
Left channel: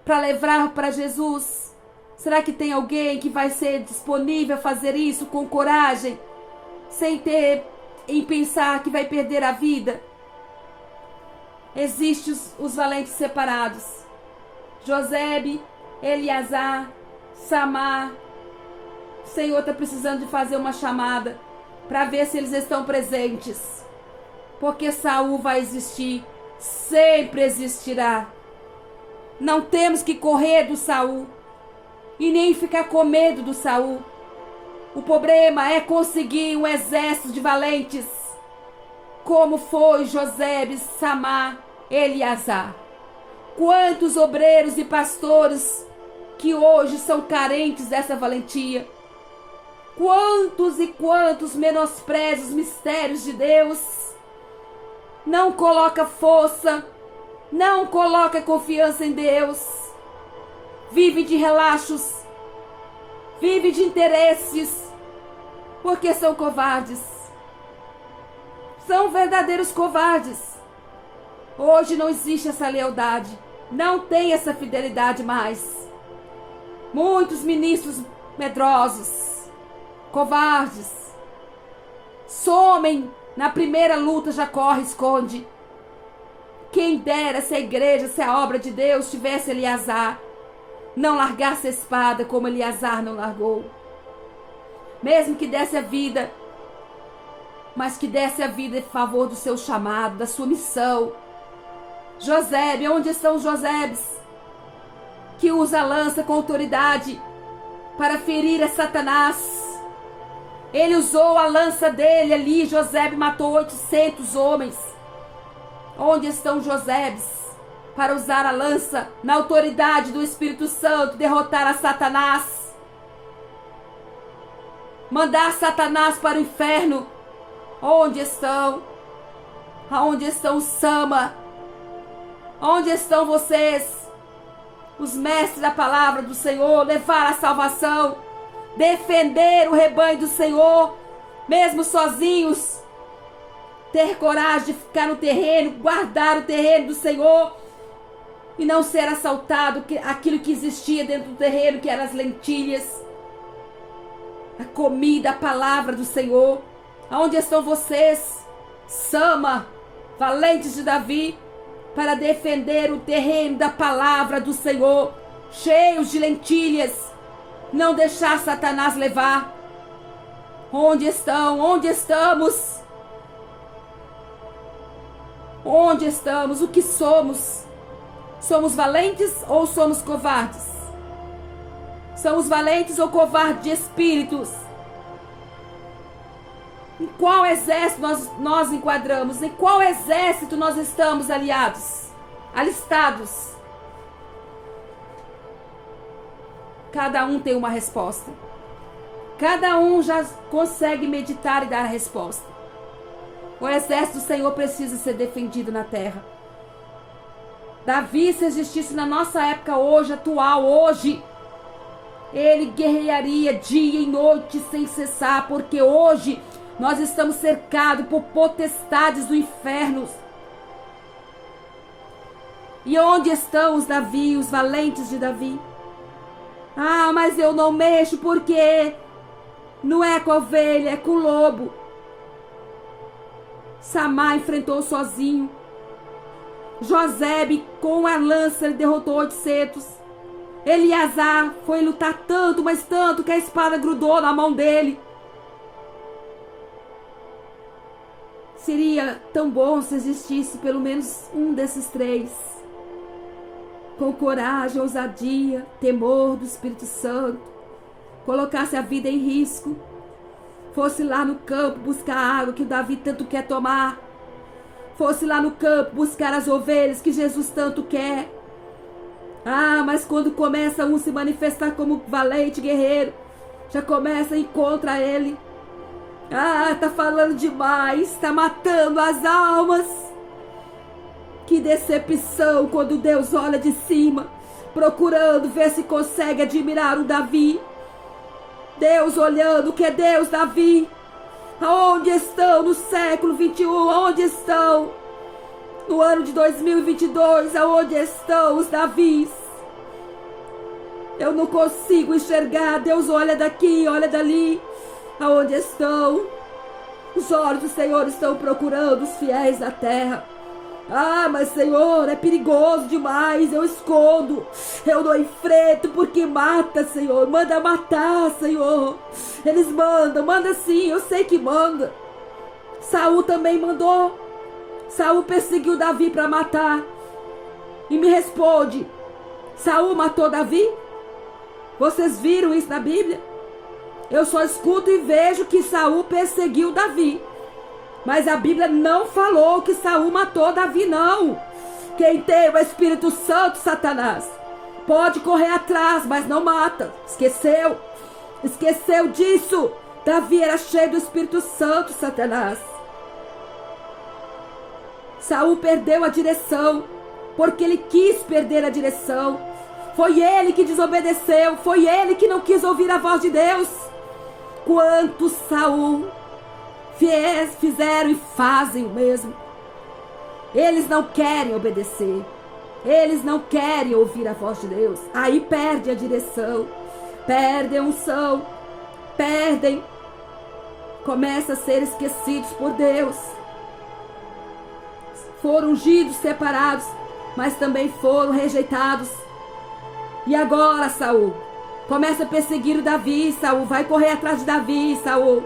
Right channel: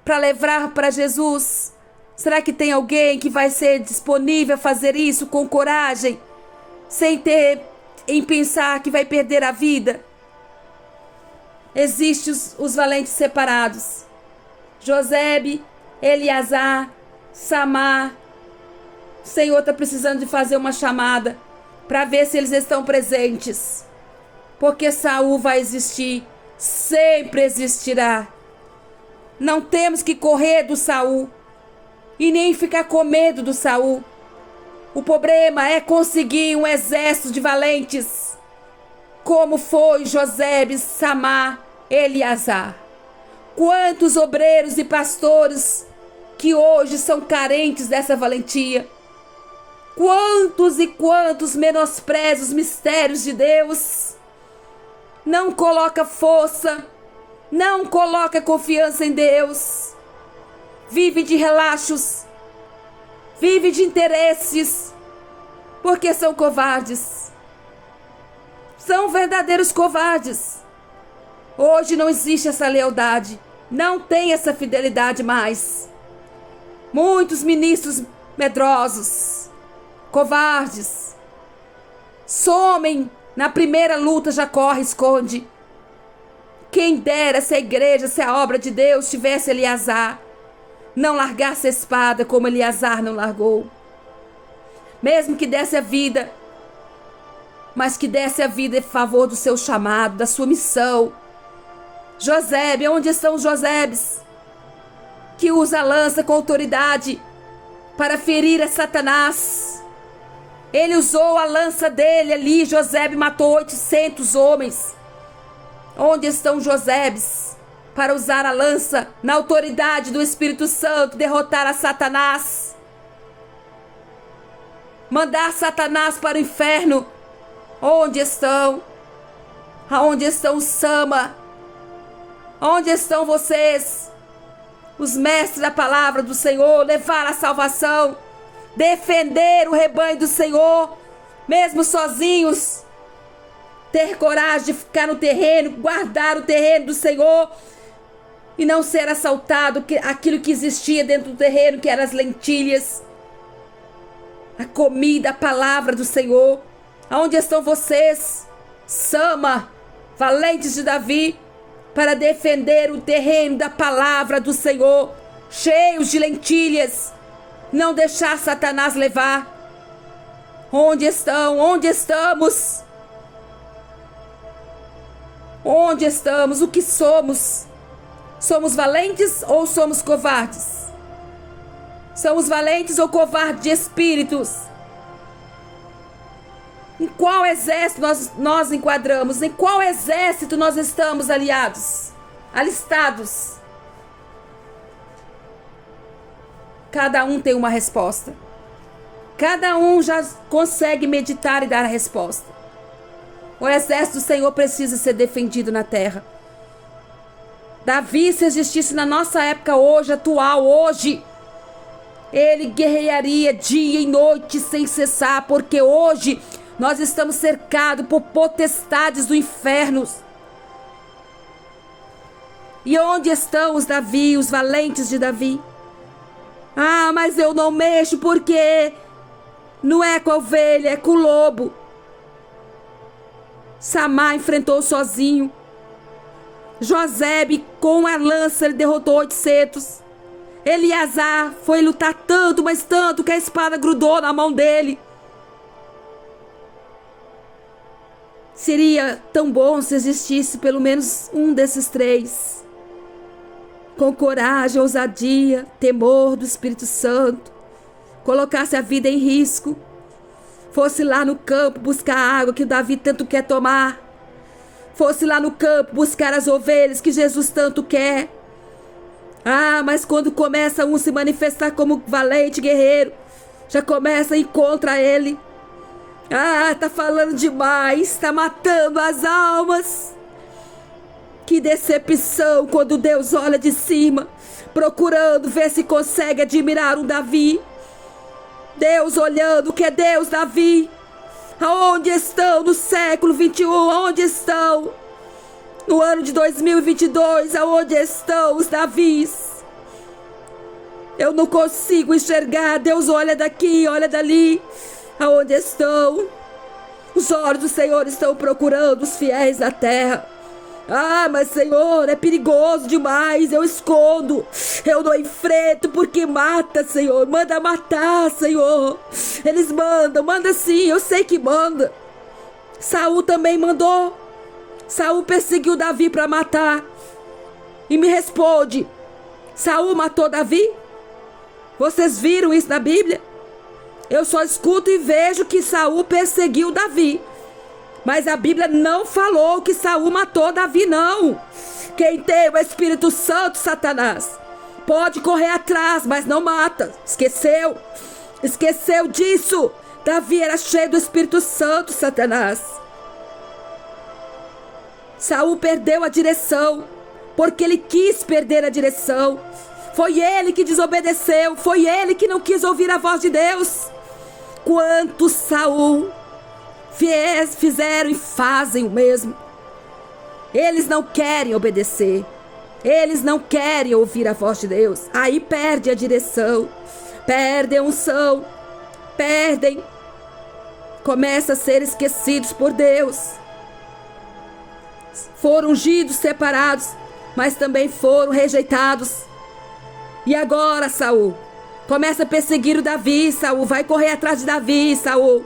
para levar para Jesus? Será que tem alguém que vai ser disponível a fazer isso com coragem, sem ter em pensar que vai perder a vida? Existem os valentes separados: Josebe, Eleazar, Samar. O Senhor está precisando de fazer uma chamada para ver se eles estão presentes, porque Saul vai existir, sempre existirá. Não temos que correr do Saul e nem ficar com medo do Saul. O problema é conseguir um exército de valentes, como foi Josebe, Samar, Eleazar. Quantos obreiros e pastores que hoje são carentes dessa valentia? Quantos e quantos menosprezam os mistérios de Deus? Não coloca força, não coloca confiança em Deus. Vive de relaxos, vive de interesses, porque são covardes. são verdadeiros covardes. Hoje não existe essa lealdade, não tem essa fidelidade mais. Muitos ministros medrosos, covardes, somem na primeira luta, já corre, esconde. Quem dera se a igreja, se a obra de Deus tivesse Eleazar, não largasse a espada como Eleazar não largou. Mesmo que desse a vida, mas que desse a vida em favor do seu chamado, da sua missão. Josebe, onde estão os Josebes? Que usa a lança com autoridade para ferir a Satanás. Ele usou a lança dele ali, Josebe matou 800 homens. Onde estão Josebes para usar a lança na autoridade do Espírito Santo, derrotar a Satanás? Mandar Satanás para o inferno. Onde estão? Aonde estão Sama? Onde estão vocês? Os mestres da palavra do Senhor, levar a salvação, defender o rebanho do Senhor, mesmo sozinhos, ter coragem de ficar no terreno, guardar o terreno do Senhor e não ser assaltado, aquilo que existia dentro do terreno, que eram as lentilhas, a comida, a palavra do Senhor. Aonde estão vocês, Sama, valentes de Davi, para defender o terreno da palavra do Senhor, cheios de lentilhas, não deixar Satanás levar? Onde estão? Onde estamos? Onde estamos? O que somos? Somos valentes ou somos covardes? Somos valentes ou covardes de espíritos? Em qual exército nós enquadramos? Em qual exército nós estamos alistados? Cada um tem uma resposta. Cada um já consegue meditar e dar a resposta. O exército do Senhor precisa ser defendido na terra. Davi, se existisse na nossa época hoje, atual, hoje, ele guerrearia dia e noite sem cessar, porque hoje nós estamos cercados por potestades do inferno. E onde estão os Davi, os valentes de Davi? Ah, mas eu não mexo porque não é com a ovelha, é com o lobo. Samá enfrentou sozinho. Josebe, com a lança, ele derrotou 800. Eleazar foi lutar tanto, mas tanto, que a espada grudou na mão dele. Seria tão bom se existisse pelo menos um desses três, com coragem, ousadia, temor do Espírito Santo, colocasse a vida em risco, fosse lá no campo buscar a água que o Davi tanto quer tomar, fosse lá no campo buscar as ovelhas que Jesus tanto quer. Ah, mas quando começa um se manifestar como valente guerreiro, já começa a ir contra ele. Ah, tá falando demais, tá matando as almas. Que decepção quando Deus olha de cima, procurando ver se consegue admirar um Davi. Deus olhando, que é Deus, Davi. Aonde estão no século 21? Aonde estão? No ano de 2022, aonde estão os Davis? Eu não consigo enxergar. Deus olha daqui, olha dali. Aonde estão? Os olhos do Senhor estão procurando os fiéis da terra. Ah, mas Senhor, é perigoso demais, eu escondo, eu não enfrento porque mata, Senhor, manda matar, Senhor. Eles mandam, manda sim, eu sei que manda. Saul também mandou. Saul perseguiu Davi para matar. E me responde, Saul matou Davi? Vocês viram isso na Bíblia? Eu só escuto e vejo que Saul perseguiu Davi. Mas a Bíblia não falou que Saul matou Davi, não. Quem tem o Espírito Santo, Satanás, pode correr atrás, mas não mata. Esqueceu? Esqueceu disso? Davi era cheio do Espírito Santo, Satanás. Saul perdeu a direção, porque ele quis perder a direção. Foi ele que desobedeceu, foi ele que não quis ouvir a voz de Deus. Quanto Saul fizeram e fazem o mesmo. Eles não querem obedecer. Eles não querem ouvir a voz de Deus. Aí perde a direção, perdem a unção, perdem, começam a ser esquecidos por Deus. Foram ungidos, separados, mas também foram rejeitados. E agora Saul começa a perseguir o Davi. Saul vai correr atrás de Davi. Saul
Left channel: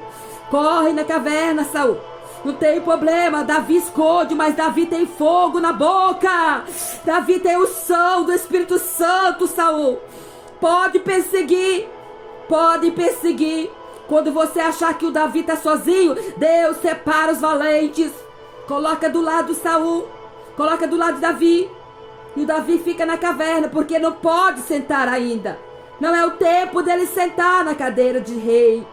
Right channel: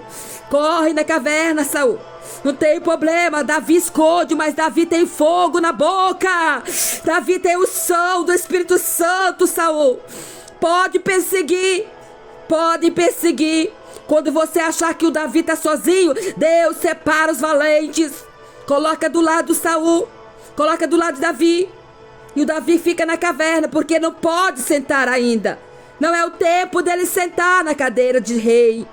corre na caverna. Saul, não tem problema, Davi esconde, mas Davi tem fogo na boca. Davi tem o som do Espírito Santo. Saul, pode perseguir, pode perseguir. Quando você achar que o Davi está sozinho, Deus separa os valentes. Coloca do lado Saul, coloca do lado de Davi. E o Davi fica na caverna, porque não pode sentar ainda. Não é o tempo dele sentar na cadeira de rei.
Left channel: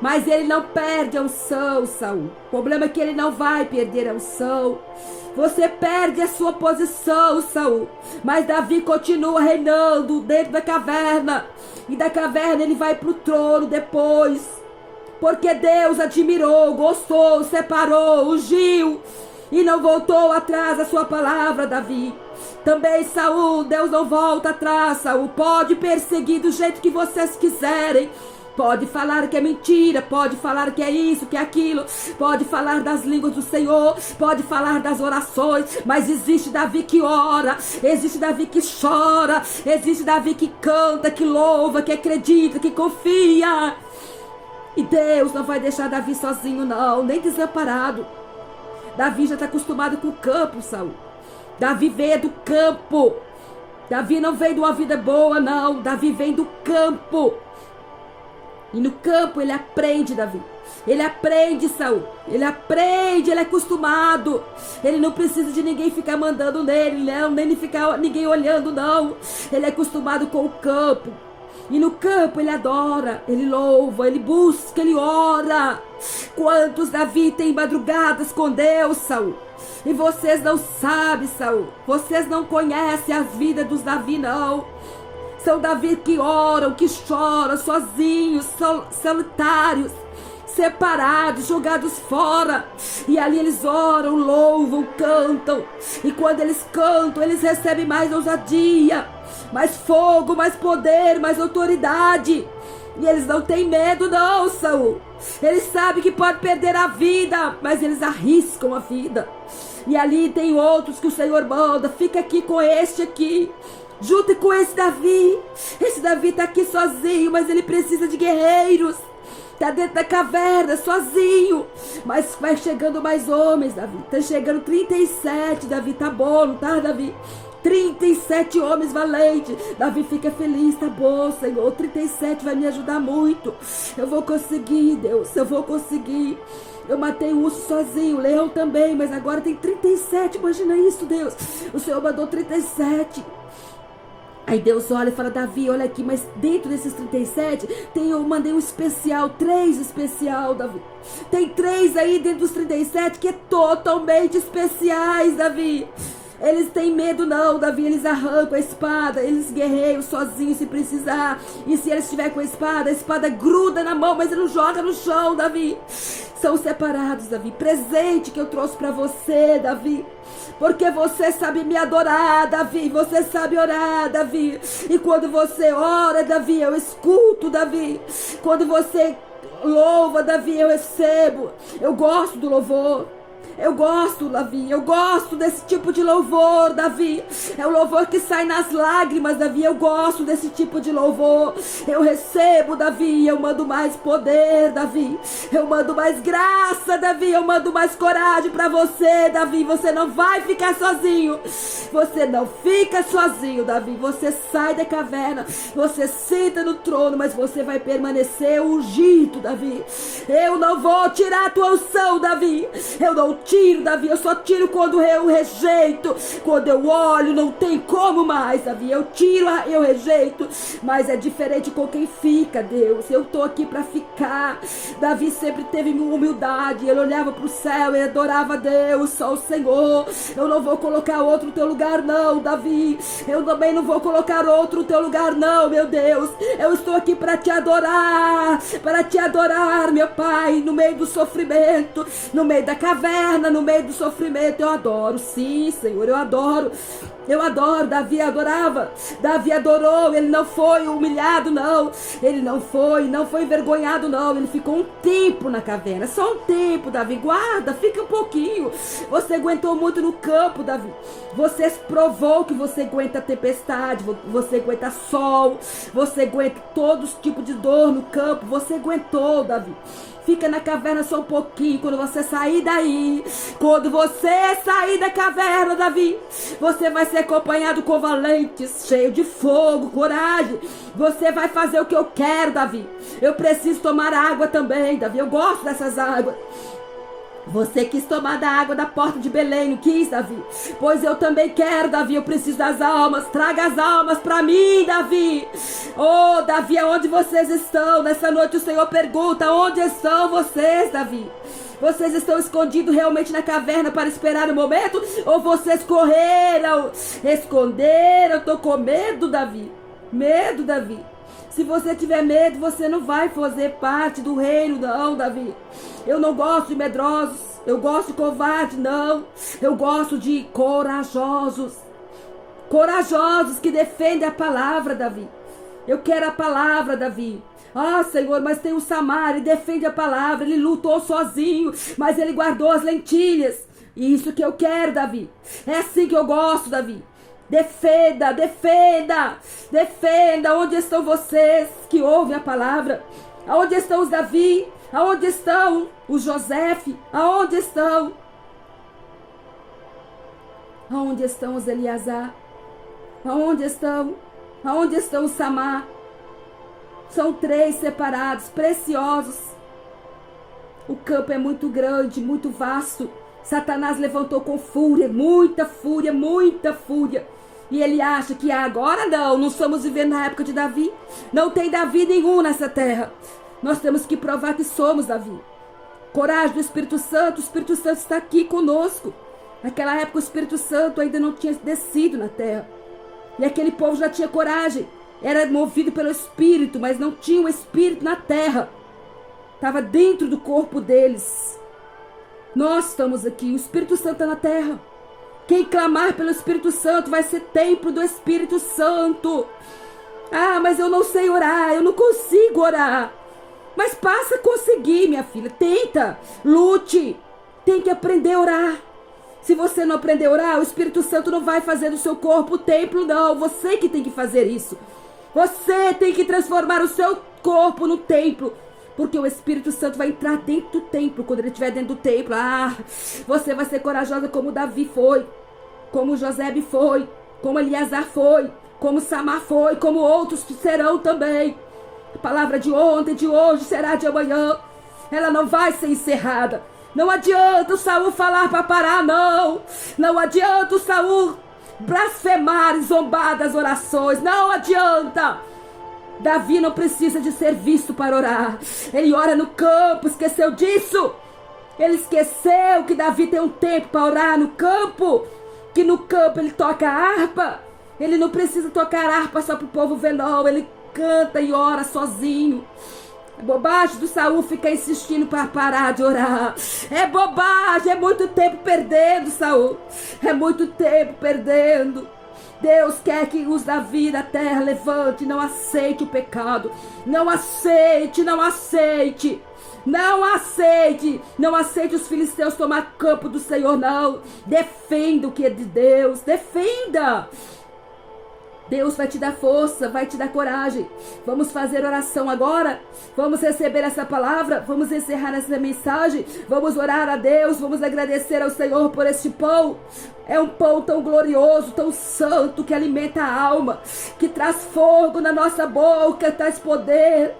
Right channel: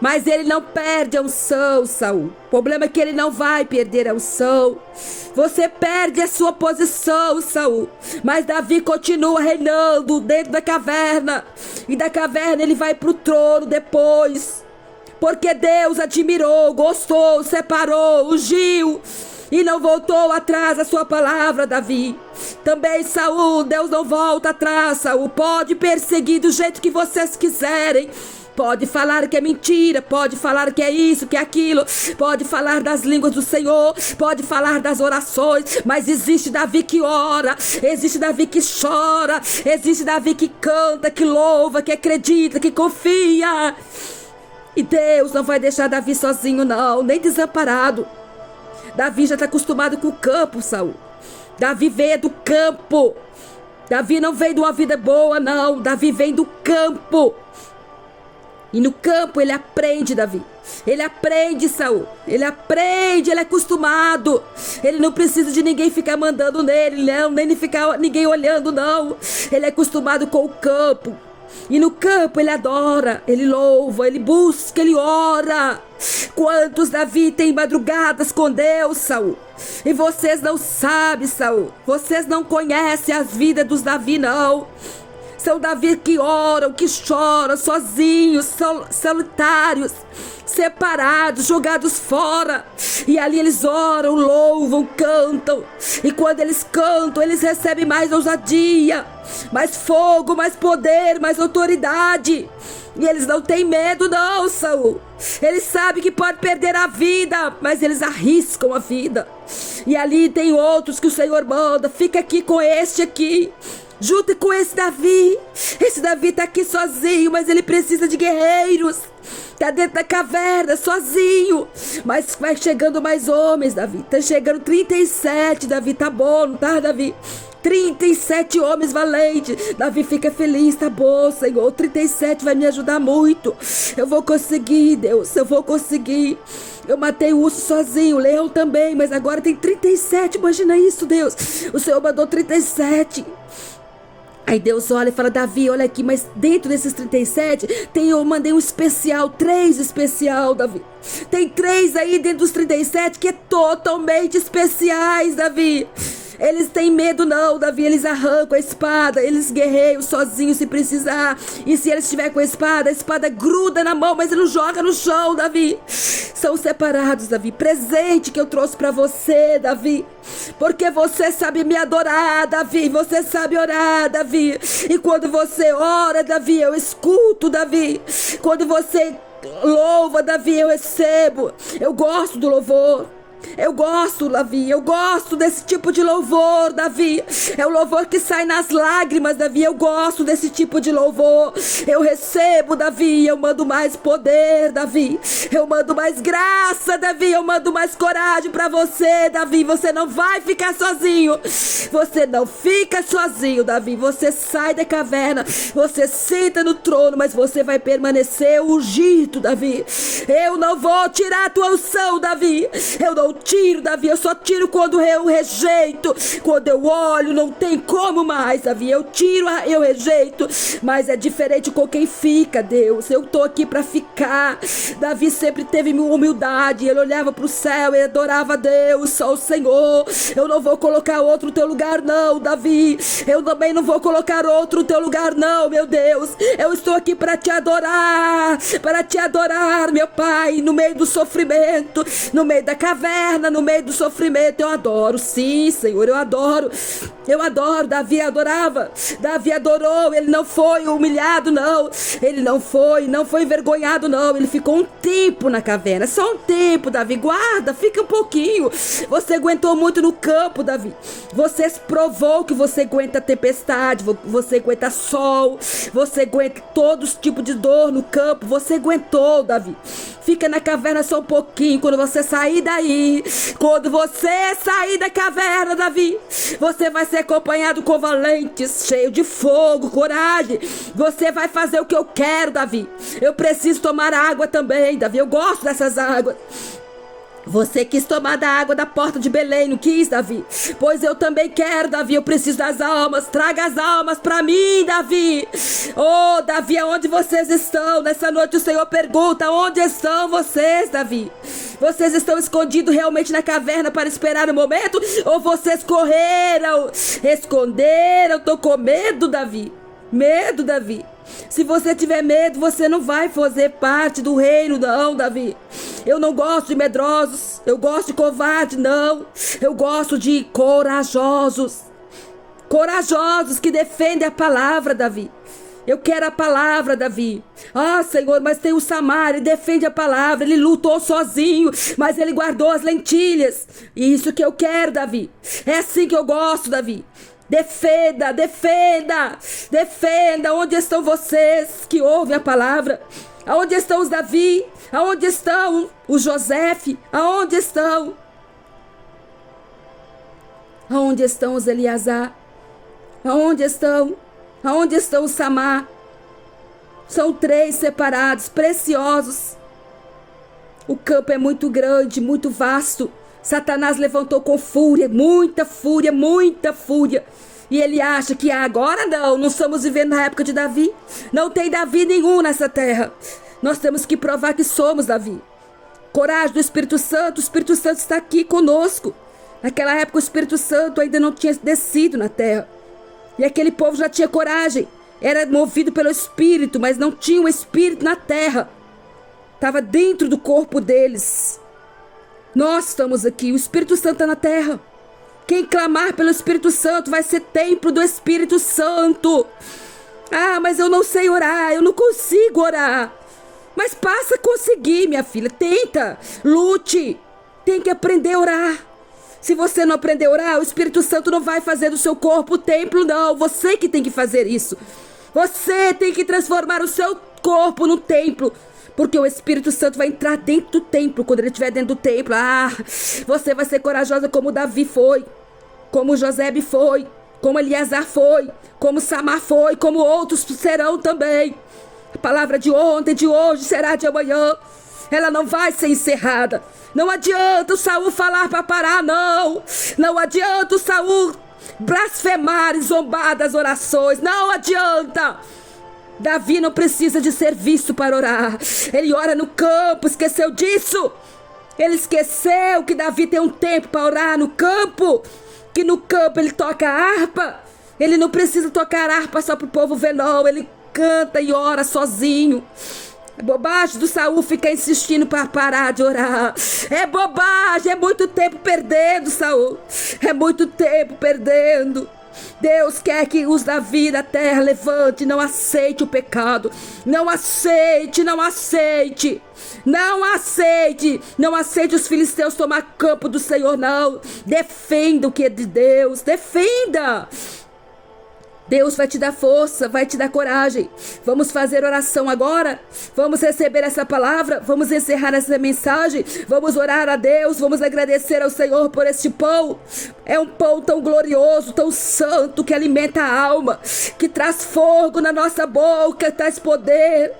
Mas ele não perde a unção, Saul. O problema é que ele não vai perder a unção. Você perde a sua posição, Saul. Mas Davi continua reinando dentro da caverna. E da caverna ele vai para o trono depois. Porque Deus admirou, gostou, separou, ungiu. E não voltou atrás a sua palavra, Davi. Também Saul, Deus não volta atrás, Saul. Pode perseguir do jeito que vocês quiserem. Pode falar que é mentira, pode falar que é isso, que é aquilo, pode falar das línguas do Senhor, pode falar das orações, mas existe Davi que ora, existe Davi que chora, existe Davi que canta, que louva, que acredita, que confia. E Deus não vai deixar Davi sozinho não, nem desamparado. Davi já está acostumado com o campo, Saul. Davi veio do campo. Davi não veio de uma vida boa, não. Davi vem do campo. E no campo ele aprende, Davi. Ele aprende, Saul. Ele aprende, ele é acostumado. Ele não precisa de ninguém ficar mandando nele, não. Nem ficar ninguém olhando, não. Ele é acostumado com o campo. E no campo ele adora, ele louva, ele busca, ele ora. Quantos Davi tem madrugadas com Deus, Saul? E vocês não sabem, Saul. Vocês não conhecem as vidas dos Davi, não. São Davi que oram, que choram, sozinhos, solitários, separados, jogados fora. E ali eles oram, louvam, cantam. E quando eles cantam, eles recebem mais ousadia, mais fogo, mais poder, mais autoridade. E eles não têm medo não, Saul. Eles sabem que pode perder a vida, mas eles arriscam a vida. E ali tem outros que o Senhor manda. Fica aqui com este aqui. Junte com esse Davi. Esse Davi está aqui sozinho, mas ele precisa de guerreiros. Está dentro da caverna, sozinho. Mas vai chegando mais homens, Davi. Está chegando 37, Davi. Tá bom, não tá, Davi? 37 homens valentes. Davi fica feliz, tá bom, Senhor. 37 vai me ajudar muito. Eu vou conseguir, Deus. Eu vou conseguir. Eu matei o urso sozinho, o leão também, mas agora tem 37. Imagina isso, Deus. O Senhor mandou 37. Aí Deus olha e fala, Davi, olha aqui, mas dentro desses 37, eu mandei um especial, 3 especial, Davi. Tem 3 aí dentro dos 37 que é totalmente especiais, Davi. Eles têm medo não, Davi, eles arrancam a espada, eles guerreiam sozinhos se precisar. E se eles estiver com a espada gruda na mão, mas ele não joga no chão, Davi. São separados, Davi. Presente que eu trouxe para você, Davi. Porque você sabe me adorar, Davi. Você sabe orar, Davi. E quando você ora, Davi, eu escuto, Davi. Quando você louva, Davi, eu recebo. Eu gosto do louvor. Eu gosto, Davi, eu gosto desse tipo de louvor, Davi. É o louvor que sai nas lágrimas, Davi. Eu gosto desse tipo de louvor. Eu recebo, Davi, eu mando mais poder, Davi. Eu mando mais graça, Davi. Eu mando mais coragem pra você, Davi. Você não vai ficar sozinho. Você não fica sozinho, Davi. Você sai da caverna, você senta no trono, mas você vai permanecer ungido, Davi. Eu não vou tirar a tua unção, Davi. Eu não não tiro, Davi, eu só tiro quando eu rejeito. Quando eu olho, não tem como mais, Davi, eu tiro, eu rejeito. Mas é diferente com quem fica, Deus. Eu tô aqui pra ficar. Davi sempre teve humildade, ele olhava pro céu e adorava a Deus, só o Senhor. Eu não vou colocar outro no teu lugar não, Davi. Eu também não vou colocar outro no teu lugar não, meu Deus. Eu estou aqui para te adorar, meu Pai, no meio do sofrimento, no meio da caverna, no meio do sofrimento. Eu adoro, sim, Senhor, eu adoro. Davi adorava, Davi adorou, ele não foi humilhado não, ele não foi envergonhado não, ele ficou um tempo na caverna, só um tempo, Davi, guarda, fica um pouquinho. Você aguentou muito no campo, Davi, você provou que você aguenta tempestade, você aguenta sol, você aguenta todos os tipos de dor no campo, você aguentou, Davi. Fica na caverna só um pouquinho. Quando você sair daí, quando você sair da caverna, Davi, você vai ser acompanhado com valentes, cheio de fogo, coragem. Você vai fazer o que eu quero, Davi. Eu preciso tomar água também, Davi. Eu gosto dessas águas. Você quis tomar da água da porta de Belém, não quis, Davi? Pois eu também quero, Davi. Eu preciso das almas. Traga as almas para mim, Davi. Oh, Davi, aonde vocês estão? Nessa noite o Senhor pergunta: onde estão vocês, Davi? Vocês estão escondidos realmente na caverna para esperar o momento? Ou vocês correram, esconderam? Tô com medo, Davi. Medo, Davi. Se você tiver medo, você não vai fazer parte do reino, não, Davi. Eu não gosto de medrosos, eu gosto de covarde, não. Eu gosto de corajosos. Corajosos que defendem a palavra, Davi. Eu quero a palavra, Davi. Ah, Senhor, mas tem o Samar, ele defende a palavra, ele lutou sozinho, mas ele guardou as lentilhas. Isso que eu quero, Davi. É assim que eu gosto, Davi. Defenda, defenda, defenda. Onde estão vocês que ouvem a palavra? Aonde estão os Davi? Aonde estão os Josefe? Aonde estão? Aonde estão os Eleazar? Aonde estão? Aonde estão os Samar? São 3 separados, preciosos. O campo é muito grande, muito vasto. Satanás levantou com fúria, muita fúria, muita fúria. E ele acha que agora não estamos vivendo na época de Davi. Não tem Davi nenhum nessa terra. Nós temos que provar que somos Davi. Coragem do Espírito Santo, o Espírito Santo está aqui conosco. Naquela época o Espírito Santo ainda não tinha descido na terra. E aquele povo já tinha coragem. Era movido pelo Espírito, mas não tinha o Espírito na terra. Estava dentro do corpo deles. Nós estamos aqui, o Espírito Santo está na terra. Quem clamar pelo Espírito Santo vai ser templo do Espírito Santo. Ah, mas eu não sei orar, eu não consigo orar. Mas passa a conseguir, minha filha. Tenta, lute. Tem que aprender a orar. Se você não aprender a orar, o Espírito Santo não vai fazer do seu corpo o templo, não. Você que tem que fazer isso. Você tem que transformar o seu corpo no templo. Porque o Espírito Santo vai entrar dentro do templo. Quando ele estiver dentro do templo, você vai ser corajosa como Davi foi, como José foi, como Eleazar foi, como Samar foi, como outros serão também. A palavra de ontem, de hoje, será de amanhã. Ela não vai ser encerrada. Não adianta o Saul falar para parar, não. Não adianta o Saul blasfemar e zombar das orações. Não adianta. Davi não precisa de ser visto para orar. Ele ora no campo, esqueceu disso. Ele esqueceu que Davi tem um tempo para orar no campo. Que no campo ele toca a harpa. Ele não precisa tocar harpa só para o povo ver, não. Ele canta e ora sozinho. É bobagem do Saul ficar insistindo para parar de orar. É bobagem, é muito tempo perdendo, Saul. É muito tempo perdendo. Deus quer que os Davi da terra levante, não aceite o pecado. Não aceite, não aceite. Não aceite, não aceite os filisteus tomar campo do Senhor, não. Defenda o que é de Deus, defenda. Deus vai te dar força, vai te dar coragem. Vamos fazer oração agora? Vamos receber essa palavra? Vamos encerrar essa mensagem? Vamos orar a Deus? Vamos agradecer ao Senhor por este pão? É um pão tão glorioso, tão santo, que alimenta a alma, que traz fogo na nossa boca, traz poder.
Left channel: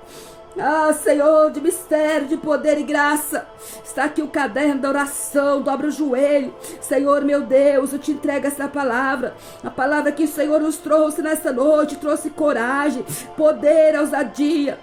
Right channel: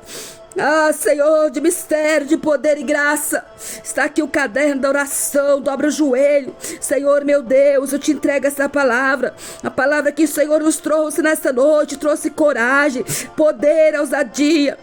Ah, Senhor, de mistério, de poder e graça. Está aqui o caderno da oração. Dobra o joelho. Senhor, meu Deus, eu te entrego essa palavra. A palavra que o Senhor nos trouxe nesta noite. Trouxe coragem, poder, ousadia.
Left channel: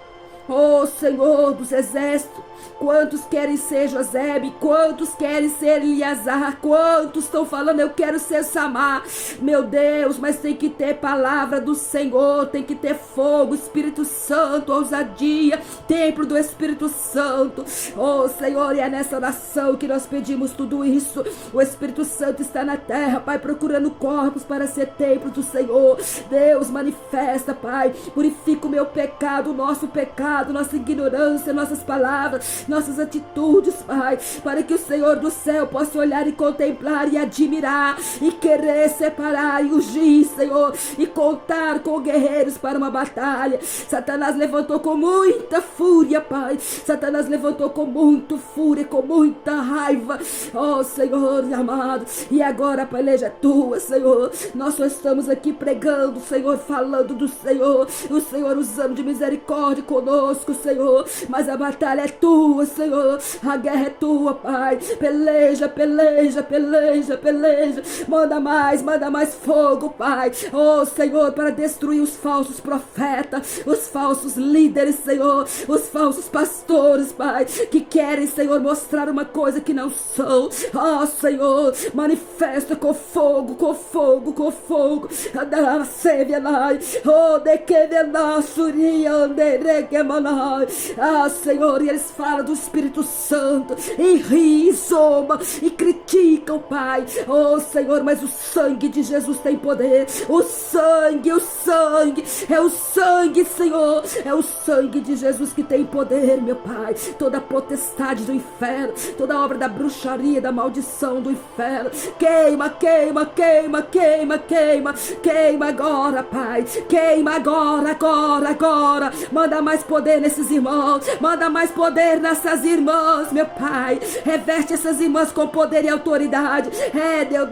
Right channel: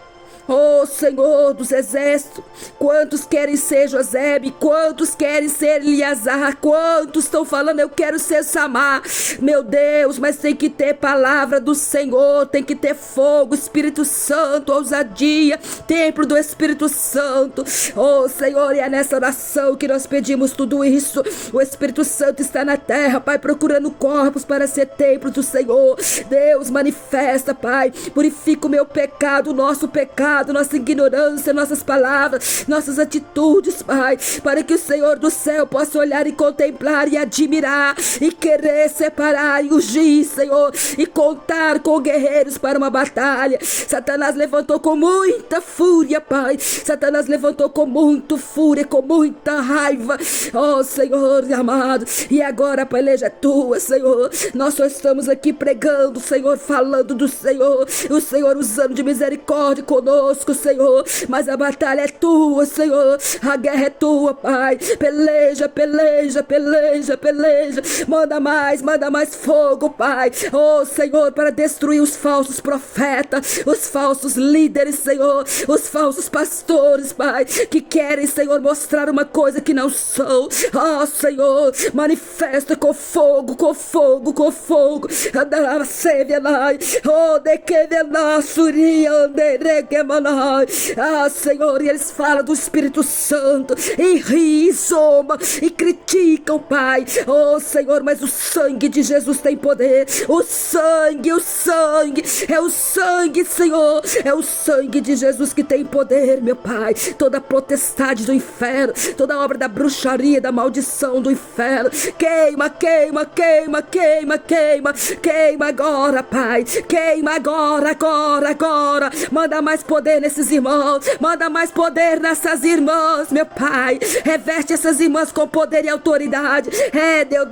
Oh, Senhor dos exércitos, quantos querem ser Josebe, quantos querem ser Eliasar, quantos estão falando eu quero ser Samar, meu Deus, mas tem que ter palavra do Senhor, tem que ter fogo, Espírito Santo, ousadia, templo do Espírito Santo. Oh, Senhor, e é nessa oração que nós pedimos tudo isso. O Espírito Santo está na terra, Pai, procurando corpos para ser templo do Senhor. Deus, manifesta, Pai, purifica o meu pecado, o nosso pecado, nossa ignorância, nossas palavras, nossas atitudes, Pai, para que o Senhor do céu possa olhar e contemplar e admirar e querer separar e ungir, Senhor, e contar com guerreiros para uma batalha. Satanás levantou com muita fúria, Pai, Satanás levantou com muita fúria, com muita raiva, oh Senhor amado, e agora a peleja é tua, Senhor. Nós só estamos aqui pregando, Senhor, falando do Senhor, o Senhor usando de misericórdia conosco, Senhor, mas a batalha é tua, Senhor, a guerra é tua, Pai. Peleja, peleja, peleja, peleja, manda mais fogo, Pai, oh Senhor, para destruir os falsos profetas, os falsos líderes, Senhor, os falsos pastores, Pai, que querem, Senhor, mostrar uma coisa que não são. Oh Senhor, manifesta com fogo, com fogo, com fogo. Oh, de que ah, Senhor, e eles falam do Espírito Santo e riem, zombam e criticam, Pai. Oh, Senhor, mas o sangue de Jesus tem poder. O sangue, é o sangue, Senhor, é o sangue de Jesus que tem poder, meu Pai. Toda potestade do inferno, toda obra da bruxaria, da maldição do inferno, queima, queima, queima, queima, queima, queima agora, Pai. Queima agora, agora, agora. Manda mais poder nesses irmãos, manda mais poder nessas irmãs, meu Pai. Reveste essas irmãs com poder e autoridade. Deus,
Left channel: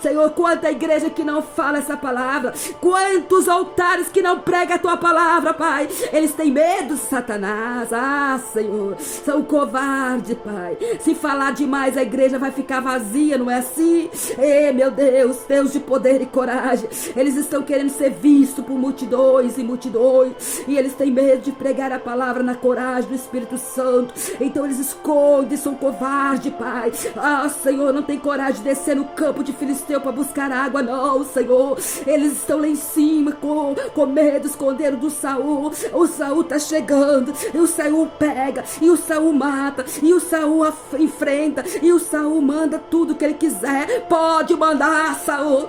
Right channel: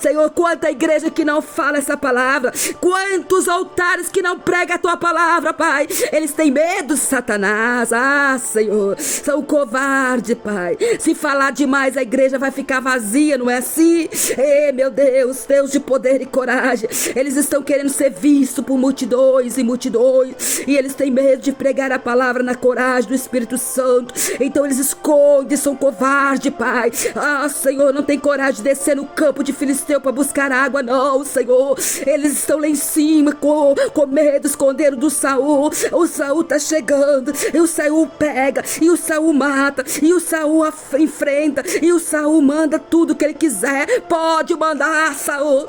Senhor, quanta igreja que não fala essa palavra, quantos altares que não pregam a tua palavra, Pai. Eles têm medo, Satanás. Ah, Senhor, são covardes, Pai. Se falar demais, a igreja vai ficar vazia, não é assim? Meu Deus, Deus de poder e coragem. Eles estão querendo ser vistos por multidões e multidões, e eles têm medo de pregar a palavra na coragem do Espírito Santo. Então eles escondem, são covardes, Pai. Ah, Senhor, não tem coragem de descer no campo de Filisteu para buscar água, não, Senhor. Eles estão lá em cima com medo, escondendo do Saul. O Saul tá chegando, e o Saul pega, e o Saul mata, e o Saul enfrenta, e o Saul manda tudo que ele quiser. Pode mandar, Saul.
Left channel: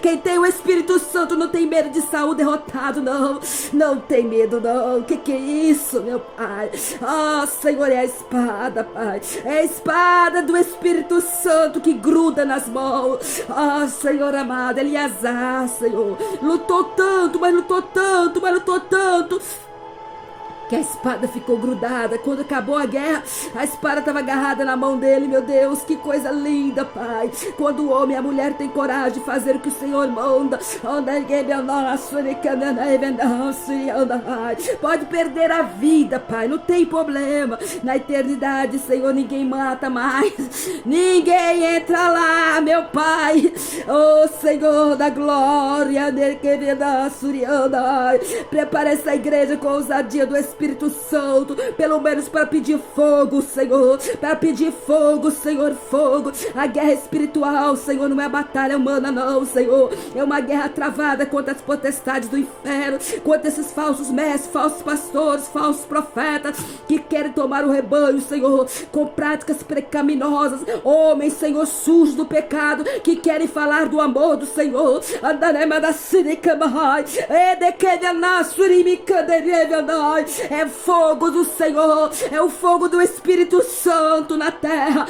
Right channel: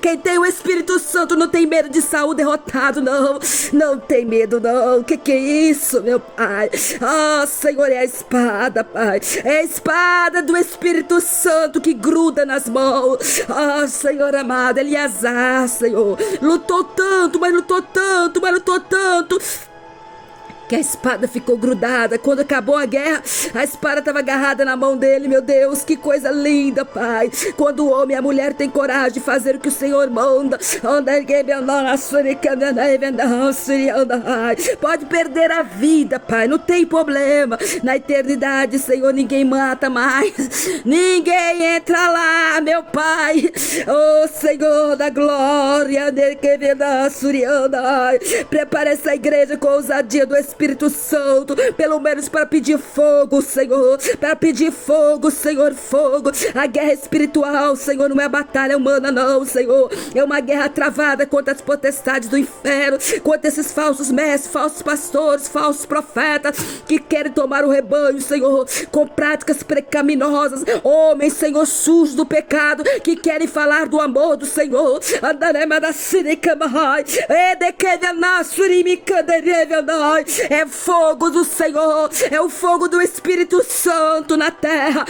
Quem tem o Espírito Santo não tem medo de Saul derrotado, não. Não tem medo, não. Que é isso, meu Pai? Ah, Senhor, é a espada, Pai. É a espada do Espírito Santo que gruda nas mãos. Ah, Senhor amado, Eliasar, Senhor, lutou tanto, mas lutou tanto, mas lutou tanto, que a espada ficou grudada. Quando acabou a guerra, a espada estava agarrada na mão dele. Meu Deus, que coisa linda, Pai. Quando o homem e a mulher têm coragem de fazer o que o Senhor manda, pode perder a vida, Pai, não tem problema. Na eternidade, Senhor, ninguém mata mais, ninguém entra lá, meu Pai. Oh, Senhor da glória, prepara essa igreja com a ousadia do Espírito Santo, pelo menos para pedir fogo, Senhor, para pedir fogo, Senhor, fogo. A guerra espiritual, Senhor, não é batalha humana, não, Senhor, é uma guerra travada contra as potestades do inferno, contra esses falsos mestres, falsos pastores, falsos profetas que querem tomar o rebanho, Senhor, com práticas pecaminosas, homens, Senhor, sujos do pecado, que querem falar do amor do Senhor. é fogo do Senhor, é o fogo do Espírito Santo na terra.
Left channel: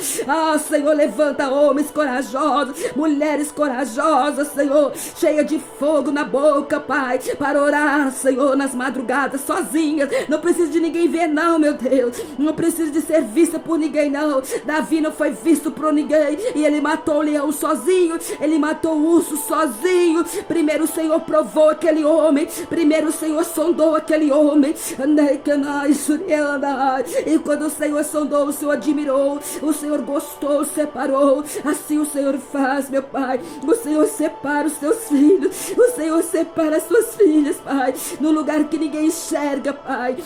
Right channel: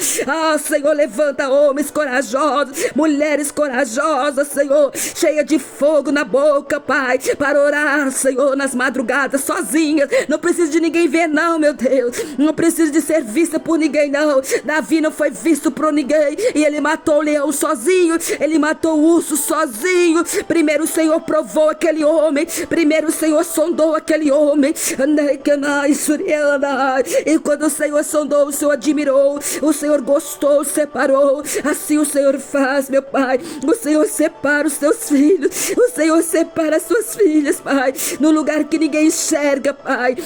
Senhor, levanta homens corajosos, mulheres corajosas, Senhor, cheia de fogo na boca, Pai, para orar, Senhor, nas madrugadas, sozinhas. Não precisa de ninguém ver, não, meu Deus. Não precisa de ser vista por ninguém, não. Davi não foi visto por ninguém, e ele matou o leão sozinho, ele matou o urso sozinho. Primeiro o Senhor provou aquele homem, primeiro o Senhor sondou aquele homem. E quando o Senhor sondou, o Senhor admirou, o Senhor gostou, separou. Assim o Senhor faz, meu Pai. O Senhor separa os teus filhos, o Senhor separa as suas filhas, Pai, no lugar que ninguém enxerga, Pai.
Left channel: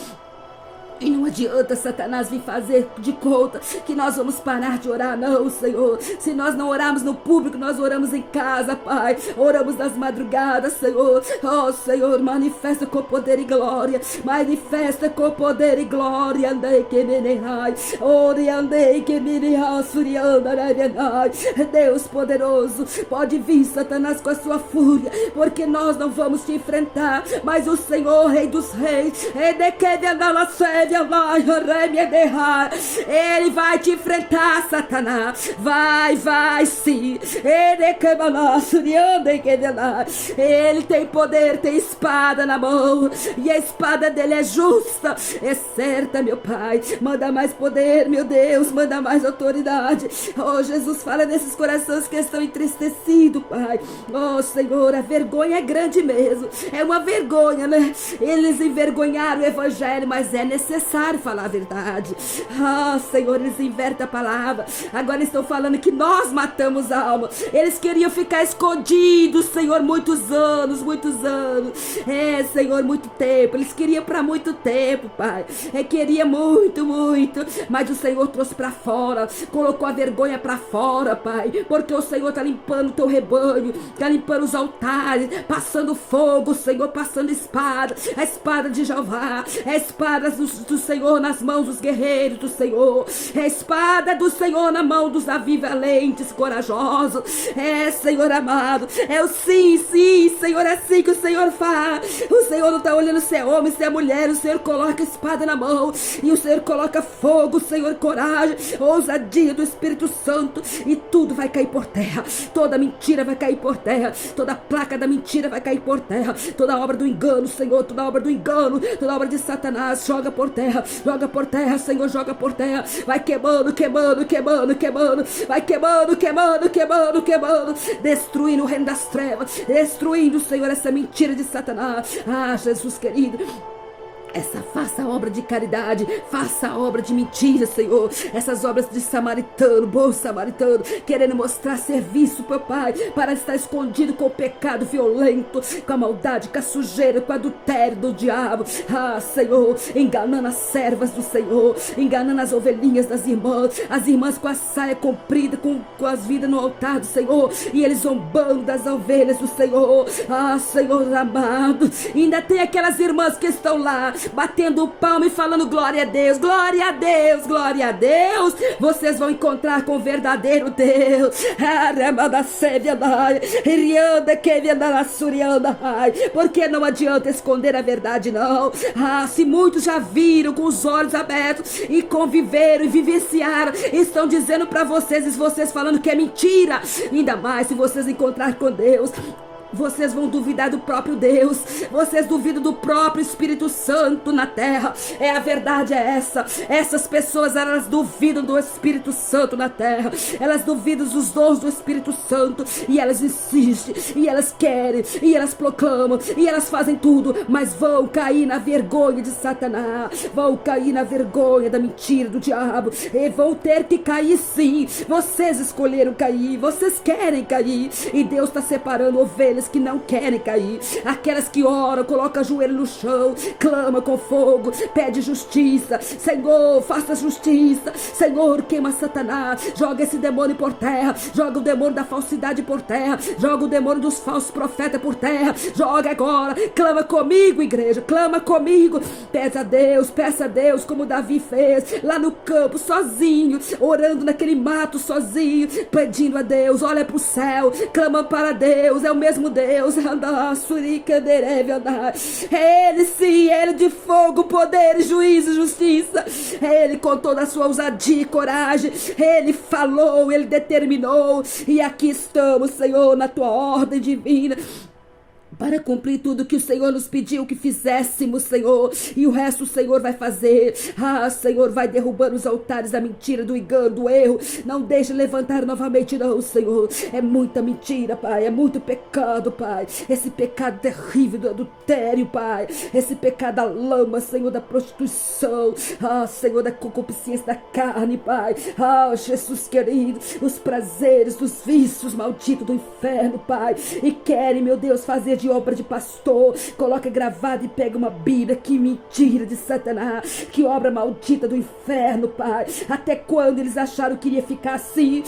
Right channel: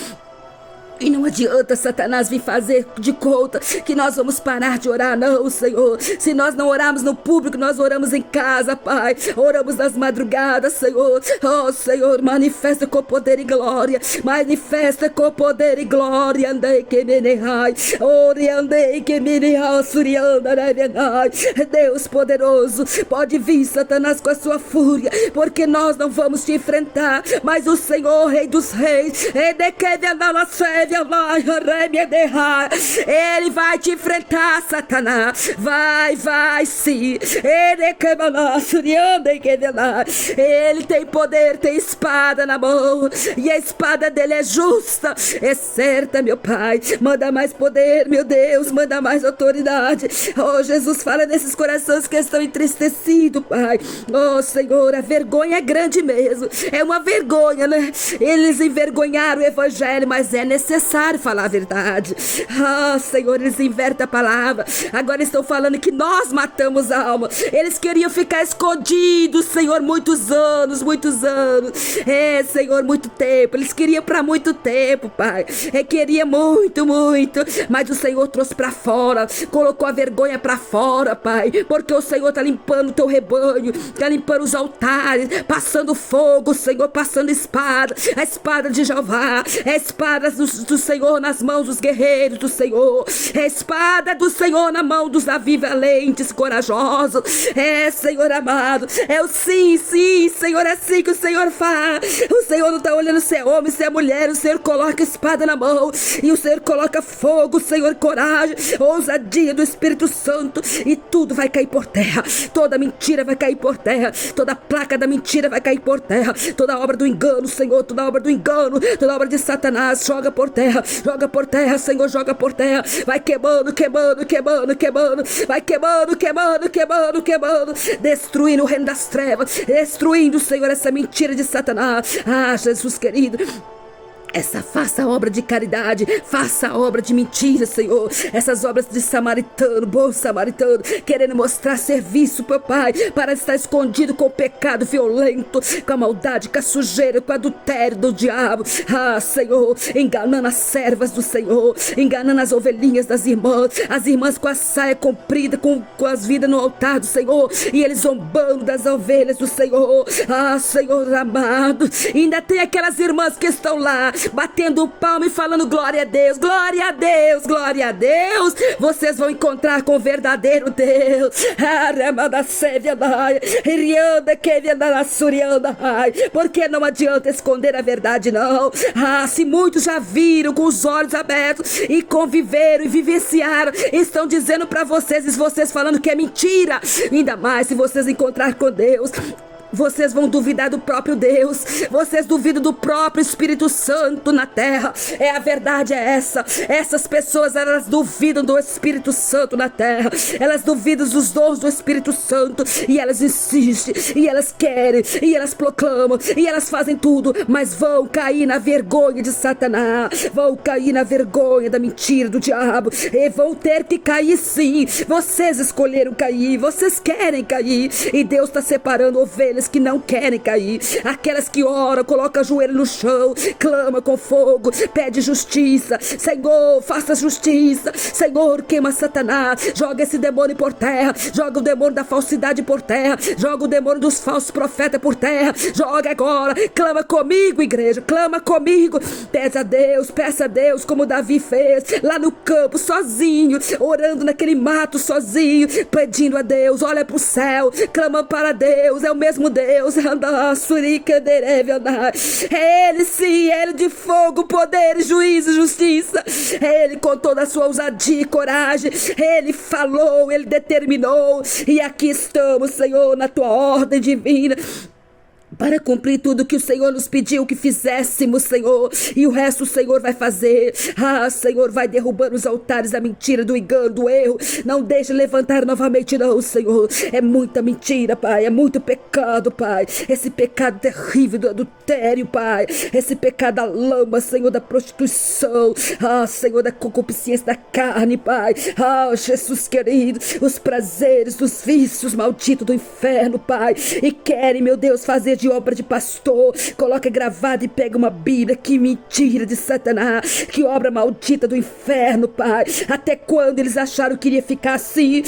E não adianta Satanás vir fazer de conta que nós vamos parar de orar, não, Senhor. Se nós não orarmos no público, nós oramos em casa, Pai. Oramos nas madrugadas, Senhor. Senhor, manifesta com poder e glória. Manifesta com poder e glória. Andei que me nehai. Ore andei que me nehai. Surianda navenai. Deus poderoso, pode vir, Satanás, com a sua fúria, porque nós não vamos te enfrentar, mas o Senhor, Rei dos Reis, ele vai te enfrentar, Satanás. Vai sim. Ele tem poder, tem espada na mão, e a espada dele é justa, é certa, meu Pai. Manda mais poder, meu Deus, manda mais autoridade. Jesus, fala nesses corações que estão entristecidos, Pai. Senhor, a vergonha é grande mesmo. É uma vergonha, né? Eles envergonharam o evangelho, mas é necessário falar a verdade. Senhor, eles invertem a palavra. Agora estão falando que nós matamos a alma. Eles queriam ficar escondidos, Senhor, muitos anos. Senhor, muito tempo. Eles queriam para muito tempo, Pai. Queria muito, mas o Senhor trouxe para fora, colocou a vergonha para fora, Pai, porque o Senhor está limpando o teu rebanho, está limpando os altares, passando fogo, Senhor, passando espada, a espada de Jeová, a espada do Senhor nas mãos dos guerreiros do Senhor, é a espada do Senhor na mão dos Davi valentes, corajosos. Senhor amado, é o sim, Senhor, é assim que o Senhor faz. O Senhor não está olhando se é homem, se é mulher. O Senhor coloca a espada na mão, e o Senhor coloca fogo, Senhor, coragem, ousadia do Espírito Santo, e tudo vai cair por terra. Toda mentira vai cair por terra, toda placa da mentira vai cair por terra, toda obra do engano, Senhor, toda obra do engano, toda obra de Satanás, joga por terra, Senhor, joga por terra. Vai queimando, vai queimando, destruindo o reino das trevas, destruindo, Senhor, essa mentira de Satanás. Jesus querido, faça a obra de caridade, faça a obra de mentira, Senhor. Essas obras de samaritano, bom samaritano, querendo mostrar serviço, papai, para estar escondido com o pecado violento, com a maldade, com a sujeira, com o adultério do diabo. Senhor, enganando as servas do Senhor, enganando as ovelhinhas das irmãs, as irmãs com a saia comprida, com as vidas no altar do Senhor, e eles zombando das ovelhas do Senhor. Senhor amado, ainda tem aquelas irmãs que estão lá batendo palma e falando glória a Deus, glória a Deus, glória a Deus. Vocês vão encontrar com o verdadeiro Deus. Porque não adianta esconder a verdade, não. Se muitos já viram com os olhos abertos e conviveram e vivenciaram, estão dizendo para vocês, vocês falando que é mentira. Ainda mais se vocês encontrar com Deus, vocês vão duvidar do próprio Deus, vocês duvidam do próprio Espírito Santo na terra. A verdade é essa. Essas pessoas, elas duvidam do Espírito Santo na terra, elas duvidam dos dons do Espírito Santo, e elas insistem, e elas querem, e elas proclamam, e elas fazem tudo, mas vão cair na vergonha de Satanás, vão cair na vergonha da mentira do diabo, e vão ter que cair sim. Vocês escolheram cair, vocês querem cair, e Deus está separando ovelhas que não querem cair, aquelas que oram, colocam o joelho no chão, clama com fogo, pede justiça. Senhor, faça justiça. Senhor, queima Satanás, joga esse demônio por terra, joga o demônio da falsidade por terra, joga o demônio dos falsos profetas por terra, joga agora. Clama comigo, igreja, clama comigo. Peça a Deus como Davi fez lá no campo, sozinho, orando naquele mato sozinho, pedindo a Deus. Olha pro céu, clama para Deus. É o mesmo mesmo Deus, Ele sim, Ele de fogo, poder, juízo, justiça. Ele com toda a sua ousadia e coragem, Ele falou, Ele determinou, e aqui estamos, Senhor, na tua ordem divina, para cumprir tudo que o Senhor nos pediu que fizéssemos, Senhor, e o resto o Senhor vai fazer. Senhor, vai derrubando os altares da mentira, do engano, do erro. Não deixe levantar novamente não, Senhor. É muita mentira, Pai, é muito pecado, Pai. Esse pecado terrível do adultério, Pai. Esse pecado da lama, Senhor, da prostituição. Senhor, da concupiscência da carne, Pai. Jesus querido, os prazeres dos vícios malditos do inferno, Pai. E querem, meu Deus, fazer de obra de pastor. Coloca gravado e pega uma Bíblia. Que mentira de Satanás, que obra maldita do inferno, Pai. Até quando eles acharam que iria ficar assim?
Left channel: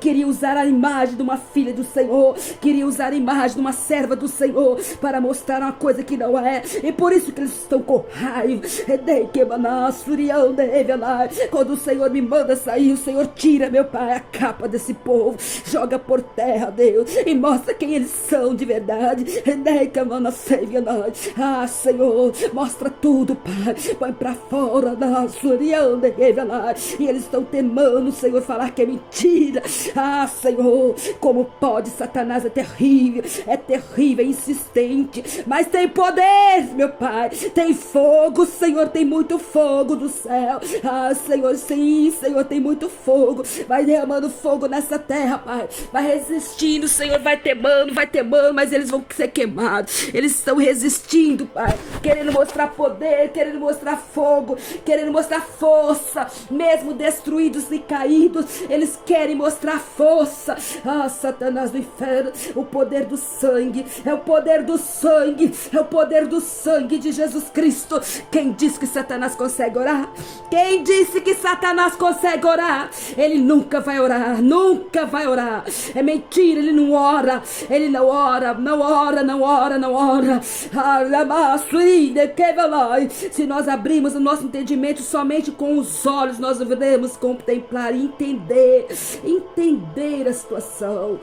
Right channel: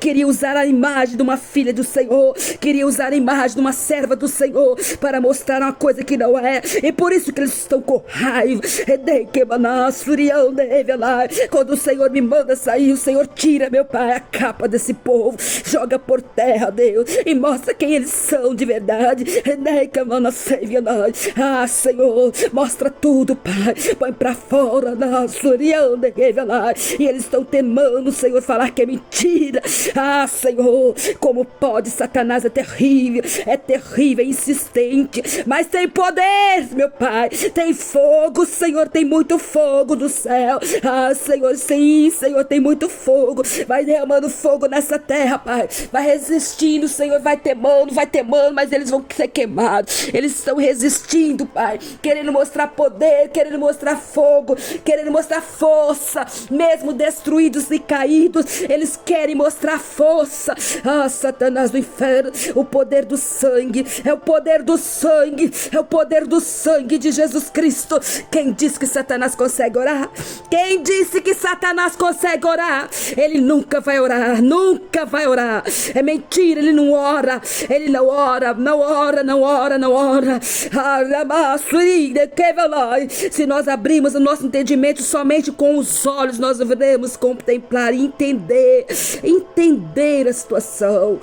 Queria usar a imagem de uma filha do Senhor, queria usar a imagem de uma serva do Senhor para mostrar uma coisa que não é, e por isso que eles estão com raiva. Quando o Senhor me manda sair, o Senhor tira, meu Pai, a capa desse povo, joga por terra, Deus, e mostra quem eles são de verdade. Senhor, mostra tudo, Pai, põe pra fora, e eles estão temando, Senhor, falar que é mentira. Senhor, como pode? Satanás é terrível, é insistente, mas tem poder, meu Pai, tem fogo, Senhor, tem muito fogo do céu. Senhor, sim, Senhor, tem muito fogo, vai derramando fogo nessa terra, Pai, vai resistindo, Senhor, vai temando, mas eles vão ser queimados. Eles estão resistindo, Pai, querendo mostrar poder, querendo mostrar fogo, querendo mostrar força, mesmo destruídos e caídos, eles querem mostrar força. Satanás do inferno, o poder do sangue, é o poder do sangue, é o poder do sangue de Jesus Cristo. Quem disse que Satanás consegue orar? Quem disse que Satanás consegue orar? Ele nunca vai orar, nunca vai orar. É mentira, ele não ora, ele não ora, não ora, não ora, não ora. Se nós abrirmos o nosso entendimento somente com os olhos, nós devemos contemplar e entender a situação.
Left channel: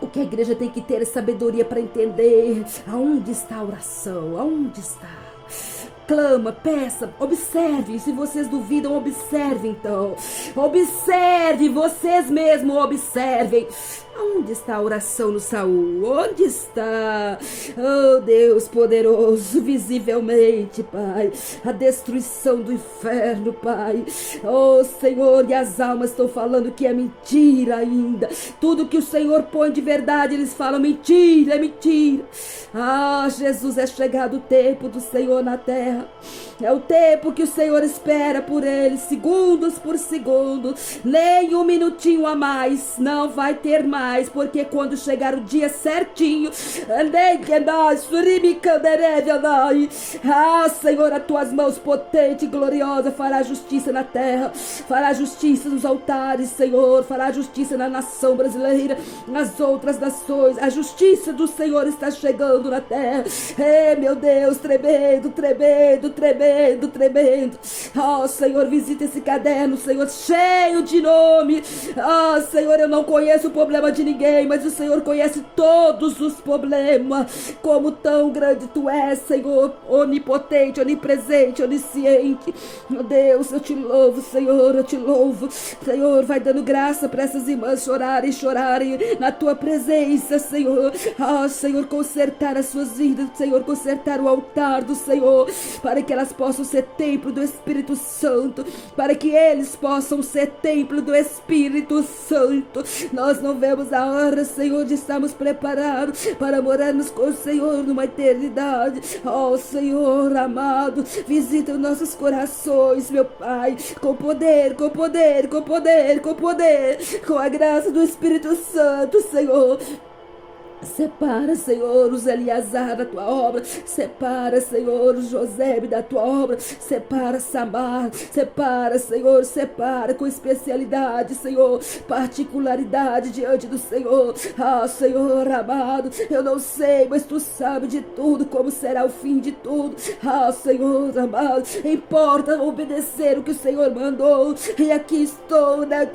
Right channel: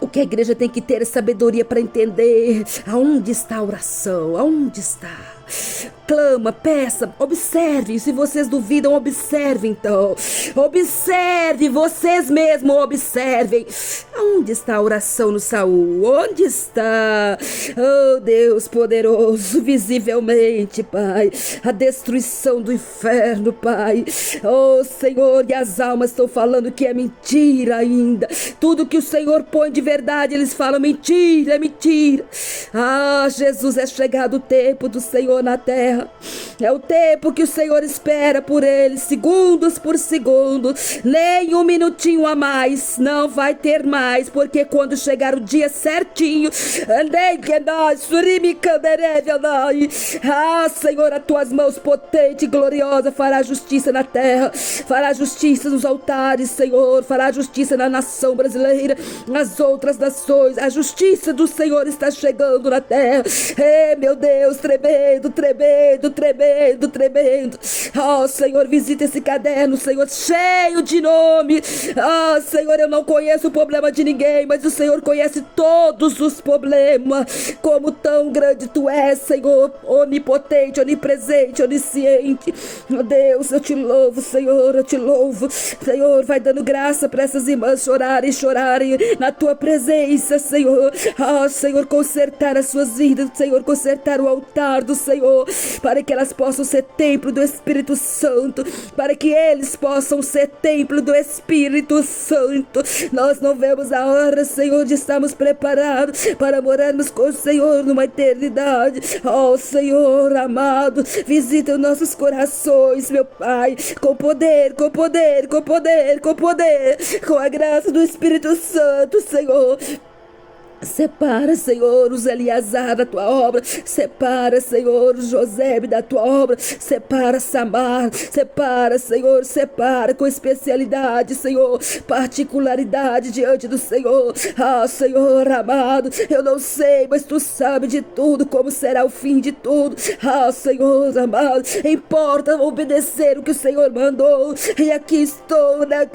O que a igreja tem que ter é sabedoria para entender aonde está a oração, aonde está. Clama, peça, observe. Se vocês duvidam, observe então. Observe, vocês mesmos observem. Onde está a oração no Saul? Onde está? Oh Deus poderoso, visivelmente, Pai, a destruição do inferno, Pai. Oh Senhor, e as almas estão falando que é mentira ainda. Tudo que o Senhor põe de verdade, eles falam mentira, é mentira. Jesus, é chegado o tempo do Senhor na terra. É o tempo que o Senhor espera por eles, segundos por segundo, nem um minutinho a mais, não vai ter mais, porque quando chegar o dia certinho, Senhor, as tuas mãos potente e gloriosa fará justiça na terra, fará justiça nos altares, Senhor, fará justiça na nação brasileira, nas outras nações. A justiça do Senhor está chegando na terra. Meu Deus, tremendo, tremendo. Senhor, visita esse caderno, Senhor, cheio de nome. Senhor, eu não conheço o problema de ninguém, mas o Senhor conhece todos os problemas. Como tão grande tu és, Senhor, onipotente, onipresente, onisciente. Deus, eu te louvo, Senhor, eu te louvo. Senhor, vai dando graça para essas irmãs chorarem na tua presença, Senhor. Senhor, consertar as suas vidas, Senhor, consertar o altar do Senhor, para que elas possam ser templo do Espírito Santo, para que eles possam ser templo do Espírito Santo. Nós não vemos a hora, Senhor, de estarmos preparados para morarmos com o Senhor numa eternidade. Senhor amado, visita os nossos corações, meu Pai, com poder, com a graça do Espírito Santo, Senhor. Separa, Senhor, os Eliasar da tua obra. Separa, Senhor, os José da tua obra. Separa, Samar. Separa, Senhor, separa com especialidade, Senhor, particularidade diante do Senhor. Ah, Senhor amado, eu não sei, mas tu sabe de tudo, como será o fim de tudo. Ah, Senhor amado, importa obedecer o que o Senhor mandou. E aqui estou, né?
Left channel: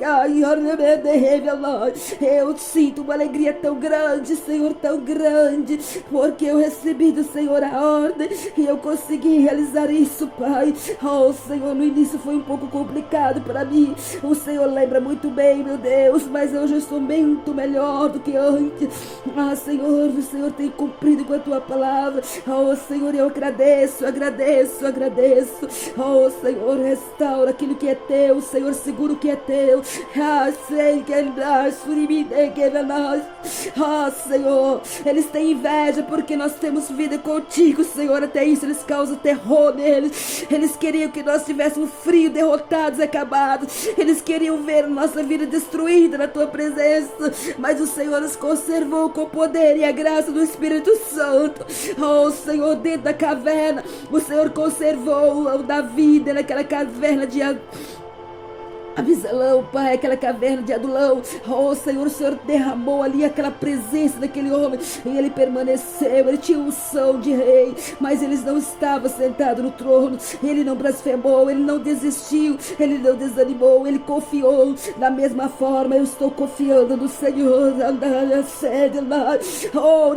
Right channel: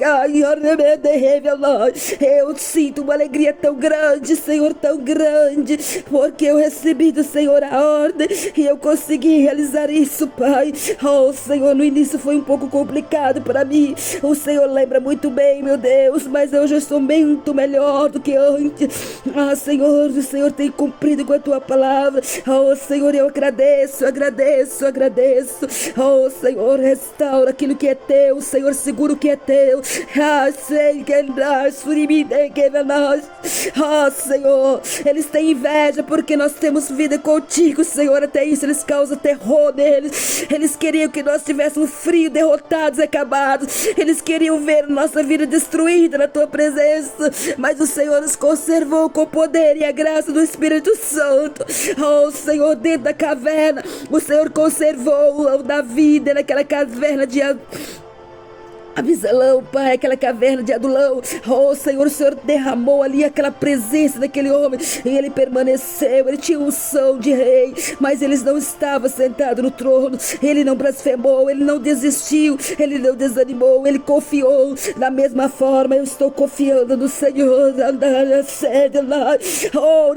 Eu sinto uma alegria tão grande, Senhor, tão grande, porque eu recebi do Senhor a ordem e eu consegui realizar isso, Pai. Oh, Senhor, no início foi um pouco complicado para mim. O Senhor lembra muito bem, meu Deus, mas eu já estou muito melhor do que antes. Ah, Senhor, o Senhor tem cumprido com a tua palavra. Oh, Senhor, eu agradeço, agradeço, agradeço. Oh, Senhor, restaura aquilo que é teu, Senhor, segura o que é teu. Ah, sei que ah, Senhor, eles têm inveja porque nós temos vida contigo, Senhor. Até isso eles causam terror neles. Eles queriam que nós tivéssemos frio, derrotados, acabados. Eles queriam ver nossa vida destruída na tua presença, mas o Senhor nos conservou com o poder e a graça do Espírito Santo. Oh, Senhor, dentro da caverna, o Senhor conservou o Davi naquela caverna de Abisalão, Pai, aquela caverna de Adulão. Oh, Senhor, o Senhor derramou ali aquela presença daquele homem e ele permaneceu. Ele tinha unção de rei, mas ele não estava sentado no trono. Ele não blasfemou, ele não desistiu, ele não desanimou, ele confiou. Da mesma forma, eu estou confiando no Senhor. Oh,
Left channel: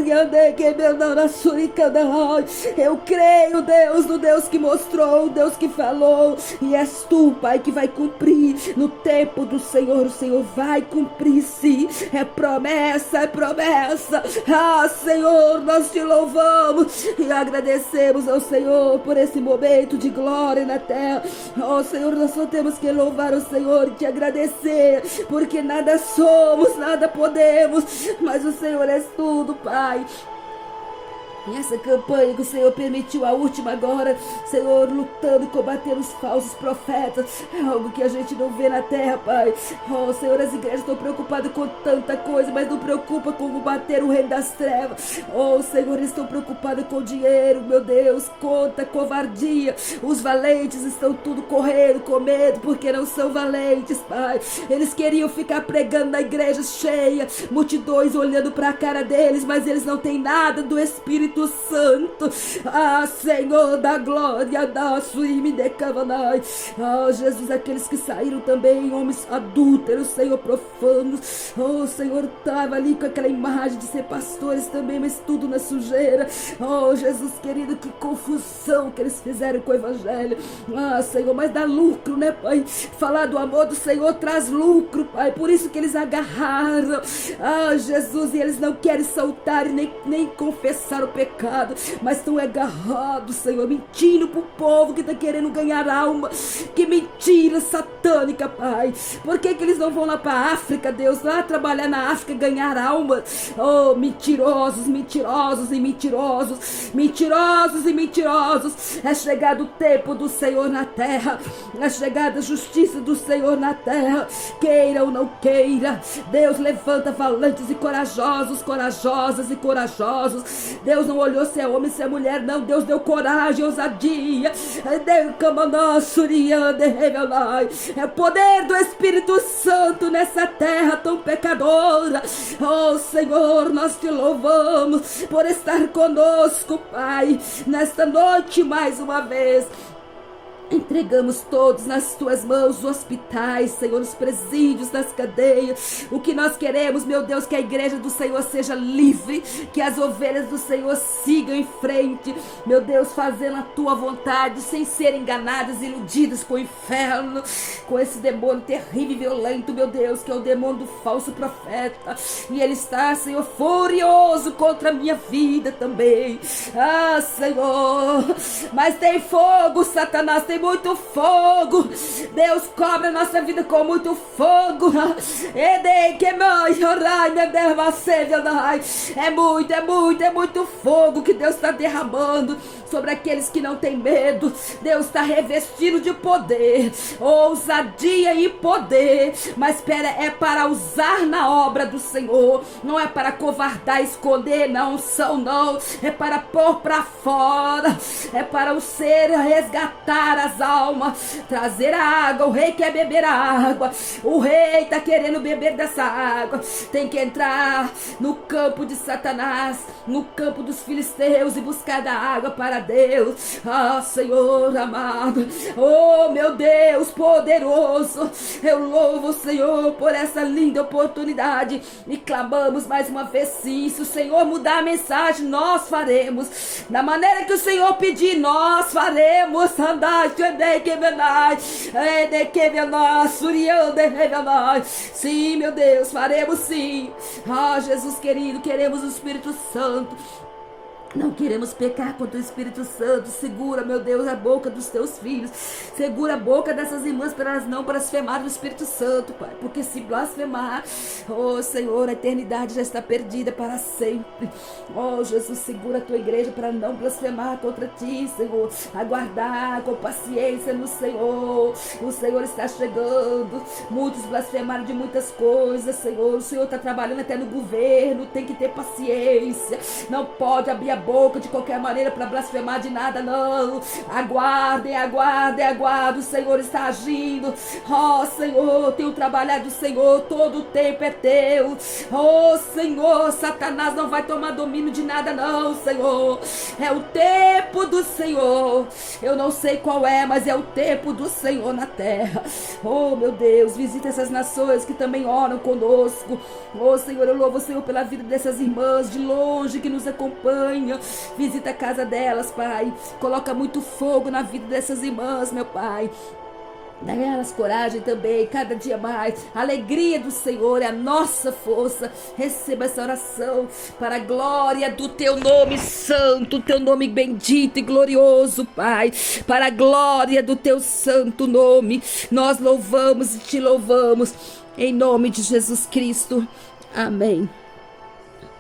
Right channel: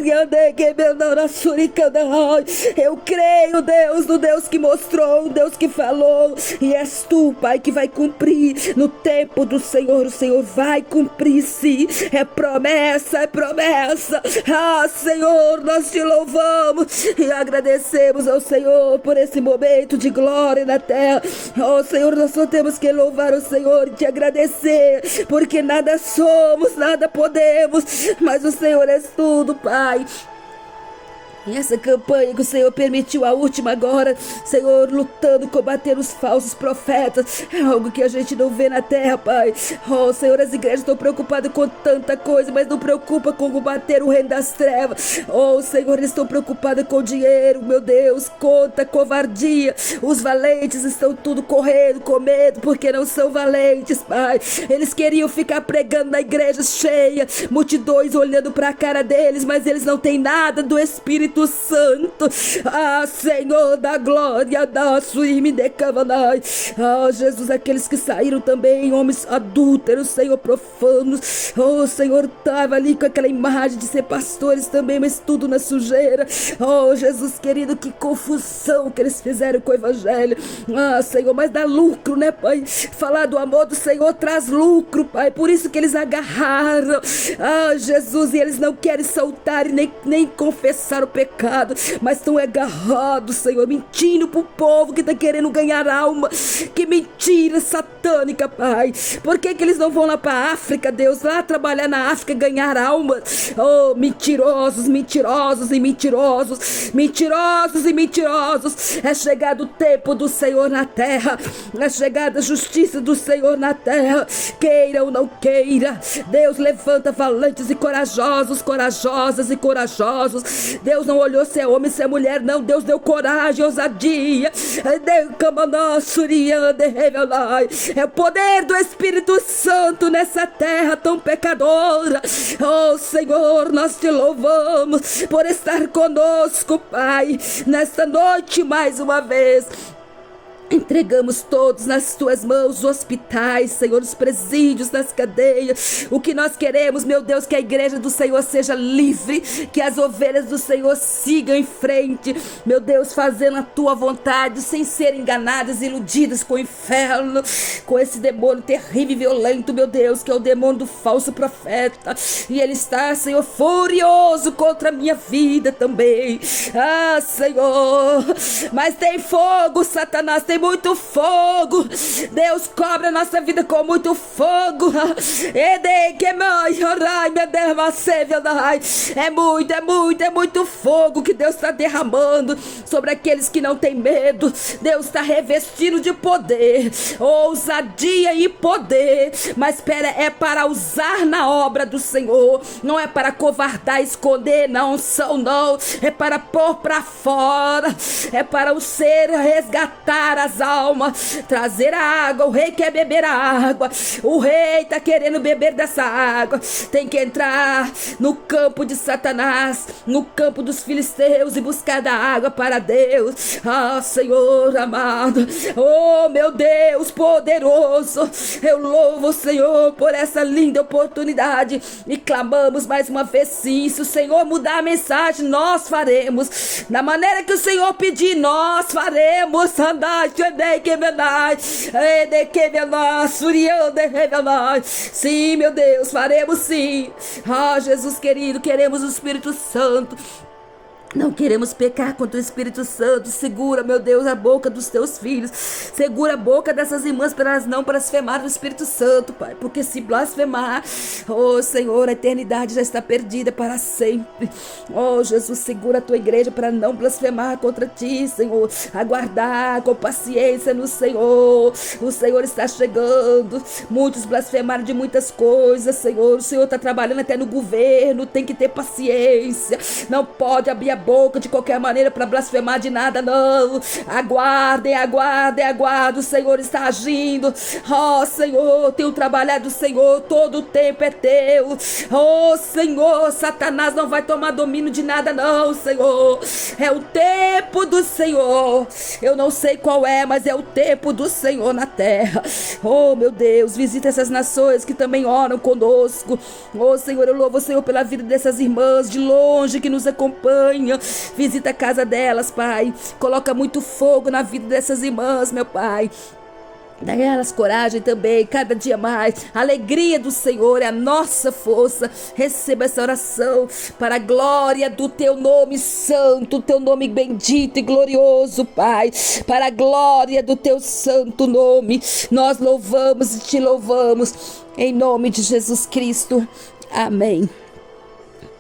eu creio, Deus, no Deus que mostrou, o Deus que falou, e és tu, Pai, que vai cumprir. No tempo do Senhor, o Senhor vai cumprir, sim. É promessa, é promessa. Ah, Senhor, nós te louvamos e agradecemos ao Senhor por esse momento de glória na terra. Oh, Senhor, nós só temos que louvar o Senhor e te agradecer, porque nada somos, nada podemos, mas o Senhor é tudo, Pai. E essa campanha que o Senhor permitiu, a última agora, Senhor, lutando, combater os falsos profetas, é algo que a gente não vê na terra, Pai. Oh, Senhor, as igrejas estão preocupadas com tanta coisa, mas não preocupa com combater o reino das trevas. Oh, Senhor, eles estão preocupados com dinheiro, meu Deus, conta, covardia. Os valentes estão tudo correndo com medo, porque não são valentes, Pai. Eles queriam ficar pregando na igreja cheia, multidões olhando para a cara deles, mas eles não têm nada do Espírito Santo. Ah, Senhor da glória, da suíme de cavanai. Ah, Jesus, aqueles que saíram também, homens adúlteros, Senhor, profanos. Oh, Senhor, estava ali com aquela imagem de ser pastores também, mas tudo na sujeira. Oh, Jesus querido, que confusão que eles fizeram com o evangelho. Ah, Senhor, mas dá lucro, né, Pai? Falar do amor do Senhor traz lucro, Pai. Por isso que eles agarraram. Ah, Jesus, e eles não querem soltar e nem confessar o pecado, mas estão agarrados, Senhor, mentindo pro povo que está querendo ganhar alma. Que mentira satânica, Pai. Por que eles não vão lá pra África, Deus, lá trabalhar na África, ganhar alma? Oh, mentirosos, mentirosos e mentirosos, mentirosos e mentirosos. É chegado o tempo do Senhor na terra, é chegada a justiça do Senhor na terra, queira ou não queira. Deus levanta valentes e corajosos, corajosas e corajosos. Deus não olhou se é homem, se é mulher, não. Deus deu coragem, ousadia. É o poder do Espírito Santo nessa terra tão pecadora. Oh, Senhor, nós te louvamos por estar conosco, Pai, nesta noite mais uma vez. Entregamos todos nas tuas mãos, os hospitais, Senhor, os presídios, nas cadeias. O que nós queremos, meu Deus, que a igreja do Senhor seja livre, que as ovelhas do Senhor sigam em frente, meu Deus, fazendo a tua vontade, sem ser enganadas, iludidas com o inferno, com esse demônio terrível e violento, meu Deus, que é o demônio do falso profeta. E ele está, Senhor, furioso contra a minha vida também. Ah, Senhor, mas tem fogo, Satanás, tem tem muito fogo. Deus cobre a nossa vida com muito fogo. É muito fogo que Deus está derramando sobre aqueles que não têm medo. Deus está revestindo de poder, ousadia e poder. Mas é para usar na obra do Senhor. Não é para covardar, esconder, não são, não. É para pôr para fora. É para o ser resgatar as almas, trazer a água. O rei quer beber a água. O rei está querendo beber dessa água. Tem que entrar no campo de Satanás, no campo dos filisteus e buscar da água para Deus. Ah, Senhor amado, oh meu Deus poderoso, eu louvo o Senhor por essa linda oportunidade e clamamos mais uma vez sim. Se o Senhor mudar a mensagem, nós faremos da maneira que o Senhor pedir, nós faremos. Sim, meu Deus, faremos sim. Ah, Jesus querido, queremos o Espírito Santo. Não queremos pecar contra o Espírito Santo. Segura, meu Deus, a boca dos teus filhos. Segura a boca dessas irmãs para elas não blasfemarem o Espírito Santo, Pai. Porque se blasfemar, oh Senhor, a eternidade já está perdida para sempre. Oh Jesus, segura a tua igreja para não blasfemar contra ti, Senhor. Aguardar com paciência no Senhor. O Senhor está chegando. Muitos blasfemaram de muitas coisas, Senhor. O Senhor está trabalhando até no governo. Tem que ter paciência. Não pode abrir a boca de qualquer maneira para blasfemar de nada, não. Aguardem, aguardem, aguardem. O Senhor está agindo. Oh Senhor, tenho trabalhado, Senhor, todo o tempo é teu. Oh Senhor, Satanás não vai tomar domínio de nada, não, Senhor. É o tempo do Senhor. Eu não sei qual é, mas é o tempo do Senhor na terra. Oh meu Deus, visita essas nações que também oram conosco. Oh Senhor, eu louvo o Senhor pela vida dessas irmãs de longe que nos acompanham. Visita a casa delas, Pai. Coloca muito fogo na vida dessas irmãs, meu Pai. Dá elas coragem também, cada dia mais. A alegria do Senhor é a nossa força. Receba essa oração para a glória do teu nome santo, teu nome bendito e glorioso, Pai. Para a glória do teu santo nome, nós louvamos e te louvamos. Em nome de Jesus Cristo. Amém.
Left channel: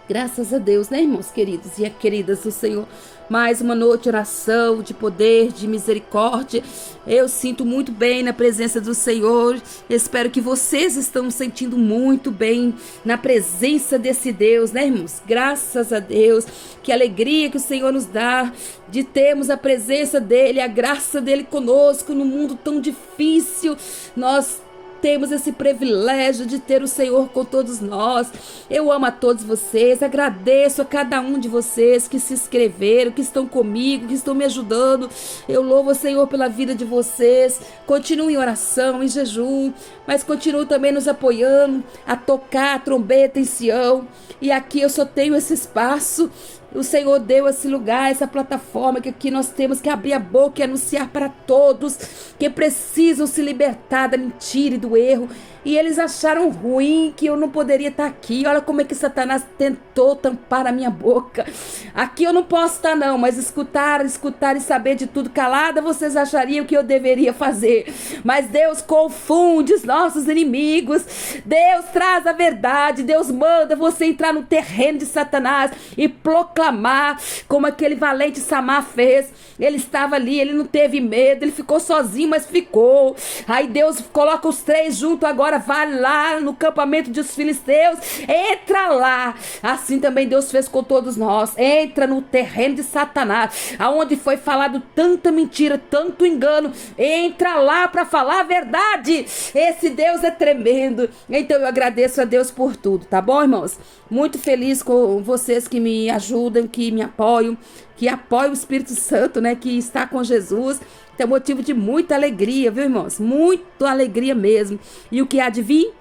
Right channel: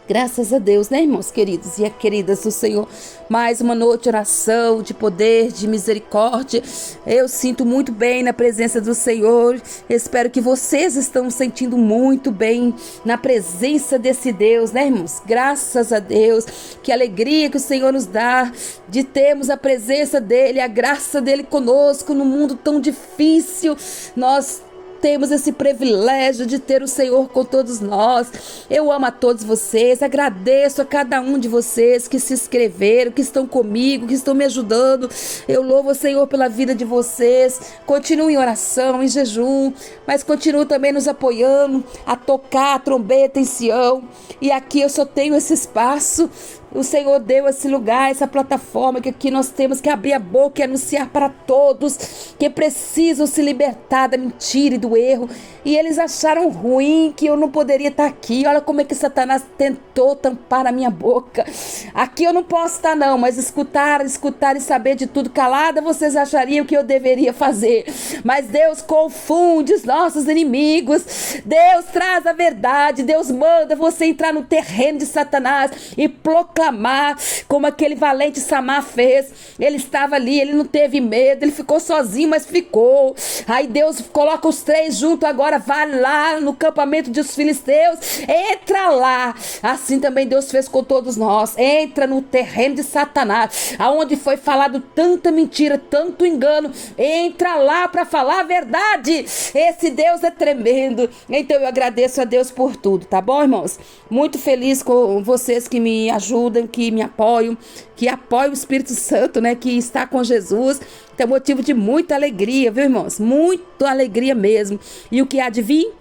Graças a Deus, né, irmãos queridos e queridas do Senhor? Mais uma noite de oração, de poder, de misericórdia. Eu sinto muito bem na presença do Senhor. Espero que vocês estão sentindo muito bem na presença desse Deus, né, irmãos? Graças a Deus. Que alegria que o Senhor nos dá de termos a presença dEle, a graça dEle conosco no mundo tão difícil. Nós temos esse privilégio de ter o Senhor com todos nós. Eu amo a todos vocês, agradeço a cada um de vocês que se inscreveram, que estão comigo, que estão me ajudando. Eu louvo o Senhor pela vida de vocês. Continuem em oração, em jejum, mas continuem também nos apoiando a tocar a trombeta em Sião. E aqui eu só tenho esse espaço. O Senhor deu esse lugar, essa plataforma que aqui nós temos que abrir a boca e anunciar para todos que precisam se libertar da mentira e do erro. E eles acharam ruim que eu não poderia estar aqui. Olha como é que Satanás tentou tampar a minha boca. Aqui eu não posso estar não, mas escutar e saber de tudo calada, vocês achariam que eu deveria fazer. Mas Deus confunde os nossos inimigos. Deus traz a verdade. Deus manda você entrar no terreno de Satanás e proclamar como aquele valente Samar fez. Ele estava ali, ele não teve medo, ele ficou sozinho, mas ficou. Aí Deus coloca os três juntos agora. Vai lá no campamento dos filisteus, entra lá. Assim também Deus fez com todos nós. Entra no terreno de Satanás, aonde foi falado tanta mentira, tanto engano. Entra lá para falar a verdade. Esse Deus é tremendo. Então eu agradeço a Deus por tudo, tá bom, irmãos? Muito feliz com vocês que me ajudam, que me apoiam, que apoiam o Espírito Santo, né? Que está com Jesus. É motivo de muita alegria, viu, irmãos? Muita alegria mesmo. E o que há de vir,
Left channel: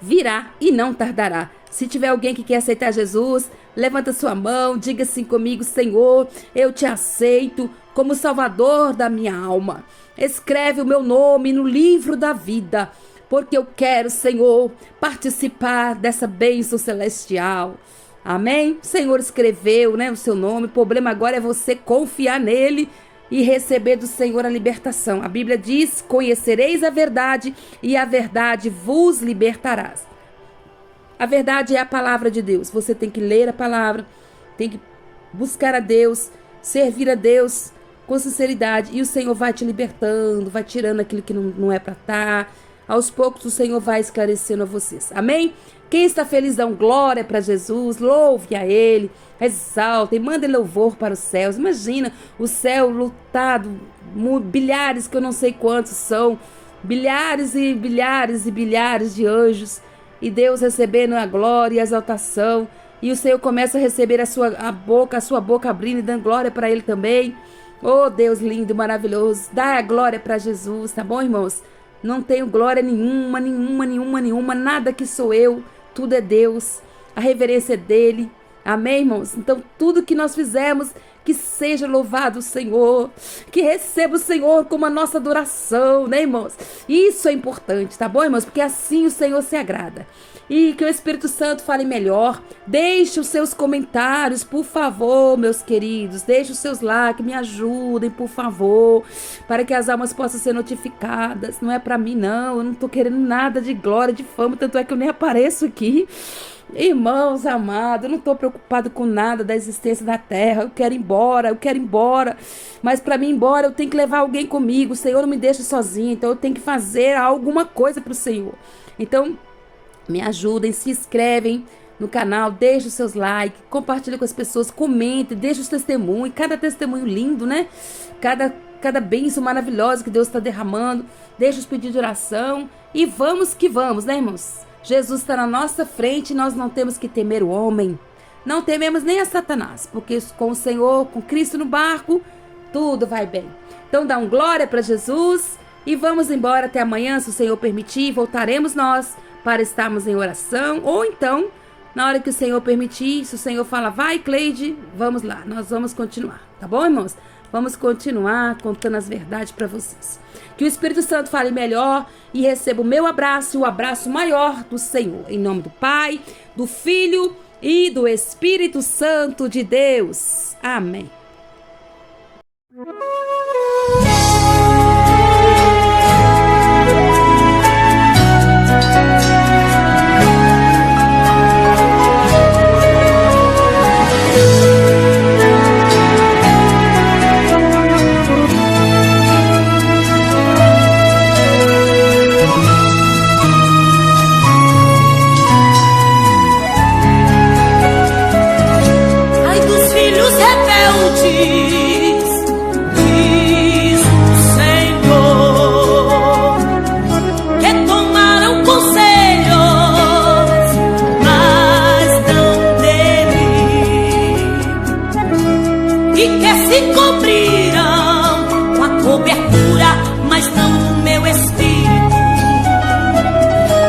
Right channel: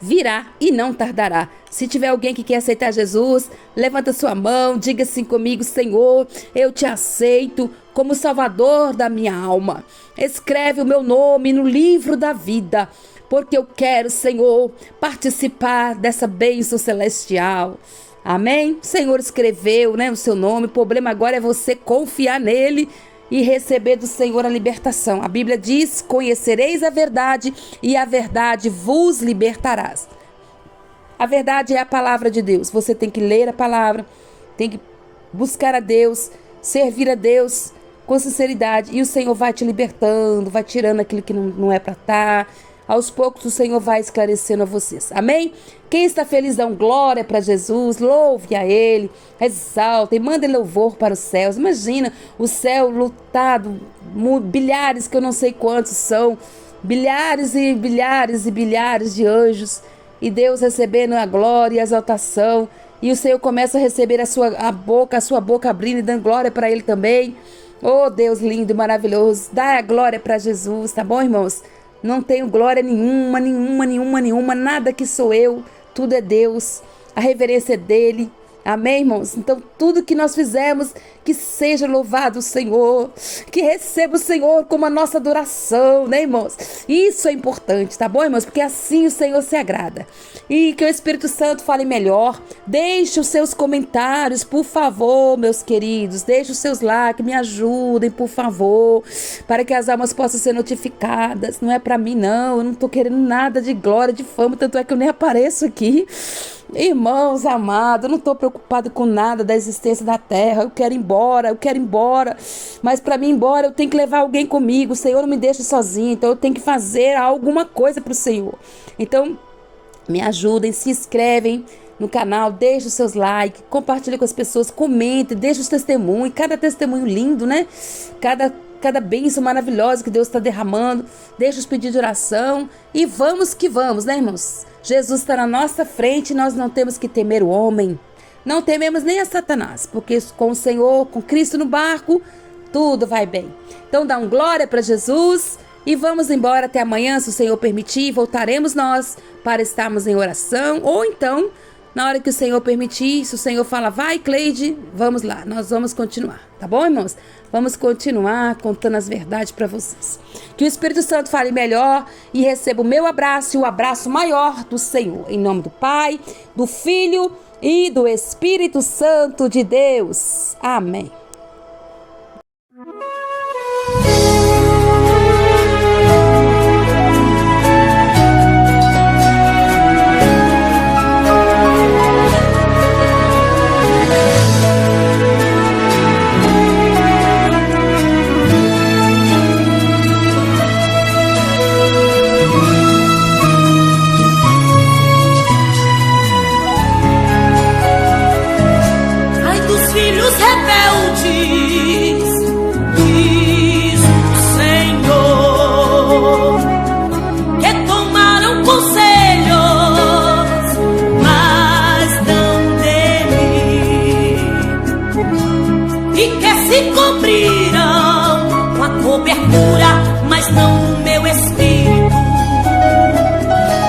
virá e não tardará. Se tiver alguém que quer aceitar Jesus, levanta sua mão, diga assim comigo: Senhor, eu te aceito como Salvador da minha alma. Escreve o meu nome no livro da vida, porque eu quero, Senhor, participar dessa bênção celestial. Amém? O Senhor escreveu, né, o seu nome. O problema agora é você confiar nele e receber do Senhor a libertação. A Bíblia diz: conhecereis a verdade e a verdade vos libertarás. A verdade é a palavra de Deus. Você tem que ler a palavra, tem que buscar a Deus, servir a Deus com sinceridade, e o Senhor vai te libertando, vai tirando aquilo que não é para estar. Aos poucos o Senhor vai esclarecendo a vocês. Amém? Quem está feliz, dá glória para Jesus, louve a Ele, exalta e manda louvor para os céus. Imagina o céu lotado, bilhares, que eu não sei quantos são, bilhares e bilhares e bilhares de anjos, e Deus recebendo a glória e a exaltação, e o Senhor começa a receber a sua boca abrindo e dando glória para Ele também. Oh, Deus lindo e maravilhoso, dá a glória para Jesus, tá bom, irmãos? Não tenho glória nenhuma, nada que sou eu, tudo é Deus, a reverência é dele, amém, irmãos? Então tudo que nós fizemos, que seja louvado o Senhor, que receba o Senhor como a nossa adoração, né, irmãos? Isso é importante, tá bom, irmãos? Porque assim o Senhor se agrada. E que o Espírito Santo fale melhor. Deixe os seus comentários, por favor, meus queridos. Deixe os seus likes, me ajudem, por favor, para que as almas possam ser notificadas. Não é para mim, não. Eu não tô querendo nada de glória, de fama, tanto é que eu nem apareço aqui. Irmãos amados, eu não estou preocupado com nada da existência da terra. Eu quero ir embora. Mas para mim ir embora, eu tenho que levar alguém comigo. O Senhor não me deixa sozinho, então eu tenho que fazer alguma coisa para o Senhor. Então, me ajudem, se inscrevem no canal, deixem os seus likes, compartilhem com as pessoas, comentem, deixem os testemunhos. Cada testemunho lindo, né? Cada bênção maravilhosa que Deus está derramando. Deixa os pedidos de oração e vamos que vamos, né, irmãos? Jesus está na nossa frente e nós não temos que temer o homem. Não tememos nem a Satanás, porque com o Senhor, com Cristo no barco, tudo vai bem. Então dá glória para Jesus e vamos embora até amanhã, se o Senhor permitir. Voltaremos nós para estarmos em oração, ou então, na hora que o Senhor permitir, se o Senhor fala, vai, Cleide, vamos lá, nós vamos continuar, tá bom, irmãos? Vamos continuar contando as verdades para vocês. Que o Espírito Santo fale melhor e receba o meu abraço e o abraço maior do Senhor. Em nome do Pai, do Filho e do Espírito Santo de Deus. Amém. Filhos rebeldes, diz o Senhor, que tomaram conselhos, mas não dele, e que se cobriram com a cobertura, mas não do meu espírito,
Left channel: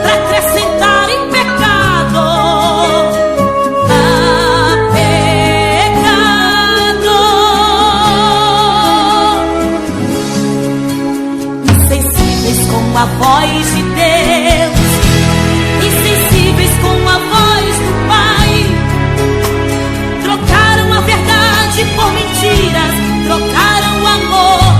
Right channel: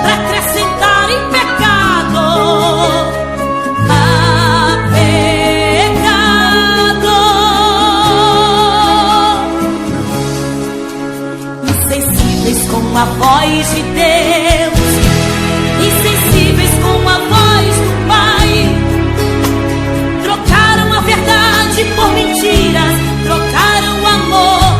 para acrescentar em pecado. Com a voz de Deus, insensíveis com a voz do Pai, trocaram a verdade por mentiras, trocaram o amor